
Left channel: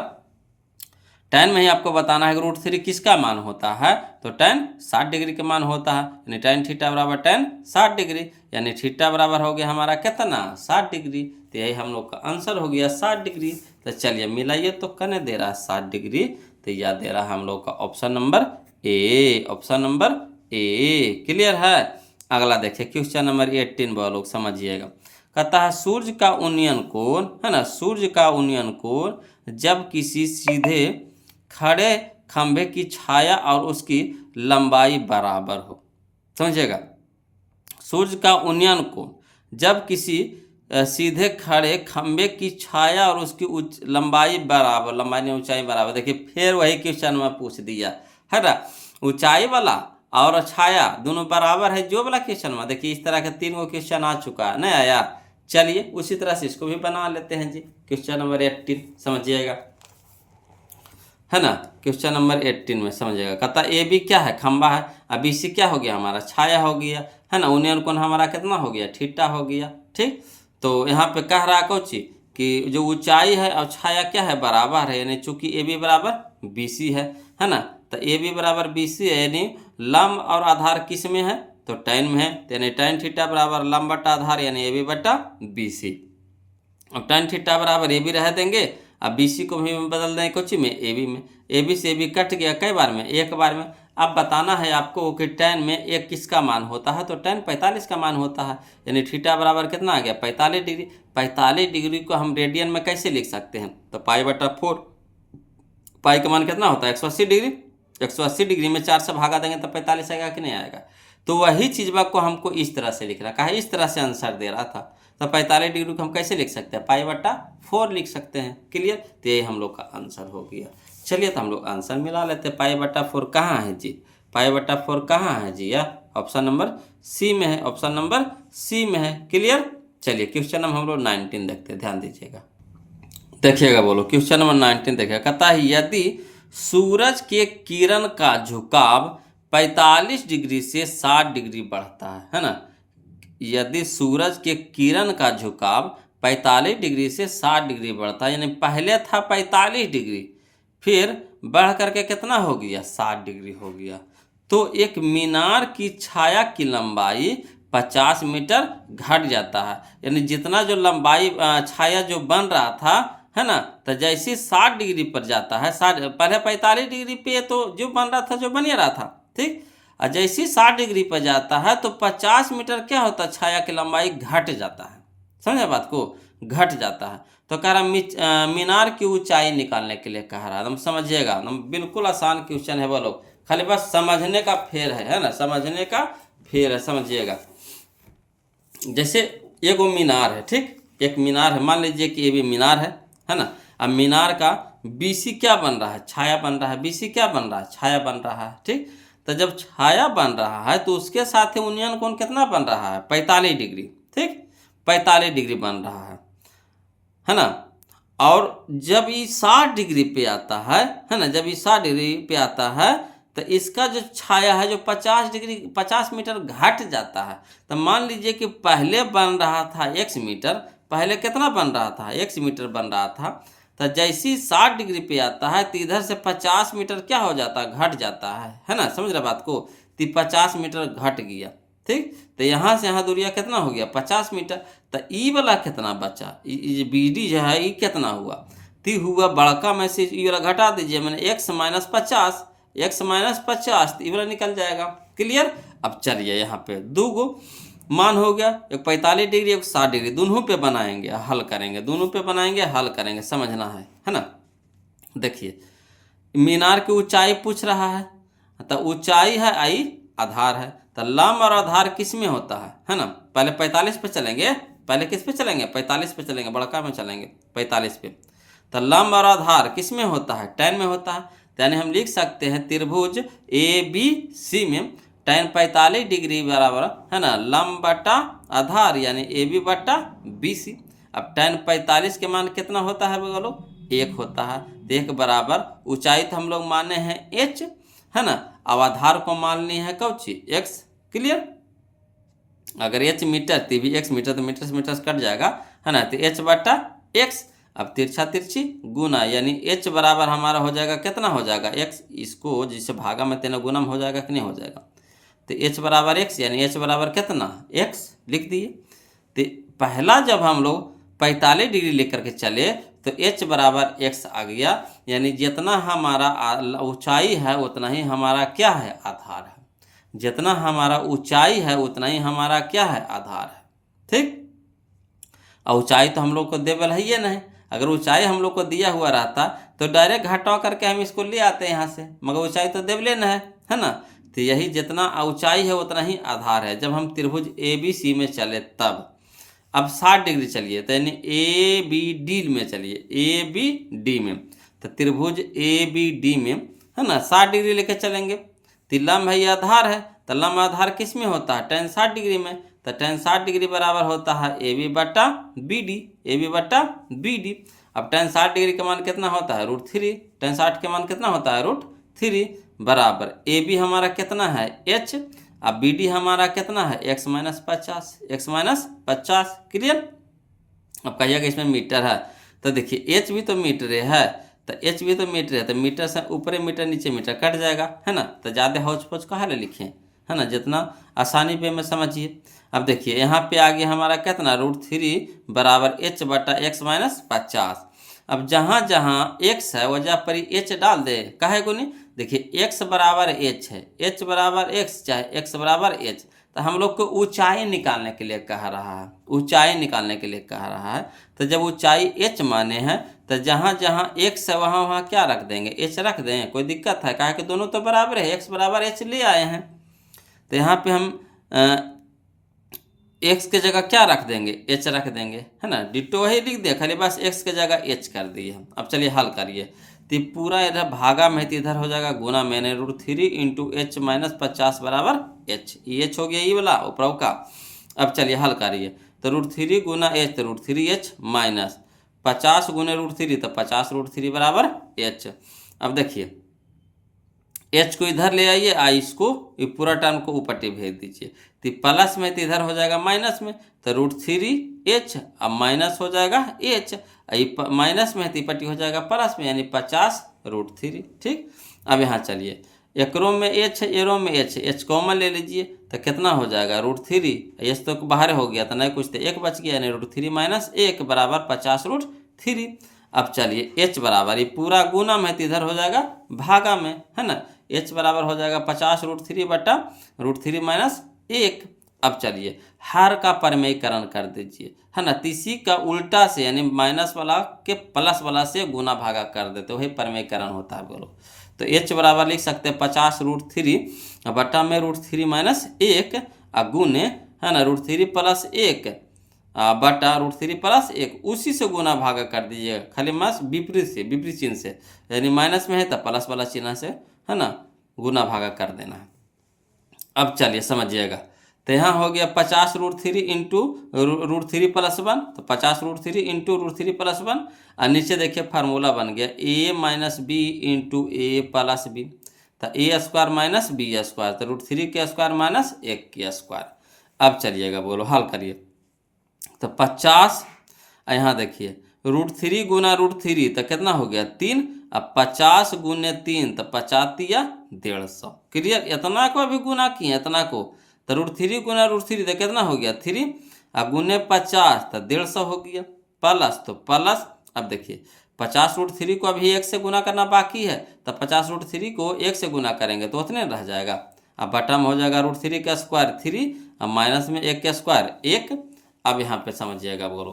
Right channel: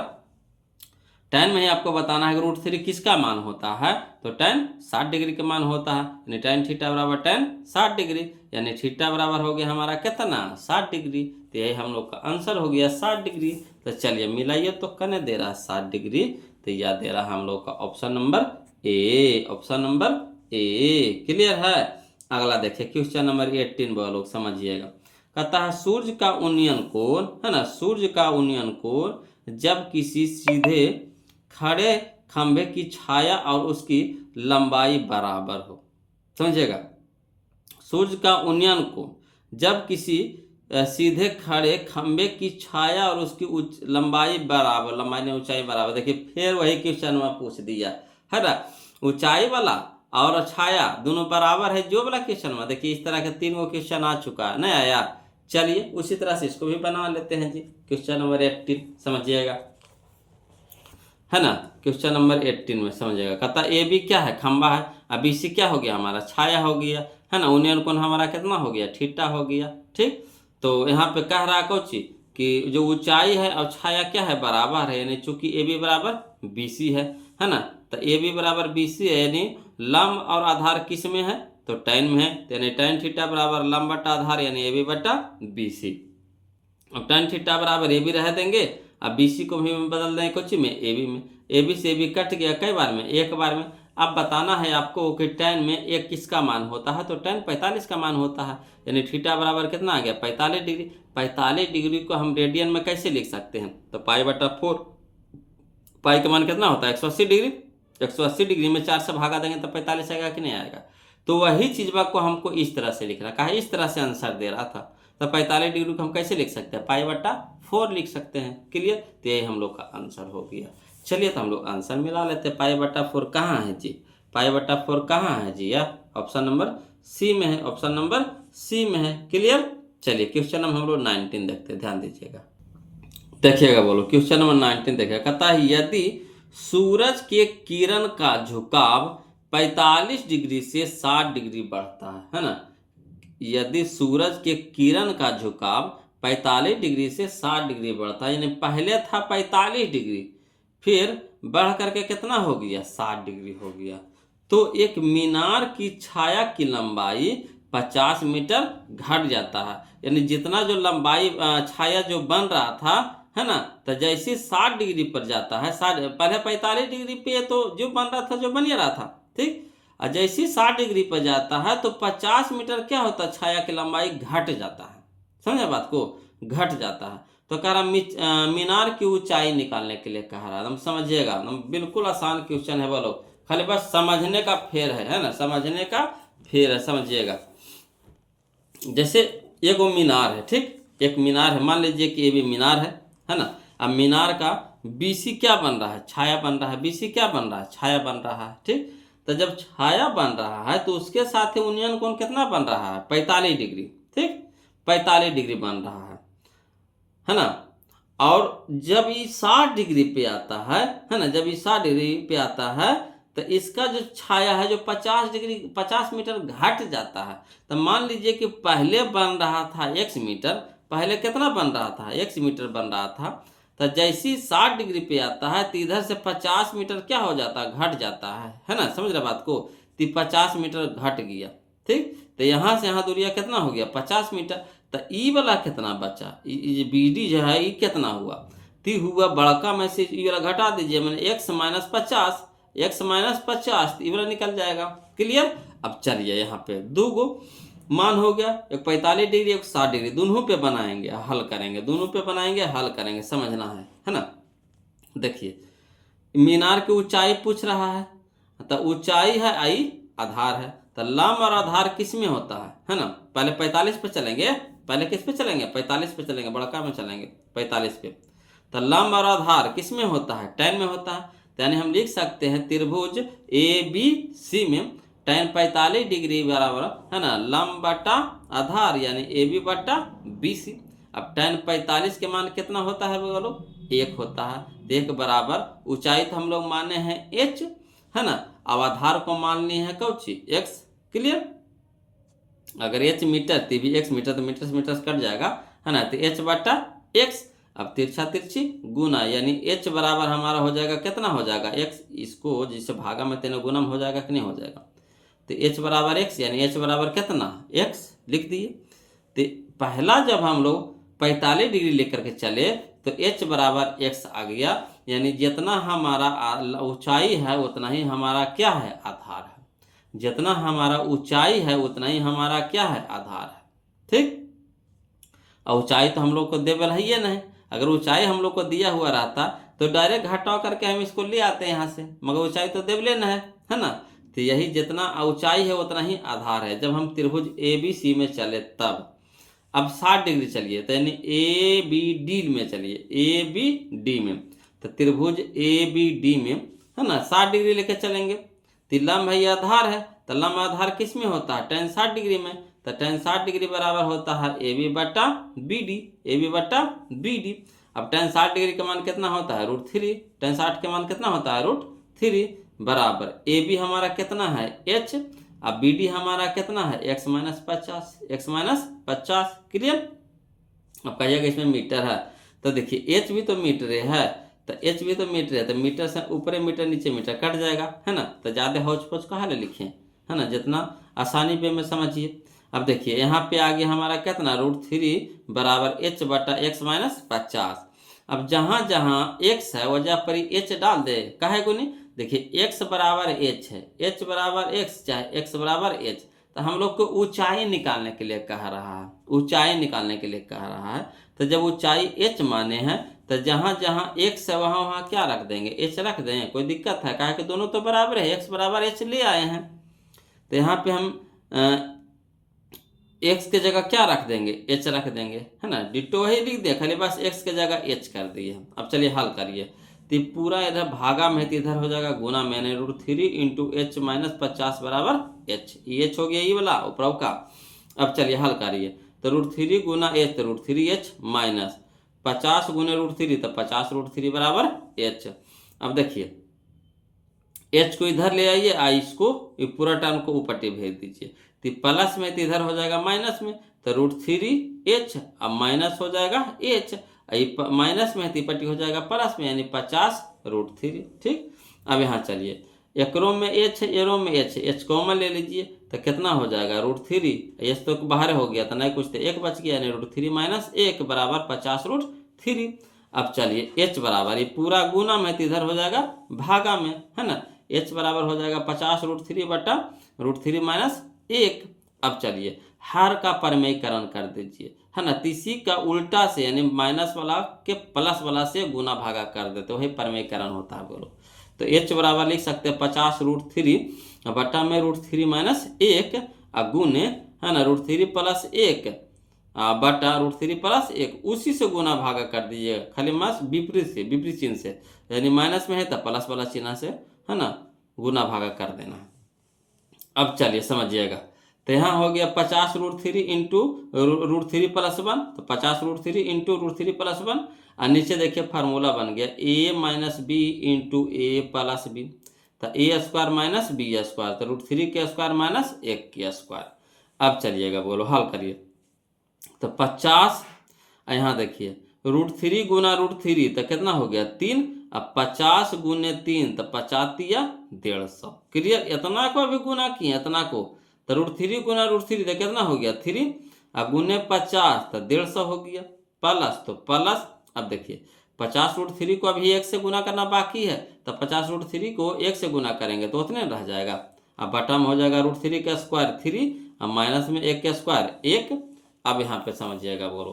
tan में ही आपको बताना है कि √3 किसका मान होता है, तो tan 60 डिग्री का मान होता है, यानी tan थीटा बराबर tan 60 डिग्री, यानी थीटा बराबर हो गया हमारा कितना, 60 डिग्री। तो यही हम लोग का आंसर हो गया 60 डिग्री। तो चलिए मिलाइए, तो कने दे रहा है 60 डिग्री, तो यह दे रहा है हम लोग का option number A, option number A. Clear है। अगला देखिए क्वेश्चन नंबर 18 वो लोग समझिएगा, कहता है सूर्य का उन्नयन कोण, है ना, सूर्य का उन्नयन कोण जब किसी सीधे खड़े खंभे की छाया और उसकी लंबाई बराबर हो। समझिएगा, सूर्य का उन्नयन कोण जब किसी सीधे खड़े खंभे की छाया और उसकी लंबाई बराबर, लंबाई ने ऊंचाई बराबर। देखिए फिर वही क्वेश्चन में पूछ दिया, है ना, ऊंचाई वाला और छाया दोनों बराबर है जो वाला क्वेश्चन में। देखिए इस तरह के 3 गो क्वेश्चन आ चुका है, नहीं आया। चलिए उसी तरह से इसको भी बना लेते हैं जी। क्वेश्चन नंबर 18 समझिएगा, है ना, क्वेश्चन नंबर 18 में समझिएगा, कहता ए बी क्या है, खंबा है, अब बी सी क्या हो गया हमारा, छाया हो गया, है ना, उन्नयन कोण हमारा कितना हो गया, थीटा हो गया। ठीक, तो यहाँ पे कह रहा है कोची कि जो ऊंचाई है और छाया क्या है, बराबर है, यानी चूंकि ए बी बराबर बी सी है ना, तो ए बी बराबर बी सी है, यानी लंब और आधार किस में है, तो tan में है, यानी tan थीटा बराबर लंब बटा आधार यानी AB बटा BC। अब tan थीटा बराबर AB रह देंगे, अब BC को भी बदल देंगे कुछ में AB में, AB से AB कट गया कई बार में, एक बार में। अब बताना है आपको कि tan में एक किसका मान होता है, तो tan 45 का मान होता है, यानी थीटा बराबर कितना आ गया 45 डिग्री। 45 डिग्री को हम रेडियन में कैसे लिख सकते हैं, तो पाई बटा 4, पाई का मान कितना होता है 180 डिग्री, 180 डिग्री में 4 से भागा देंगे तो 45 आएगा कि नहीं आएगा। तो वही चीज़ को हमको इस तरह से लिखना कहा, इस तरह से आंसर दे रहा था, तो 45 डिग्री को हम कैसे लिख सकते हैं, पाई बटा 4 लिख सकते हैं। क्लियर, तो ये हम लोग का आंसर हो गया। चलिए तो हम लोग आंसर मिला लेते हैं। पाई बटा 4 कहाँ है जी, पाई बटा 4 कहाँ है जी, या ऑप्शन नंबर सी में है, ऑप्शन नंबर सी में है। क्लियर, चलिए क्वेश्चन नंबर हम लोग 19 देखते हैं, ध्यान दीजिएगा, देखिएगा, बोलो क्वेश्चन नंबर 19 देखिएगा। कहता है यदि सूरज के किरण का झुकाव 45 डिग्री से 60 डिग्री बढ़ता है ना, यदि सूरज के किरण का झुकाव 45 डिग्री से 60 डिग्री बढ़ता है, यानी पहले था 45 डिग्री, फिर बढ़ करके कितना हो गया 60 डिग्री हो गया, तो एक मीनार की छाया की लंबाई 50 मीटर घट जाता है। यानी जितना जो लंबाई छाया जो बन रहा था है ना, तो जैसे 60 डिग्री पर जाता है, 60 पहले 45 डिग्री पे तो जो बन रहा था जो बन रहा था, ठीक, और जैसे 60 डिग्री पर जाता है तो 50 मीटर क्या होता है, छाया की लंबाई घट जाता है। समझे बात को, घट जाता है। तो कह रहा मीनार की ऊंचाई निकालने के लिए कह रहा है, हम समझिएगा, हम बिल्कुल आसान क्वेश्चन है, बोलो खाली बस समझने का फेर है ना, समझने का फेर है, समझिएगा। जैसे एक वो मीनार है, ठीक, एक मीनार है, मान लीजिए कि ये भी मीनार है ना। अब मीनार का BC क्या बन रहा है, छाया बन रहा है, BC क्या बन रहा है, छाया बन रहा है, ठीक। तो जब छाया बन रहा है तो उसके साथ ही उन्नयन कोण कितना बन रहा है 45 डिग्री, ठीक, 45 डिग्री बन रहा है ना। और जब ये 60 डिग्री पे आता है ना, जब ये 60 डिग्री पे आता है तो इसका जो छाया है जो 50 डिग्री 50 मीटर घट जाता है। तो मान लीजिए कि पहले बन रहा था x मीटर, पहले कितना बन रहा था x मीटर बन रहा था, तो जैसे ही 60 डिग्री पे आता है तो इधर से 50 मीटर क्या हो जाता है, घट जाता है ना, समझ रहे बात को, तो 50 मीटर घट गया, ठीक। तो यहाँ से यहाँ दूरिया कितना हो गया 50 मीटर, तो ई वाला कितना बचा, BD जो है ये कितना हुआ, तो हुआ बड़का में से ई वाला घटा दीजिए, मैंने x माइनस 50, x माइनस 50 तो ये वाला निकल जाएगा। क्लियर, अब चलिए यहाँ पे दो गो मान हो गया, एक 45 डिग्री एक 60 डिग्री, दोनों पे बनाएंगे हल करेंगे, दोनों पे बनाएंगे हल करेंगे, समझना है ना। देखिए मीनार की ऊंचाई पूछ रहा है, तो ऊंचाई है आई, आधार है, तो लंब और आधार किस में होता है ना। पहले 45 पे चलेंगे, पहले किस पे चलेंगे 45 पे चलेंगे, बड़का में चलेंगे 45 पे। तो लंब और आधार किस में होता है, tan में होता है, यानी हम लिख सकते हैं त्रिभुज ABC में tan 45 डिग्री बराबर है ना लंब बटा आधार यानी AB बटा BC। अब tan 45 के मान कितना होता है बोलो, 1 होता है, तो 1 बराबर ऊंचाई तो हम लोग माने हैं h है ना, अब आधार को मान लिए हैं कौची x। क्लियर, अगर h मीटर तो भी x मीटर, तो मीटर से मीटर कट जाएगा है ना, तो h बटा x। अब तिरछा तिरछी गुना यानी h बराबर हमारा हो जाएगा कितना हो जाएगा x, इसको जिसे भागा में तेना गुना हो जाएगा कि नहीं हो जाएगा, तो h बराबर x यानी h बराबर कितना x लिख दिए। तो पहला जब हम लोग 45 डिग्री लेकर के चले तो h बराबर x आ गया, यानी जितना हमारा ऊंचाई है उतना ही हमारा क्या है आधार है, जितना हमारा ऊंचाई है उतना ही हमारा क्या है आधार है, ठीक। और ऊंचाई तो हम लोग को देवल है ये नहीं, अगर ऊंचाई हम लोग को दिया हुआ रहता तो डायरेक्ट घटा करके हम इसको ले आते हैं यहाँ से, मगर ऊंचाई तो देवले न है ना। तो यही जितना ऊंचाई है उतना ही आधार है। जब हम त्रिभुज ABC में चले तब अब 60 डिग्री चलिए, तो यानी ABD में चलिए, ABD में, तो त्रिभुज ABD में है ना 60 डिग्री लेके चलेंगे, तो लंब है आधार है, तो लंब आधार किस में होता है tan 60 डिग्री में, तो tan 60 डिग्री बराबर होता है AB बटा BD, AB बटा BD। अब tan 60 डिग्री का मान कितना होता है √3, tan 60 के मान कितना होता है √3 बराबर AB हमारा कितना है h, अब BD हमारा कितना है x minus 50, x minus 50। Clear, अब कहिएगा इसमें मीटर है, तो देखिए h भी तो मीटर है, तो h भी तो मीटर है, तो मीटर से ऊपर मीटर नीचे मीटर कट जाएगा है ना, तो ज़्यादा हौच पौच कहाँ ले लिखें, है ना, जितना आसानी पे में समझिए। अब देखिए यहाँ पे आगे हमारा कितना √3 बराबर h बटा x माइनस 50। अब जहाँ जहाँ x है वजह पर ही h डाल दे, काहे को नहीं। देखिए x बराबर h है, h बराबर x चाहे x बराबर h, तो हम लोग को ऊंचाई निकालने के लिए कह रहा है, ऊंचाई निकालने के लिए कह रहा है। तो जब ऊंचाई h माने हैं तो जहाँ जहाँ x है वहाँ वहाँ क्या रख देंगे, h रख दें, कोई दिक्कत है, कहा कि दोनों तो बराबर है, x बराबर h ले आए हैं। तो यहाँ पे हम x के जगह क्या रख देंगे, h रख देंगे, है ना, डिट्टो वही लिख दिया, खाली बस x के जगह h कर दिए हम। अब चलिए हल करिए, तो पूरा इधर भागा में तो इधर हो जाएगा गुना मैंने √3 इंटू h माइनस 50 बराबर h, ये h हो गया ये वाला ऊपर का। अब चलिए हल करिए, तो √3 गुना h तो √3h माइनस 50 गुने √3 तो 50 √3 बराबर h। अब देखिए h को इधर ले आइए, इसको ये पूरा टर्म को ऊपर भेज दीजिए, तो प्लस में तो इधर हो जाएगा माइनस में, तो √3h अब माइनस हो जाएगा h, माइनस में तो पट्टी हो जाएगा प्लस में, यानी 50 √3। ठीक, अब यहाँ चलिए एकरों में h है एरों में h कॉमन ले लीजिए, तो कितना हो जाएगा √3, h तो बाहर हो गया था नहीं कुछ, तो एक बच गया, यानी √3 माइनस 1 बराबर 50 √3। अब चलिए h बराबर ये पूरा गुना में तो इधर हो जाएगा भागा में, है ना, h बराबर हो जाएगा 50 √3 बटा √3 माइनस 1। अब चलिए हर का परमेयकरण कर दीजिए, है ना, इसी का उल्टा से यानी माइनस वाला के प्लस वाला से गुना भागा कर देते, वही परमेयकरण होता है बोलो। तो h बराबर लिख सकते हैं 50 √3 बटा में √3 माइनस 1 गुने, है ना, √3 प्लस 1 बटा √3 प्लस 1, उसी से गुना भागा कर दीजिए, खाली मास विपरीत से, विपरीत चिन्ह से, यानी माइनस में है तो प्लस वाला चिन्ह से, है ना, गुना भागा कर देना है। अब चलिए समझिएगा, तो यहाँ हो गया 50 √3 इंटू √3 प्लस 1, तो 50 √3 इंटू √3 प्लस 1, और नीचे देखिए फार्मूला बन गया a minus B into A plus B, तो A square minus B square, तो √3 के स्क्वायर माइनस 1 के स्क्वायर। अब चलिएगा बोलो हल करिए, तो 50, यहाँ देखिए √3 गुना √3 तो कितना हो गया 3, अब 50 गुने 3 तो 50 या 150, क्लियर। इतना को अभी गुना किए, इतना को, तो √3 गुना √3 तो कितना हो गया 3, अब गुने 50 तो 150 हो गया, प्लस तो प्लस। अब देखिए 50 √3 को अभी 1 से गुना करना बाकी है, तो 50 √3 को 1 से गुना करेंगे तो उतने रह जाएगा। अब बटा में हो जाएगा √3 का स्क्वायर 3, अब माइनस में 1 का स्क्वायर 1। अब यहाँ पे समझिएगा बोलो,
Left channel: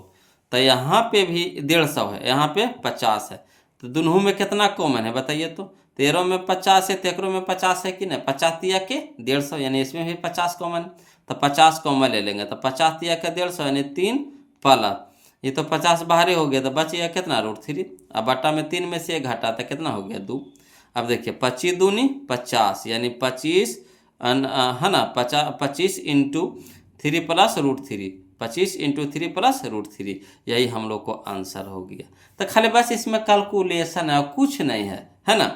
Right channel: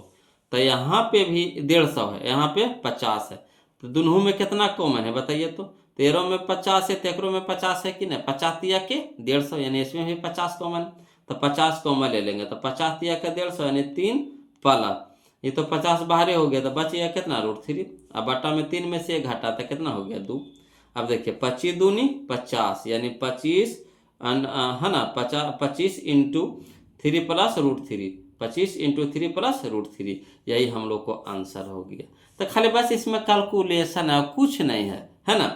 तो यहाँ पे भी 150 है, यहाँ पे 50 है, तो दोनों में कितना कॉमन है बताइए, तो 13 में 50 है, तेकरों में 50 है कि नहीं, 50 या के 150, यानी इसमें भी 50 कॉमन, तो 50 कॉमन ले लेंगे, तो 50 या के 150 यानी 3 प्लस, ये तो 50 बाहर हो गया, तो बच गया कितना √3, अब बटा में 3 में से 1 घटा तो कितना हो गया 2। अब देखिए 25 दूनी 50 यानी 25, है ना, 25 इंटू 3 प्लस √3, 25 इंटू 3 प्लस √3, यही हम लोग को आंसर हो गया। तो खाली बस इसमें कैलकुलेशन है, कुछ नहीं है ना।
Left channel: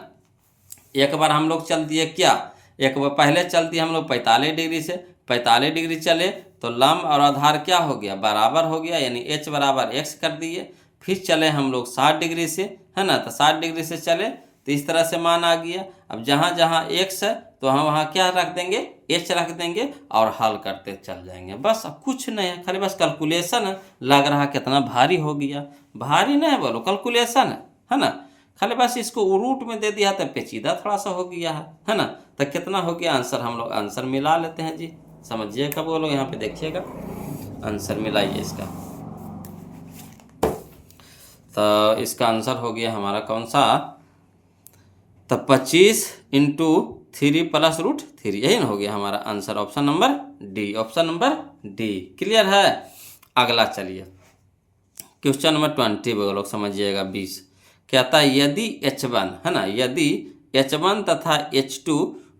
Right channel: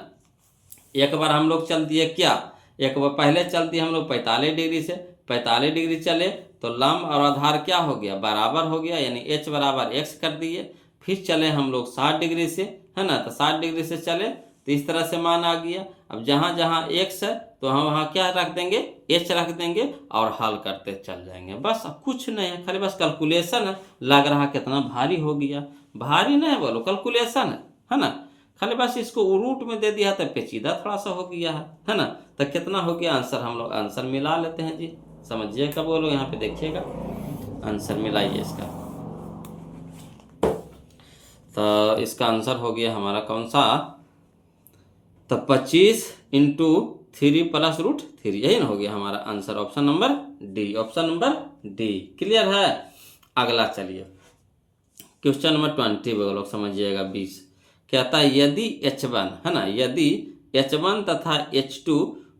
एक बार हम लोग चल दिए क्या, एक बार पहले चल दिए हम लोग 45 डिग्री से, 45 डिग्री चले तो लंब और आधार क्या हो गया बराबर हो गया, यानी h बराबर x कर दिए। फिर चले हम लोग 60 डिग्री से, है ना, तो 60 डिग्री से चले तो इस तरह से मान आ गया। अब जहाँ जहाँ x है तो हम वहाँ क्या रख देंगे, h रख देंगे और हल करते चल जाएंगे, बस कुछ नहीं है, खाली बस कैलकुलेशन है। लग रहा कितना भारी हो गया, भारी नहीं बोलो, कैलकुलेशन है ना, खाली बस इसको रूट में दे दिया तो पेचीदा थोड़ा सा हो गया है ना। तो कितना हो गया आंसर, हम लोग आंसर मिला लेते हैं जी, समझिएगा बोलो, यहाँ पे देखिएगा आंसर मिलाइए इसका। तो इसका आंसर हो गया हमारा कौन सा, तो 25 इंटू 3 प्लस √3, यही ना हो गया हमारा answer, option number D, option number D, clear है। अगला चलिए क्वेश्चन नंबर 20 बोलो, समझिएगा 20, कहता है यदि h1, है ना, यदि h1 तथा h2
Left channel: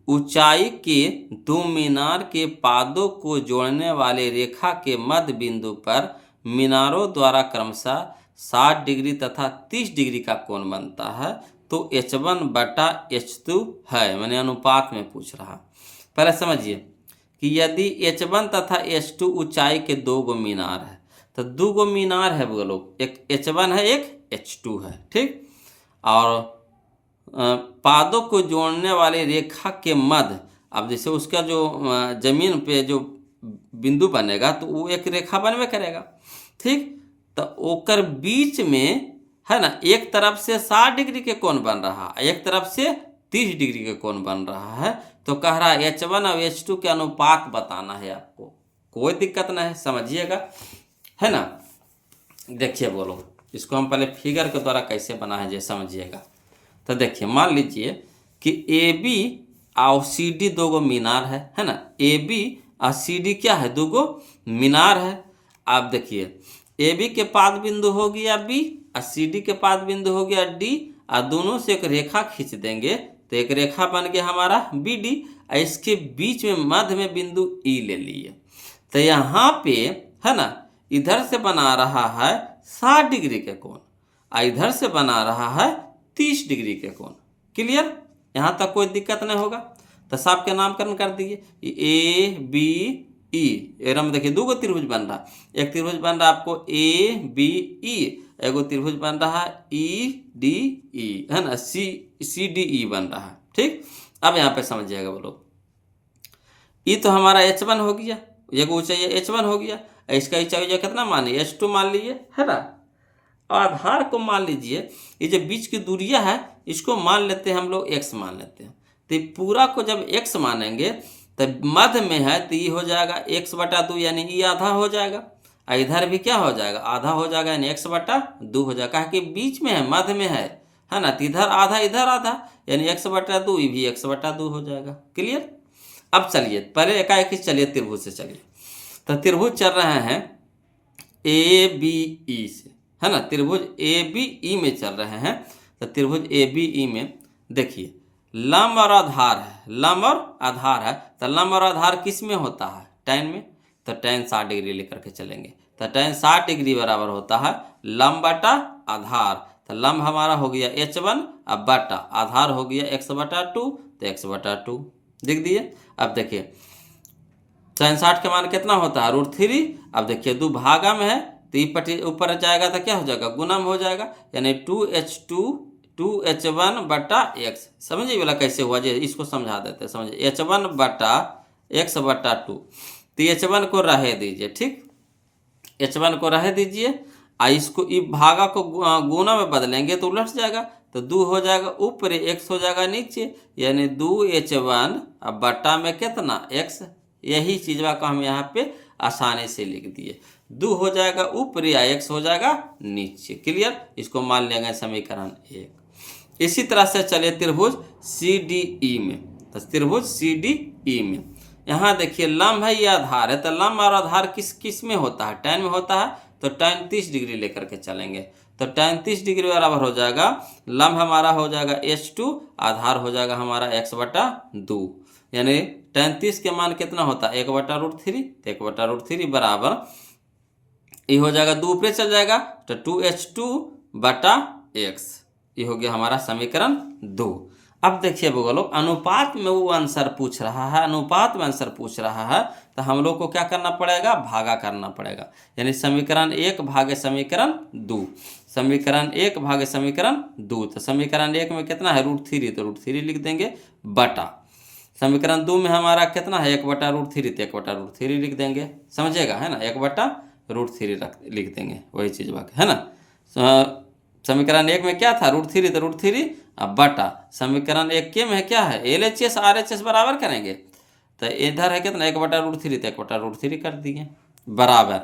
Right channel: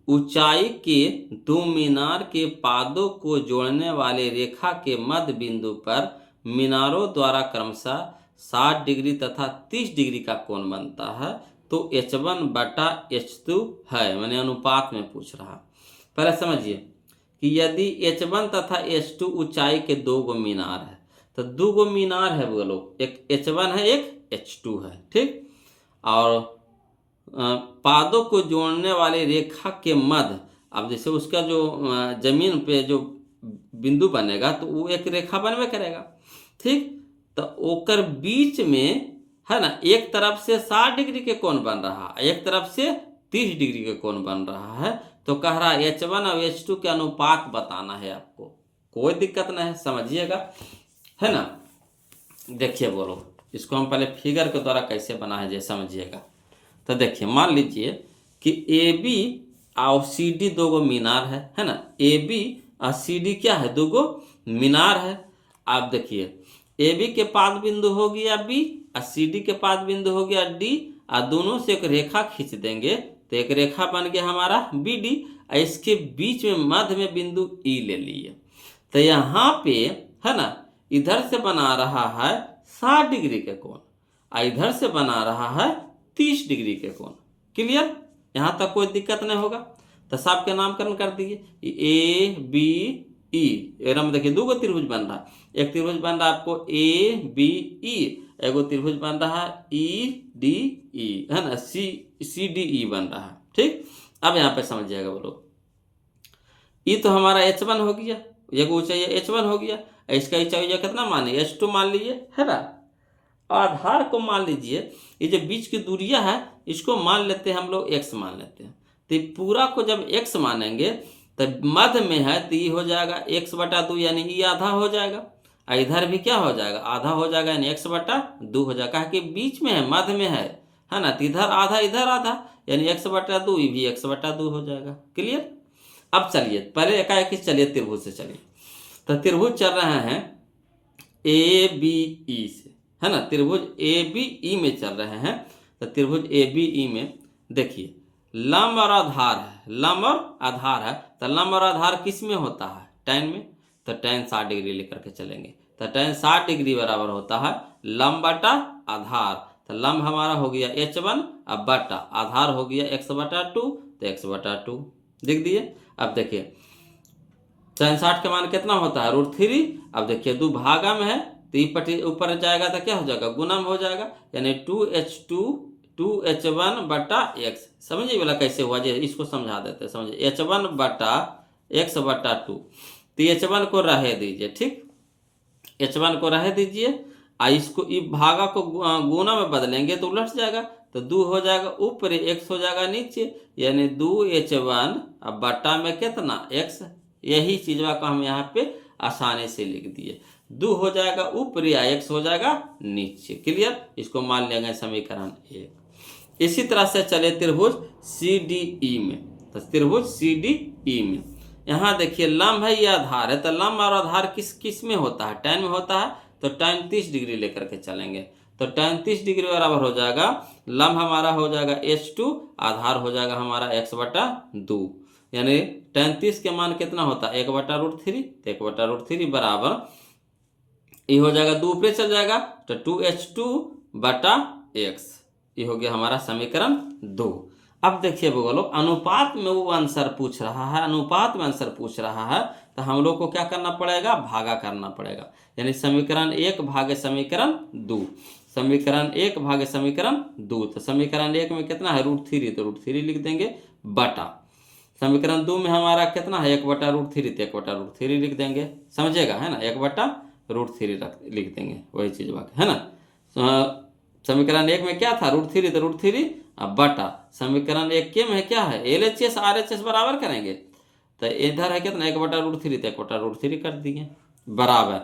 ऊंचाई के दो मीनार के पादों को जोड़ने वाले रेखा के मध्य बिंदु पर मीनारों द्वारा क्रमशः 60 डिग्री तथा 30 डिग्री का कोण बनता है, तो h1 बटा h2 है, मैंने अनुपात में पूछ रहा। पहले समझिए कि यदि h1 तथा h2 ऊंचाई के 2 गो मीनार है, तो 2 गो मीनार है बोलो, एक h1 है एक h2 है, ठीक, और पादों को जोड़ने वाली रेखा के मध्य, अब जैसे उसका जो जमीन पे जो बिंदु बनेगा तो वो एक रेखा बनवे करेगा, ठीक। तो ओकर बीच में है ना, एक तरफ से 60 डिग्री के कोण बन रहा है, एक तरफ से 30 डिग्री के कोण बन रहा है। तो कह रहा है H1 और H2 के अनुपात बताना है आपको। कोई दिक्कत नहीं है, समझिएगा, है ना। देखिए बोलो, इसको हम पहले फिगर के द्वारा कैसे बना है, जैसे समझिएगा। तो देखिए, मान लीजिए कि AB और CD दो गो मीनार है ना। AB और CD क्या है, दो गो मीनार है। आप देखिए, AB के पाद बिंदु हो गया B और CD के पाद बिंदु हो गया D, और दोनों से एक रेखा खींच देंगे तो एक रेखा बन गया हमारा BD, और इसके बीच में मध्य में बिंदु E ले लिए। तो यहाँ पे है ना, इधर से बना रहा है 60 डिग्री के कोण और इधर से बना रहा है 30 डिग्री के कोण। क्लियर, यहाँ तक कोई दिक्कत नहीं होगा। तो सबके नामकरण कर दिए, ABE। एकदम देखिए, दो गो त्रिभुज बन रहा है। एक त्रिभुज बन रहा है आपको ABE, एगो त्रिभुज बन रहा है EDE, है ना, CDE बन रहा है, ठीक। अब यहाँ पे समझिएगा बोलो, ये तो हमारा H1 हो गया, ये ऊंचाई H1 हो गया। इसका ऊंचाई कितना मानिए, H2 मान लीजिए, है ना। आधार को मान लीजिए, ये जो बीच की दूरियां है इसको मान लेते हैं हम लोग x मान लेते हैं। तो पूरा को जब x मानेंगे तो मध्य में है तो ये हो जाएगा x/2, यानी ये आधा हो जाएगा। और इधर भी क्या हो जाएगा, आधा हो जाएगा, यानी x/2 हो जाएगा, कि बीच में है, मध्य में है ना। तो इधर आधा इधर आधा, यानी x/2, ये भी x/2 हो जाएगा। क्लियर। अब चलिए पहले एकाएक चलिए त्रिभुज से चलिए। तो त्रिभुज चल रहे हैं ABE से, है ना, त्रिभुज ABE में चल रहे हैं। तो त्रिभुज ABE में देखिए, लंब और आधार है, लंब और आधार है। तो लंब और आधार किस में होता है, tan में। तो tan 60 डिग्री लेकर के चलेंगे। तो tan 60 डिग्री बराबर होता है लंब बटा आधार। तो लंब हमारा हो गया H1 और बटा आधार हो गया x/2, तो x/2 लिख दिए। अब देखिए tan 60 के मान कितना होता है, √3। अब देखिए दो भागा में है तो ये पटी ऊपर जाएगा तो क्या हो जाएगा, गुना में हो जाएगा, यानी 2H1 बटा x। समझिए वाला कैसे हुआ, जो इसको समझा देते हैं, समझिए। H1 बटा x/2, तो H1 को रहे दीजिए, ठीक। H1 को रहे दीजिए, और इसको भागा को गुना में बदलेंगे तो उलट जाएगा। तो 2 हो जाएगा ऊपर, x हो जाएगा नीचे, यानी 2H1 अब बटा में कितना, x। यही चीज़वा को हम यहाँ पे आसानी से लिख दिए। 2 हो जाएगा ऊपर या x हो जाएगा नीचे। क्लियर, इसको मान लेंगे समीकरण 1। इसी तरह से चले त्रिभुज CDE में। तो त्रिभुज CDE में यहाँ देखिए, लंब है ये आधार है। तो लंब और आधार किस में होता है, tan में होता है। तो tan 30 डिग्री लेकर के चलेंगे। तो tan 30 डिग्री बराबर हो जाएगा, लंब हमारा हो जाएगा H2, आधार हो जाएगा हमारा x/2, यानी tan 30 के मान कितना होता है, 1/√3। तो 1/√3 बराबर ये हो जाएगा, 2 ऊपर चल जाएगा तो 2H2 बटा x। ये हो गया हमारा समीकरण 2। अब देखिए बोलो, अनुपात में वो आंसर पूछ रहा है, अनुपात में आंसर पूछ रहा है, तो हम लोग को क्या करना पड़ेगा, भागा करना पड़ेगा। यानी समीकरण 1 भागे समीकरण 2, समीकरण 1 भागे समीकरण 2। तो समीकरण 1 में कितना है, √3, तो √3 लिख देंगे, बटा समीकरण 2 में हमारा कितना है, 1/√3, तो 1/√3 लिख देंगे। समझिएगा, है ना, 1/√3 लिख देंगे, वही चीज़ बाकी है ना। समीकरण 1 में क्या था, √3, तो √3 अब बटा समीकरण 1 के में क्या है, LHS RHS बराबर करेंगे। तो इधर है कितना, 1/√3, तो 1/√3 कर दिए, बराबर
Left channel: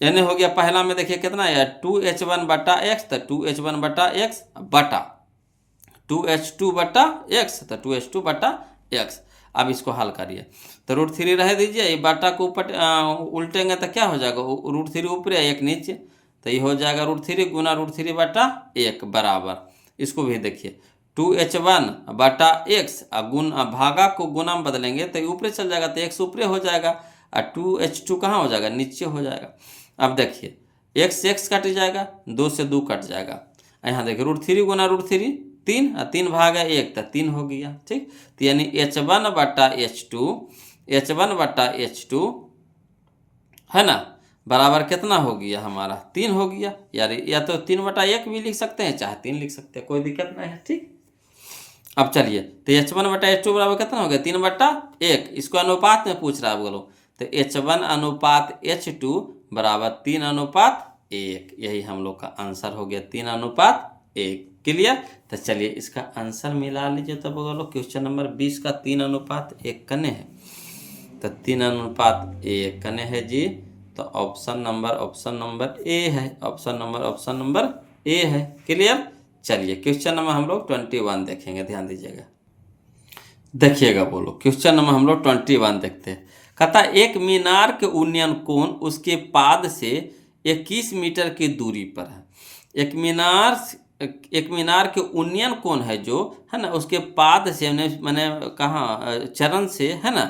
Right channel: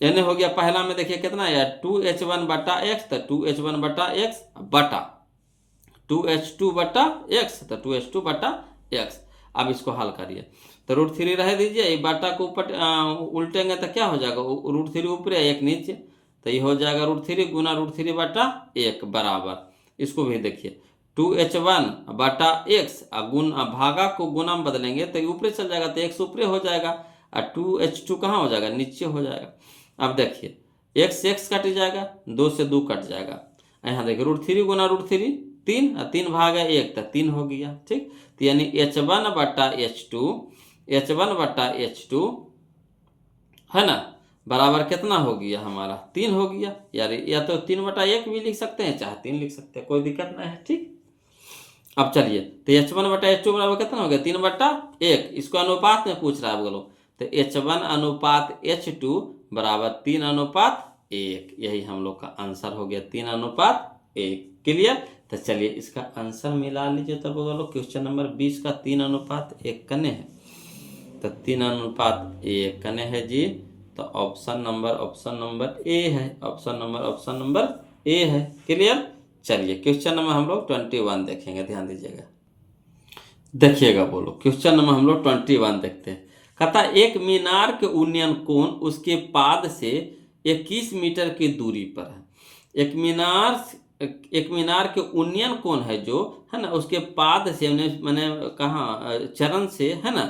यानी हो गया। पहला में देखिए कितना है, 2H1 बटा x, तो 2H1 बटा x बटा 2H2 बटा x, तो 2H2 बटा x। अब इसको हल करिए, तो √3 रह दीजिए, ये बाटा को ऊपर उल्टेंगे तो क्या हो जाएगा, √3 ऊपर 1 नीचे। तो ये हो जाएगा √3 गुना √3 बटा 1 बराबर, इसको भी देखिए 2H1 बटा x, गुण भागा को गुना में बदलेंगे तो ऊपर चल जाएगा, तो x ऊपर हो जाएगा, और 2H2 कहाँ हो जाएगा, नीचे हो जाएगा। अब देखिए x कट जाएगा, 2 से 2 कट जाएगा। यहाँ देखिए √3 गुना √3 3, और 3 भागा 1 तो 3 हो गया, ठीक। तो यानी H1 बटा H2 है ना, बराबर कितना हो गया हमारा, 3 हो गया। यार या तो 3/1 भी लिख सकते हैं, चाहे 3 लिख सकते हैं, कोई दिक्कत नहीं है, ठीक। अब चलिए, तो H1/H2 बराबर कितना हो गया, 3/1। इसको अनुपात में पूछ रहा है बोलो, तो H1/H2 बराबर 3/1। यही हम लोग का आंसर हो गया, 3/1। क्लियर। तो चलिए इसका आंसर मिला लीजिए। तब बोलो क्वेश्चन नंबर 20 का 3/1 कने है, तो 3/1 कने है जी। तो ऑप्शन नंबर ए है, ऑप्शन नंबर ए है। क्लियर। चलिए क्वेश्चन नंबर हम लोग 21 देखेंगे, ध्यान दीजिएगा, देखिएगा बोलो। क्वेश्चन नंबर हम लोग 21 देखते हैं। कहता एक मीनार के उन्नयन कोण उसके पाद से 21 मीटर की दूरी पर है। एक मीनार के उन्नयन कोण है जो है ना, उसके पाद से मैंने कहा चरण से है ना,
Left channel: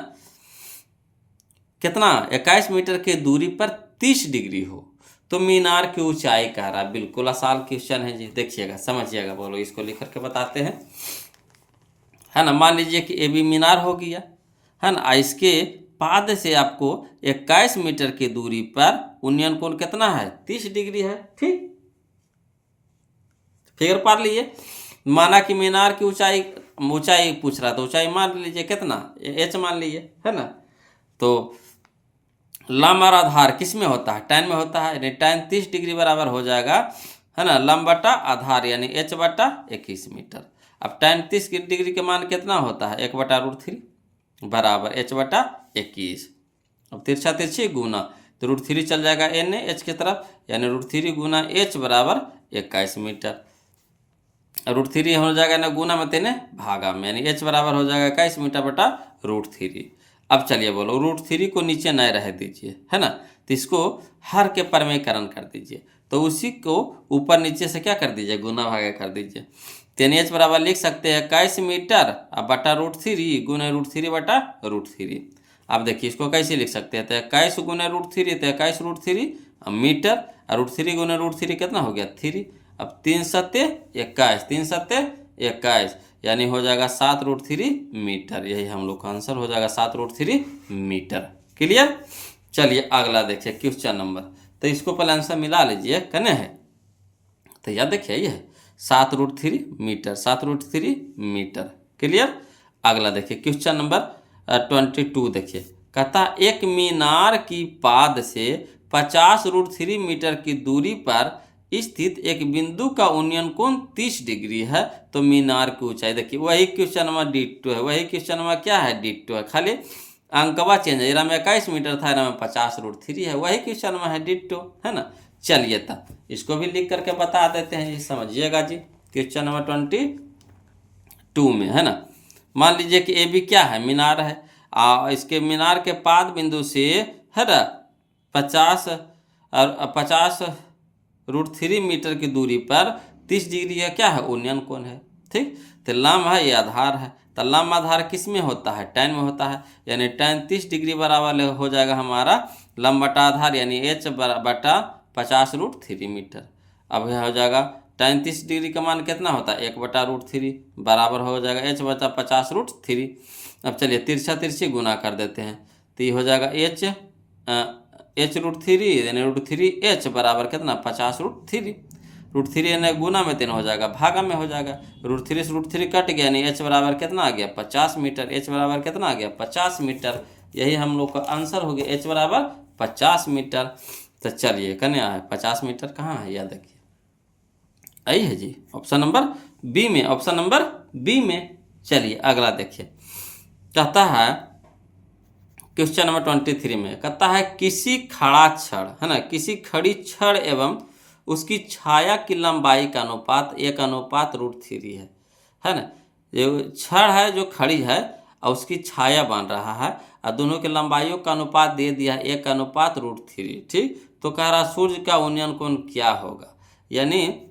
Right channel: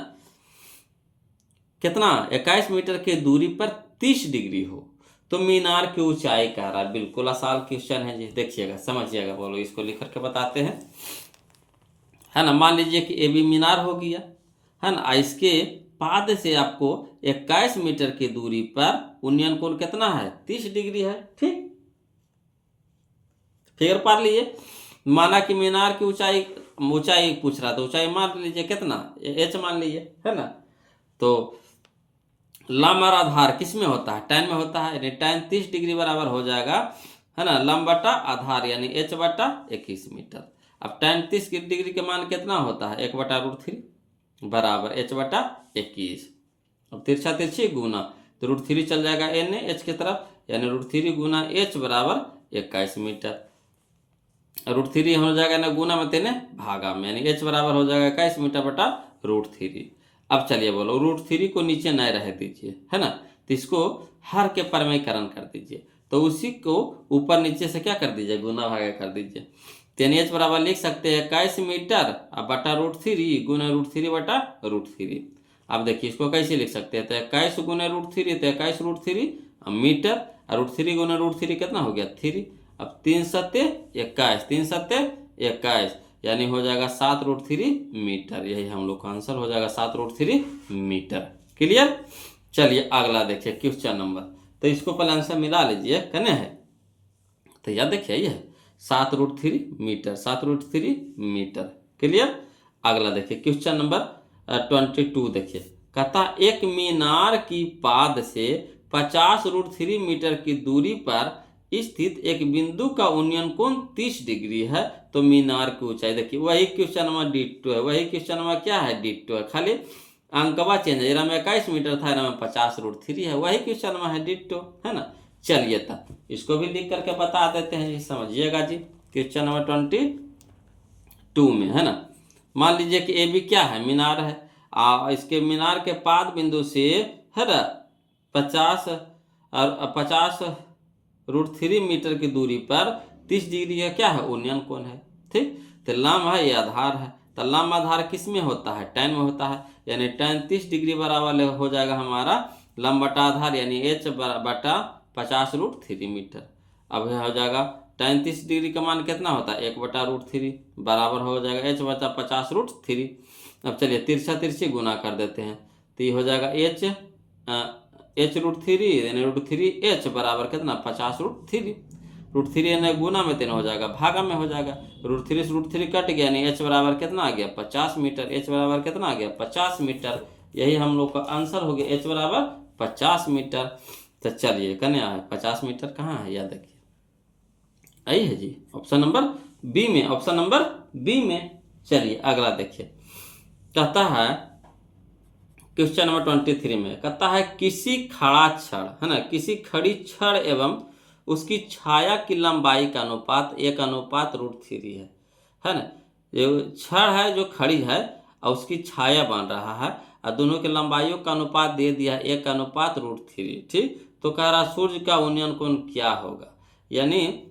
कितना 21 मीटर की दूरी पर 30 डिग्री हो तो मीनार की ऊंचाई कह रहा है। बिल्कुल आसान क्वेश्चन है जी, देखिएगा समझिएगा बोलो। इसको लिख करके बताते हैं, है ना। मान लीजिए कि ए बी मीनार हो गया, है ना। इसके पाद से आपको 21 मीटर की दूरी पर उन्नयन कोण कितना है, 30 डिग्री है। ठीक, फिगर पार लीजिए। माना कि मीनार की ऊंचाई पूछ रहा था, ऊंचाई मान लीजिए कितना, h मान लीजिए, है ना। तो लंब और आधार किस में होता है, tan में होता है, यानी tan 30 डिग्री बराबर हो जाएगा, है ना, लंब बटा आधार यानी h/21 मीटर। अब tan 30 डिग्री के मान कितना होता है, 1/√3 बराबर h/21। अब तिरछा तिरछी गुना, तो √3 चल जाएगा h की तरफ, यानी √3 गुना h बराबर 21 मीटर। √3 हो जाएगा ना गुना में तेने भागा में, यानी h बराबर हो जाएगा 21 मीटर बटा √3। अब चलिए बोलो, √3 को नीचे न रह दीजिए, है ना, तो इसको हर के परमेकरण कर दीजिए। तो उसी को ऊपर नीचे से क्या कर दीजिए, गुना भागा कर दीजिए। तेन h बराबर लिख सकते हैं 21 मीटर अब बटा √3 गुना √3 बटा √3। अब देखिए इसको कैसे लिख सकते हैं, तो 21 गुना √3 तो 21 √3 मीटर, और √3 गुना √3 कितना हो गया 3। अब 3 सत्ते 21, 3 सत्ते 21, यानी हो जाएगा 7√3 मीटर। यही हम लोग का आंसर हो जाएगा 7√3 मीटर। क्लियर। चलिए अगला देखिए क्वेश्चन नंबर, तो इसको पहले आंसर मिला लीजिए, कने है, तो याद देखिए ये है 7√3 मीटर, 7√3 मीटर। क्लियर। अगला देखिए क्वेश्चन नंबर 22 देखिए। कहता एक मीनार की पाद से 50√3 मीटर की दूरी पर स्थित एक बिंदु का उन्नयन कोण 30 डिग्री है तो मीनार की ऊंचाई। देखिए वही क्वेश्चन नंबर डिट्टो है, वही क्वेश्चन नंबर क्या है, डिट्टो है, खाली अंकवा चेंज है। इरा में 21 मीटर था, इरा में 50√3 है, वही क्वेश्चन नंबर है, डिट्टो, है ना। चलिए तब इसको भी लिख करके बता देते हैं, समझिएगा जी। क्वेश्चन नंबर 22 में, है ना, मान लीजिए कि ए बी क्या है, मीनार है। इसके मीनार के पाद बिंदु से, है ना, 50√3 मीटर की दूरी पर 30 डिग्री का क्या है, उन्नयन कोण है। ठीक, तो लंब है ये आधार है, तो लंब आधार किस में होता है, tan में होता है, यानी tan 30 डिग्री बराबर हो जाएगा हमारा लंब बटा आधार यानी h बटा 50√3 मीटर। अब यह हो जाएगा tan 30 डिग्री का मान कितना होता है, 1/√3 बराबर हो जाएगा h बटा 50√3। अब चलिए तिरछा तिरछी गुना कर देते हैं, तो ये हो जाएगा h√3 यानी √3h बराबर कितना 50√3। √3 यानी गुना में 3 हो जाएगा, भागा में हो जाएगा, √3 से √3 कट गया, यानी h बराबर कितना आ गया 50 मीटर। h बराबर कितना आ गया 50 मीटर। यही हम लोग का आंसर हो गया, h बराबर 50 मीटर। तो चलिए कन्या है 50 मीटर कहाँ है, याद रखिए आई है जी, ऑप्शन नंबर बी में, ऑप्शन नंबर बी में। चलिए अगला देखिए, कहता है क्वेश्चन नंबर 23 में, कहता है किसी खड़ा छड़, है ना, किसी खड़ी छड़ एवं उसकी छाया की लंबाई का अनुपात 1/√3 है ना। जो छड़ है जो खड़ी है और उसकी छाया बन रहा है और दोनों की लंबाइयों का अनुपात दे दिया 1/√3। ठीक, तो कह रहा सूर्य का उन्नयन कोण क्या होगा, यानी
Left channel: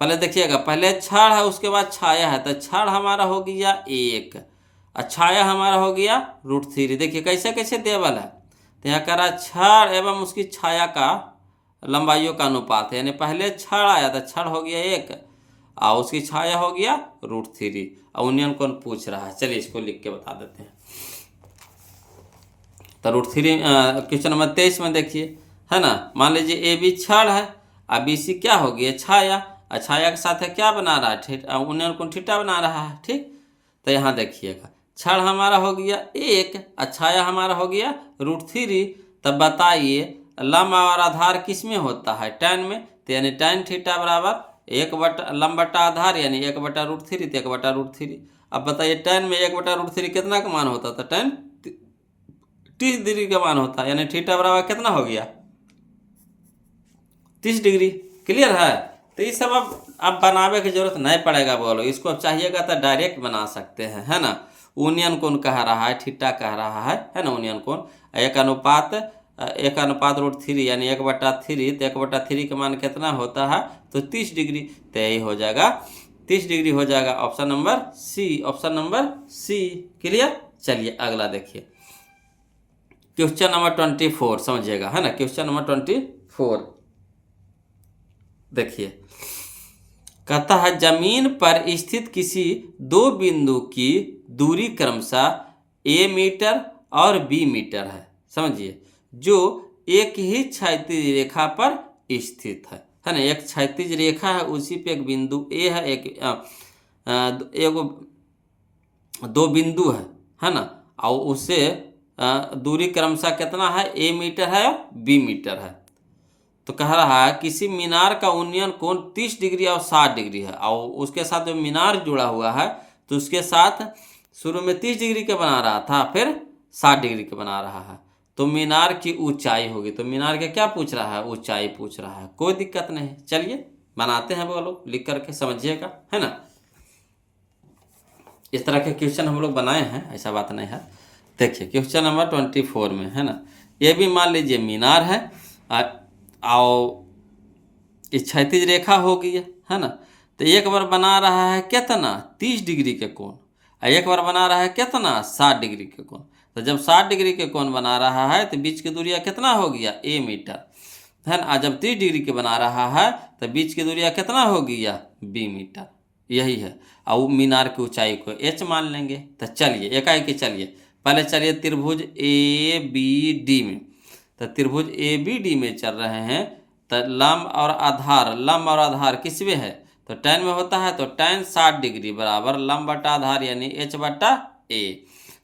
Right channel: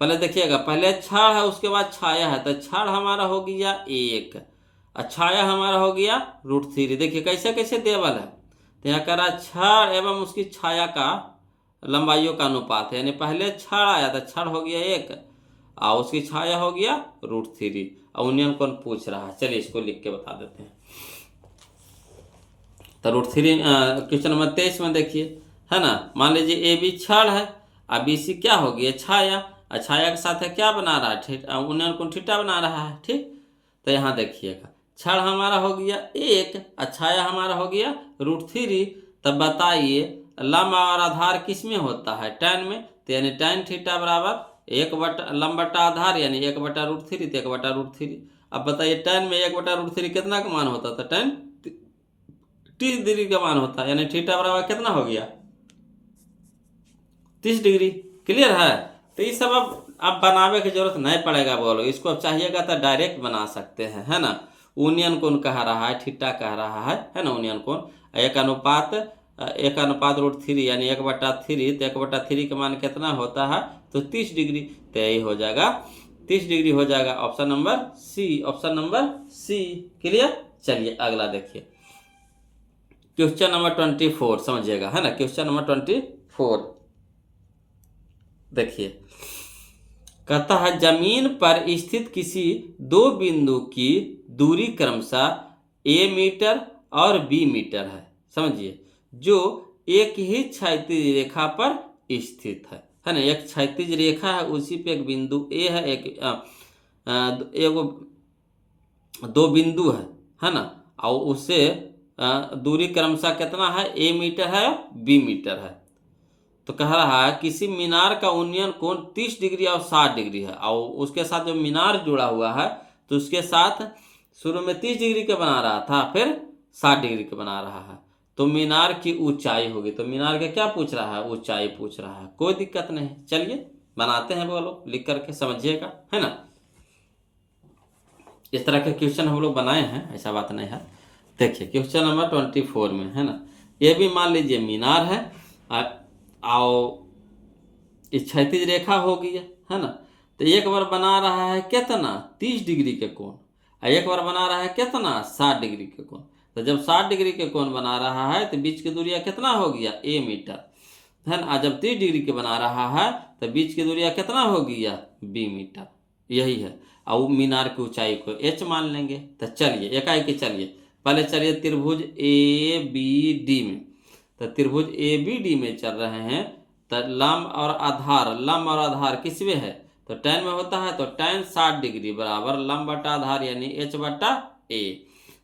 पहले देखिएगा, पहले छड़ है उसके बाद छाया है, तो छड़ हमारा हो गया 1 और छाया हमारा हो गया √3। देखिए कैसे कैसे देवल है, तो यहाँ कह रहा छड़ एवं उसकी छाया का लंबाइयों का अनुपात है, यानी पहले छड़ आया था, छड़ हो गया 1 और उसकी छाया हो गया √3 और उन्नयन कोण पूछ रहा है। चलिए इसको लिख के बता देते हैं। तो √3 क्वेश्चन नंबर 23 में देखिए, है ना, मान लीजिए ए बी छड़ है और बी सी क्या हो गया छाया, और छाया के साथ है क्या बना रहा है, उन्नयन कोण थीटा बना रहा है। ठीक, तो यहाँ देखिएगा क्षण हमारा हो गया 1 और छाया हमारा हो गया √3। तब बताइए लंब और आधार किस में होता है, tan में। तो यानी tan थीटा बराबर 1 बटा लंब बटा आधार यानी 1 बटा √3, तो 1 बटा √3। अब बताइए tan में 1 बटा √3 कितना का मान होता था, tan 30 डिग्री का मान होता है, यानी थीटा बराबर कितना हो गया 30 डिग्री। क्लियर है। तो ये सब अब बनावे की जरूरत नहीं पड़ेगा, बोलो इसको अब चाहिएगा तो डायरेक्ट बना सकते हैं, है ना। यूनियन कोण कह रहा है, थीटा कह रहा है ना, यूनियन कोण 1:√3 यानी 1/3। तो 1/3 का मान कितना होता है, तो 30 डिग्री। तो यही हो जाएगा 30 डिग्री हो जाएगा option number C, option number C. Clear. चलिए अगला देखिए क्वेश्चन नंबर 24 समझिएगा, है ना। क्वेश्चन नंबर 24 देखिए, कहता है जमीन पर स्थित किसी दो बिंदु की दूरी क्रमशः a मीटर और b मीटर है, समझिए, जो एक ही क्षैतिज रेखा पर स्थित है ना। एक क्षैतिज रेखा है, उसी पे एक बिंदु a है, एक दो बिंदु है ना। और उससे दूरी क्रमशः कितना है, a मीटर है और b मीटर है। तो कह रहा है किसी मीनार का उन्नयन कोण 30 डिग्री और 60 डिग्री है, और उसके साथ जो मीनार जुड़ा हुआ है तो उसके साथ शुरू में 30 डिग्री के बना रहा था, फिर 60 डिग्री के बना रहा है। तो मीनार की ऊंचाई होगी, तो मीनार के क्या पूछ रहा है, ऊंचाई पूछ रहा है। कोई दिक्कत नहीं, चलिए बनाते हैं, बोलो लिख करके समझिएगा, है ना। इस तरह के क्वेश्चन हम लोग बनाए हैं, ऐसा बात नहीं है। देखिए क्वेश्चन नंबर 24 में, है ना, ये भी मान लीजिए मीनार है और इस क्षैतिज रेखा हो गई है ना। तो एक बार बना रहा है कितना 30 डिग्री के कोण, और एक बार बना रहा है कितना 60 डिग्री के कोण। तो जब 60 डिग्री के कोण बना रहा है तो बीच की दूरिया कितना हो गया a मीटर, है ना। जब 30 डिग्री के बना रहा है तो बीच की दूरिया कितना हो गया b मीटर, यही है। और मीनार की ऊंचाई को h मान लेंगे। तो चलिए एकाएक चलिए पहले चलिए त्रिभुज ABD में। तो त्रिभुज ABD में चल रहे हैं, तो लंब और आधार किस में है, तो tan में होता है। तो tan 60 डिग्री बराबर लंब बटा आधार यानी h बटा a।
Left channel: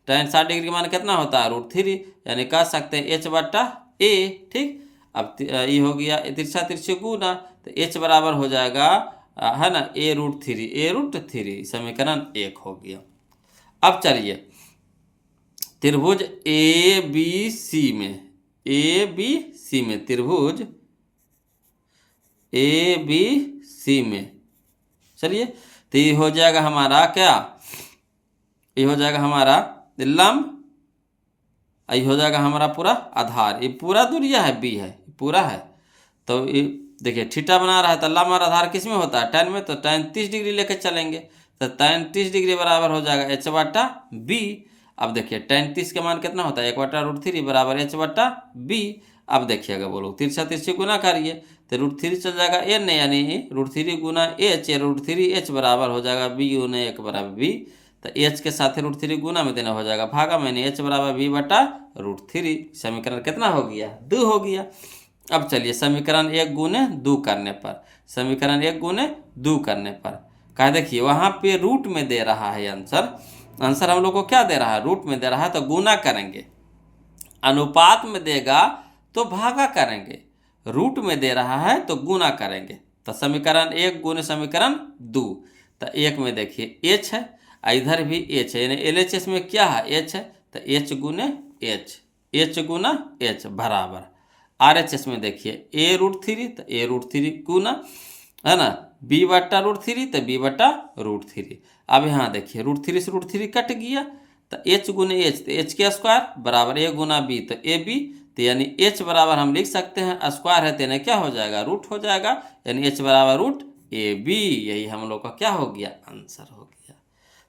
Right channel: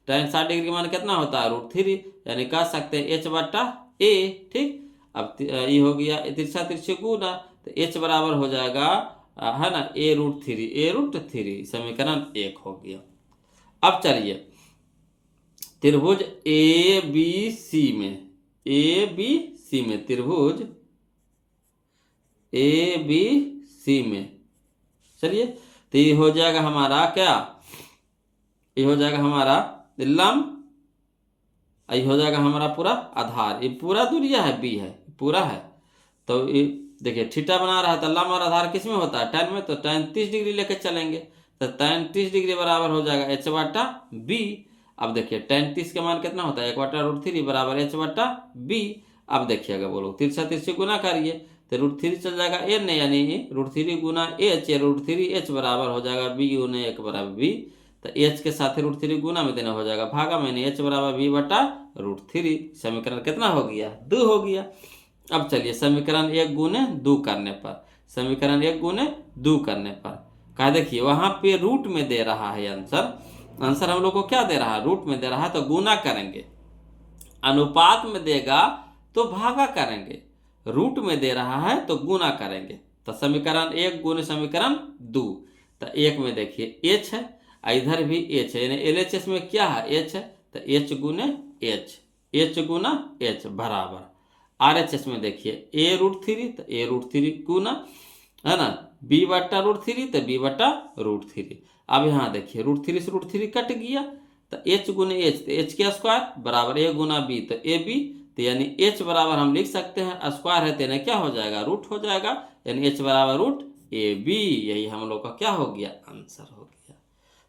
tan 60 डिग्री का मान कितना होता है √3, यानी कह सकते हैं h बटा a। ठीक। अब ये हो गया तिरछा तिरछे गुना, तो h बराबर हो जाएगा है ना a√3 समीकरण 1 हो गया। अब चलिए त्रिभुज ABC में त्रिभुज ABC में चलिए, तो ये हो जाएगा हमारा क्या, ये हो जाएगा हमारा लंब, ये हो जाएगा हमारा पूरा आधार, ये पूरा दूरिया है b है पूरा है। तो ये देखिए थीटा बना रहा है, तो लंब और आधार किस में होता है tan में। तो tan 30 डिग्री लेके चलेंगे, तो tan 30 डिग्री बराबर हो जाएगा h बटा b। अब देखिए tan 30 का मान कितना होता है 1/√3 बराबर h बटा b। अब देखिएगा बोलो तिरछा तिरछी गुना करिए, तो √3 चल जाएगा n यानी √3 गुना h, √3h बराबर हो जाएगा b गुना 1 बराबर b। तो h के साथ √3 गुना में देना हो जाएगा भागा में, h बराबर b बटा √3। समीकरण कितना हो गया 2 हो गया। अब चलिए समीकरण 1 गुने 2 करने पर, समीकरण 1 गुने 2 करने पर कहा देखिए वहाँ पे रूट में दे रहा है आंसर हम लोग को क्या दे रहा है, रूट में दे रहा है। तो गुना करेंगे, अनुपात में देगा तो भागा करेंगे, रूट में दे रहा है तो गुना करेंगे। तो समीकरण 1 गुने समीकरण 2, तो 1 में देखिए h है, इधर भी h है, यानी LHS में क्या है h है, तो h गुने h गुना h बराबर RHS में देखिए a√3, तो a√3 गुना है ना b बटा √3, तो b बटा √3। अब यहाँ देखिए √3 से √3 कट गया, तो h गुने h, तो h के स्क्वायर बराबर a गुना b, तो ab। तो यानी h बराबर हम लिख सकते हैं स्क्वायर है तो यानी क्या हो जाएगा रूट हो जाएगा, यानी h बराबर √ab। यही हम लोग का क्या हो गया आंसर हो गया।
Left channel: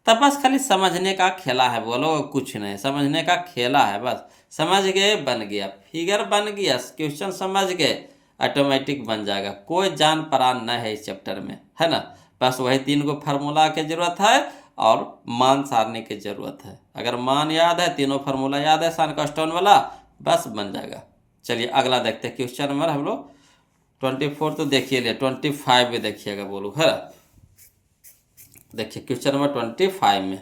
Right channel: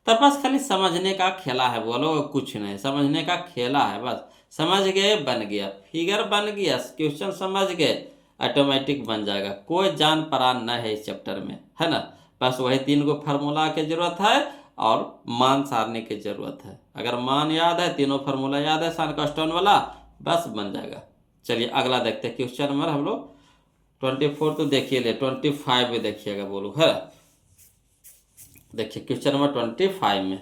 तब बस खाली समझने का खेला है, बोलो कुछ नहीं, समझने का खेला है, बस समझ गए बन गया, फिगर बन गया, क्वेश्चन समझ गए ऑटोमेटिक बन जाएगा। कोई जान परान न है इस चैप्टर में, है ना। बस वही 3 गो फार्मूला की जरूरत है और मान सारने की जरूरत है। अगर मान याद है, तीनों फार्मूला याद है सनकास्टोन वाला, बस बन जाएगा। चलिए अगला देखते हैं क्वेश्चन नंबर हम लोग 24 तो देखिए ले 25 में देखिएगा बोलो है। देखिए क्वेश्चन नंबर 25 में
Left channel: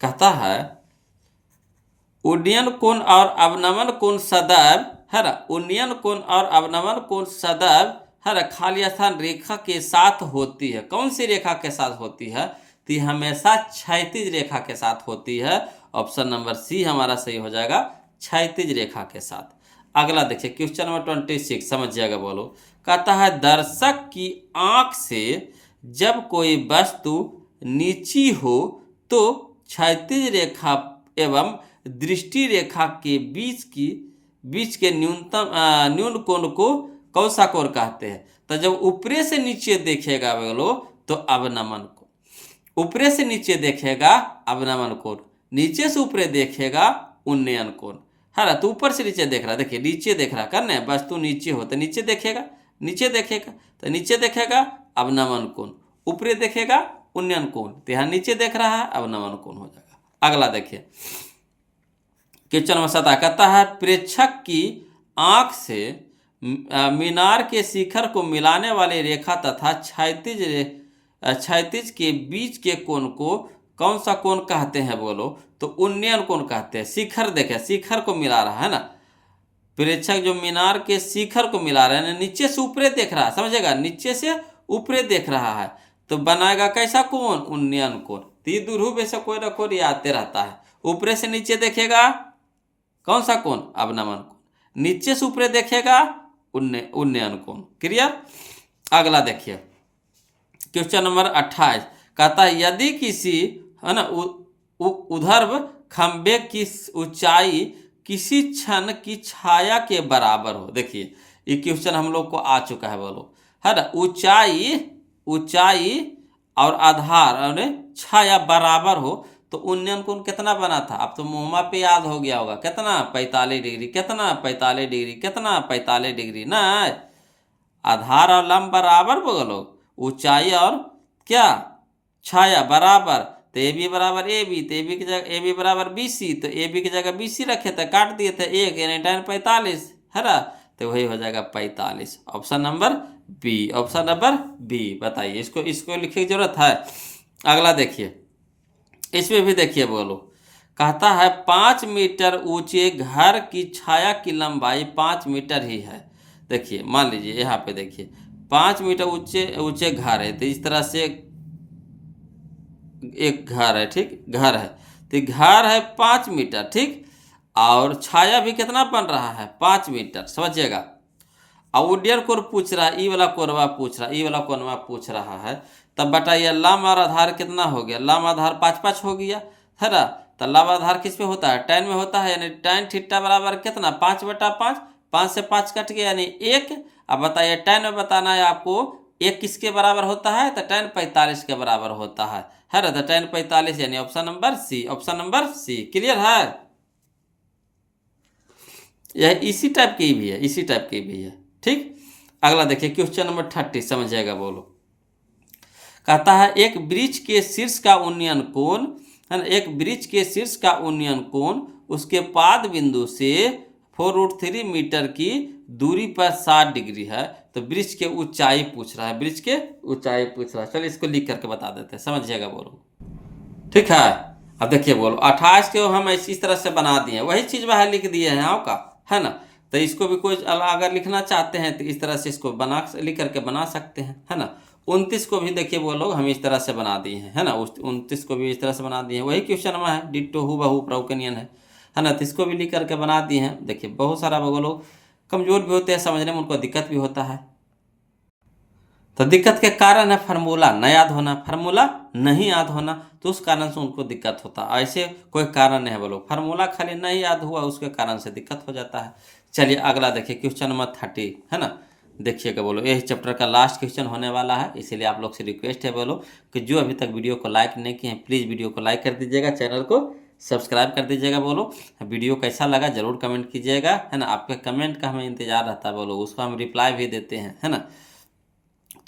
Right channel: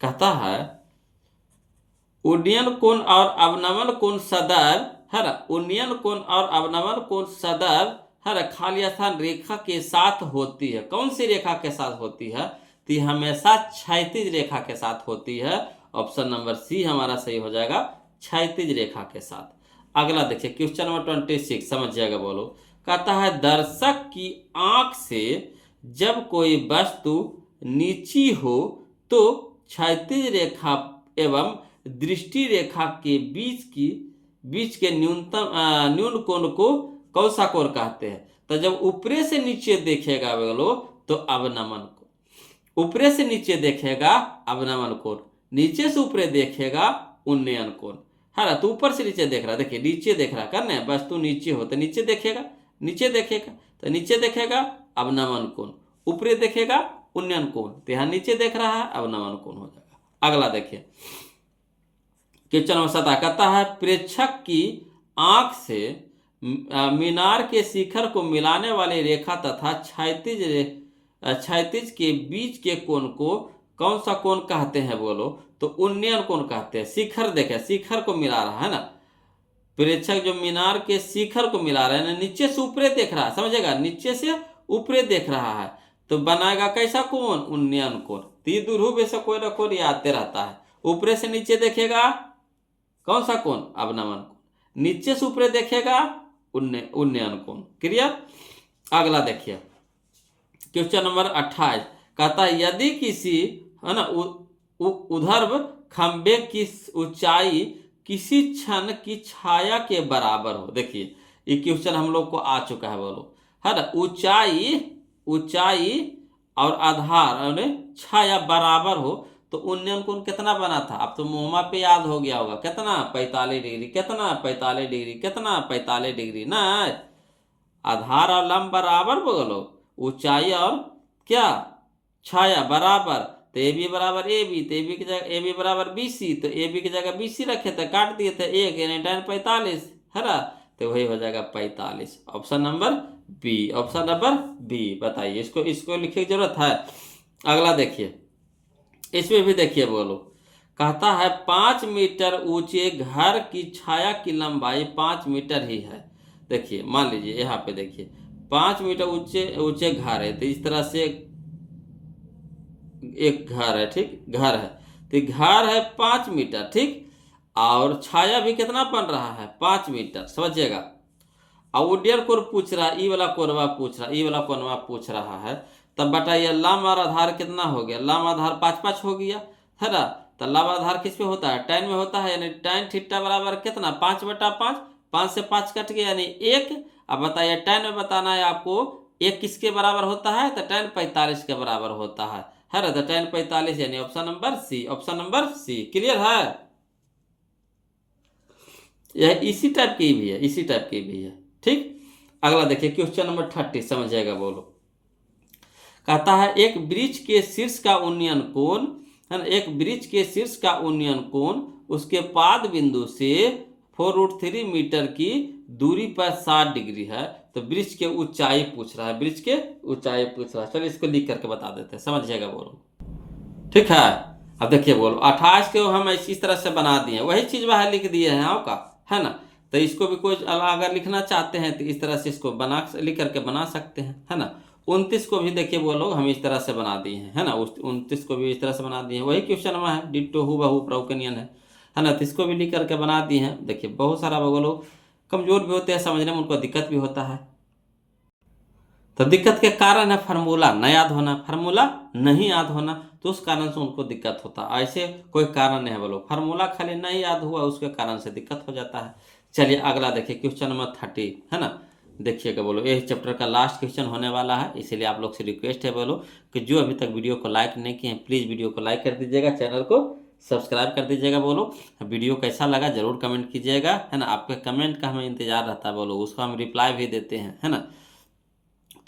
कहता है उन्नयन कोण और अवनमन कोण सदैव है ना, उन्नयन कोण और अवनमन कोण सदैव है ना खाली स्थान रेखा के साथ होती है। कौन सी रेखा के साथ होती है? तो ये हमेशा क्षैतिज रेखा के साथ होती है। ऑप्शन नंबर सी हमारा सही हो जाएगा, क्षैतिज रेखा के साथ। अगला देखिए क्वेश्चन नंबर 26, समझिएगा बोलो। कहता है दर्शक की आंख से जब कोई वस्तु नीची हो तो क्षैतिज रेखा एवं दृष्टि रेखा के बीच के न्यून कोण को कौन सा कोण कहते हैं? तो जब ऊपरे से नीचे देखेगा बोलो तो अवनमन कोण, ऊपरे से नीचे देखेगा अवनमन कोण, नीचे से ऊपरे देखेगा उन्नयन कोण है ना। तो ऊपर से नीचे देख रहा, देखिए नीचे देख रहा करना है, वस्तु नीचे हो तो नीचे देखेगा, नीचे देखेगा तो नीचे देखेगा अवनमन कोण, ऊपरे देखेगा उन्नयन कोण, तो यहाँ नीचे देख रहा है अवनमन कोण हो जाएगा। अगला देखिए क्वेश्चन नंबर 7 कहता है प्रेक्षक की आंख से मीनार के शिखर को मिलाने वाली रेखा तथा क्षैतिज के बीच के कोण को कौन सा कोण कहते हैं बोलो? तो उन्नयन कोण कहते हैं। शिखर देखे, शिखर को मिला रहा है ना, प्रेक्षक जो मीनार के शिखर को मिला रहा है, नीचे से ऊपरे देख रहा है, समझेगा, नीचे से ऊपरे देख रहा है तो बनाएगा कैसा कोण? उन्नयन कोण। तीर दुर्भुज ऐसा कोई ना कोई आते रहता है। ऊपरे से नीचे देखेगा कौन सा कोण? अवनमन कोण। नीचे से ऊपरे देखेगा उन्नयन कोण। क्लियर? अगला देखिए क्वेश्चन नंबर 28 कहता है यदि किसी है ना ऊर्ध्व खंबे की ऊंचाई किसी क्षण की छाया के बराबर हो। देखिए ये क्वेश्चन हम लोग को आ चुका है बोलो, है ना। ऊंचाई और आधार और छाया बराबर हो तो उन्नयन कोण कितना बना था? अब तो मोहमा पे याद हो गया होगा, कितना? 45 डिग्री। कितना? 45 डिग्री। कितना? 45 डिग्री ना। आधार और लंब बराबर बोलो, ऊंचाई और क्या छाया बराबर, तो ए बी बराबर ए बी, तो ए बी की जगह ए बी बराबर बी सी, तो ए बी की जगह बी सी रखे थे, काट दिए थे एक, यानी tan 45 है ना, तो वही हो जाएगा 45। Option number B, option number B. बताइए इसको लिखने की जरूरत है? अगला देखिए इसमें भी देखिए बोलो, कहता है 5 मीटर ऊंचे घर की छाया की लंबाई 5 मीटर ही है। देखिए मान लीजिए यहाँ पे देखिए 5 मीटर ऊंचे घर है, तो इस तरह से एक घर है, ठीक, घर है, तो घर है 5 मीटर, ठीक, और छाया भी कितना बन रहा है? 5 मीटर, समझिएगा। और उड्डयन कोण पूछ रहा है, ई वाला कोणवा पूछ रहा है, ई वाला कोणवा पूछ रहा है, तब बताइए लंब और आधार कितना हो गया? लंब आधार 5-5 हो गया है ना। तो लंब आधार किस में होता है? tan में होता है, यानी tan थीटा बराबर कितना? 5/5, 5 से 5 कट गया यानी 1। अब बताइए tan में बताना है आपको, 1 किसके बराबर होता है? तो tan 45 के बराबर होता है ना। तो tan 45 यानी option number C, option number C. Clear है? यह इसी टाइप की भी है, इसी टाइप की भी है, ठीक। अगला देखिए क्वेश्चन नंबर 30, समझिएगा बोलो। कहता है एक वृक्ष के शीर्ष का उन्नयन कोण है ना, एक वृक्ष के शीर्ष का उन्नयन कोण उसके पाद बिंदु से 4√3 मीटर की दूरी पर 60 डिग्री है। तो वृक्ष के ऊंचाई पूछ रहा है, वृक्ष के ऊंचाई पूछ रहा है। चलिए इसको लिख करके बता देते हैं, समझिएगा बोलो, ठीक है। अब देखिए बोलो 28 को हम इस तरह से बना दिए, वही चीज बाहर लिख दिए हैं आपका, है ना। तो इसको भी कोई अगर लिखना चाहते हैं तो इस तरह से इसको लिख करके बना सकते हैं, है ना। 29 को भी देखिए वो लोग हम इस तरह से बना दिए हैं, है ना। 29 को भी इस तरह से बना दिए हैं, वही क्वेश्चन में है, डिट्टो हूबहू प्रॉकेनियन है ना। तो इसको भी लिख करके बना दिए हैं। देखिए बहुत सारा वो लोग कमजोर भी होते हैं समझने में, उनको दिक्कत भी होता है। तो दिक्कत के कारण है फार्मूला न याद होना, फार्मूला नहीं याद होना, तो उस कारण से उनको दिक्कत होता है। ऐसे कोई कारण नहीं है बोलो, फार्मूला खाली नहीं याद हुआ उसके कारण से दिक्कत हो जाता है। चलिए अगला देखिए क्वेश्चन नंबर 30, है ना। देखिएगा बोलो ये चैप्टर का लास्ट क्वेश्चन होने वाला है, इसीलिए आप लोग से रिक्वेस्ट है बोलो कि जो अभी तक वीडियो को लाइक नहीं किए हैं प्लीज़ वीडियो को लाइक कर दीजिएगा, चैनल को सब्सक्राइब कर दीजिएगा। बोलो वीडियो कैसा लगा जरूर कमेंट कीजिएगा, है ना। आपके कमेंट का हमें इंतजार रहता है बोलो, उसको हम रिप्लाई भी देते हैं, है ना।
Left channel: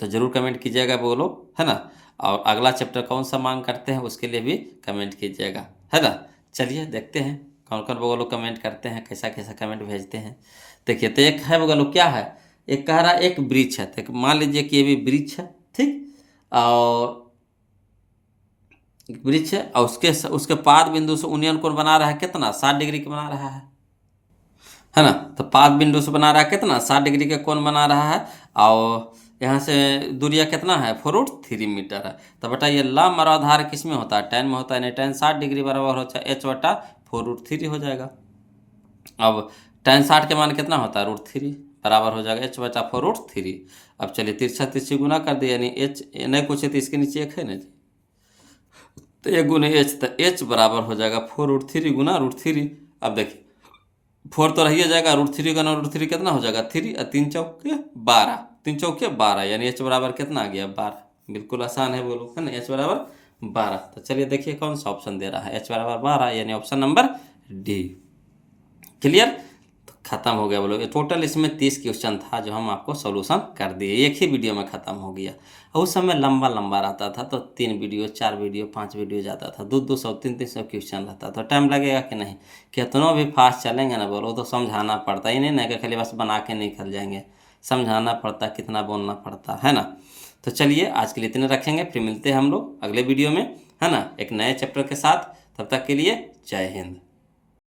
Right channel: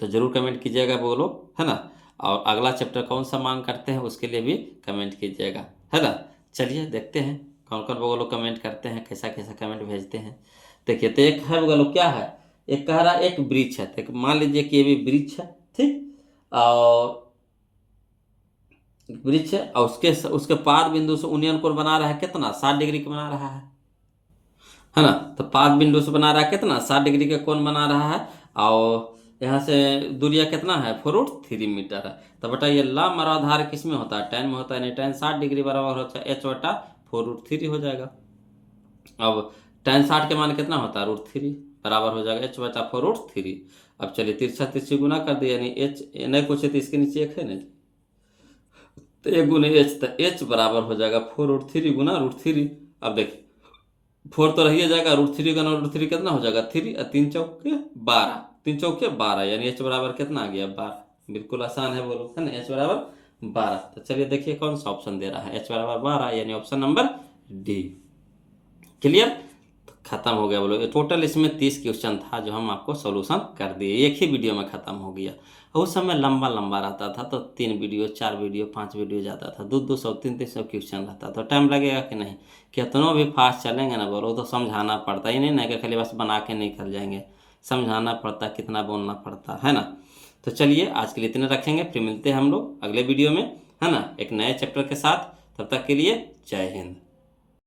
तो ज़रूर कमेंट कीजिएगा बोलो, है ना। और अगला चैप्टर कौन सा मांग करते हैं उसके लिए भी कमेंट कीजिएगा, है ना। चलिए देखते हैं कौन कौन वो लोग कमेंट करते हैं, कैसा कैसा कमेंट भेजते हैं। देखिए तो एक है वो लोग क्या है, एक कह रहा है एक ब्रिज है, तो मान लीजिए कि ये भी ब्रिज है, ठीक। और एक वृक्ष है और उसके पाद बिंदु से उन्नयन कोण बना रहा है कितना, 60 डिग्री का बना रहा है ना। तो पाद बिंदु से बना रहा है कितना, 60 डिग्री का कोण बना रहा है। और यहाँ से दूरिया कितना है, 4√3 मीटर है। तो बताइए लंब और आधार किस में होता है, tan में होता है, नहीं tan 60 डिग्री बराबर होता है h/4√3 हो जाएगा। अब tan 60 के मान कितना होता है, √3 बराबर हो जाएगा h/4√3। अब चलिए तिरछा तिरछी गुना कर दिया, यानी h नहीं कुछ है तो इसके नीचे एक है ना, तो 1 गुने h, तो h बराबर हो जाएगा 4√3 गुना √3। अब देखिए 4 तो रही जाएगा, √3 गुना √3 कितना हो जाएगा 3, और 3 चौके 12, 3 चौके 12, यानी h बराबर कितना आ गया 12। बिल्कुल आसान है बोलो, है ना, h बराबर 12। तो चलिए देखिए कौन सा ऑप्शन दे रहा है, h बराबर 12, यानी ऑप्शन नंबर डी। क्लियर, तो खत्म हो गया बोलो। ये टोटल इसमें 30 क्वेश्चन था जो हम आपको सोल्यूशन कर दिए, एक ही वीडियो में खत्म हो गया। और उस समय लंबा लंबा रहता था तो 3 वीडियो 4 वीडियो 5 वीडियो जाता था, 200 300 क्वेश्चन रहता था, टाइम लगेगा कि नहीं। कितनों भी फास्ट चलेंगे ना बोलो तो समझाना पड़ता ही, नहीं ना कि खाली बस बना के निकल जाएंगे, समझाना पड़ता, कितना बोलना पड़ता है ना। तो चलिए आज के लिए इतने रखेंगे, फिर मिलते हैं हम लोग अगले वीडियो में, है ना, एक नए चैप्टर के साथ। तब तक के लिए जय हिंद।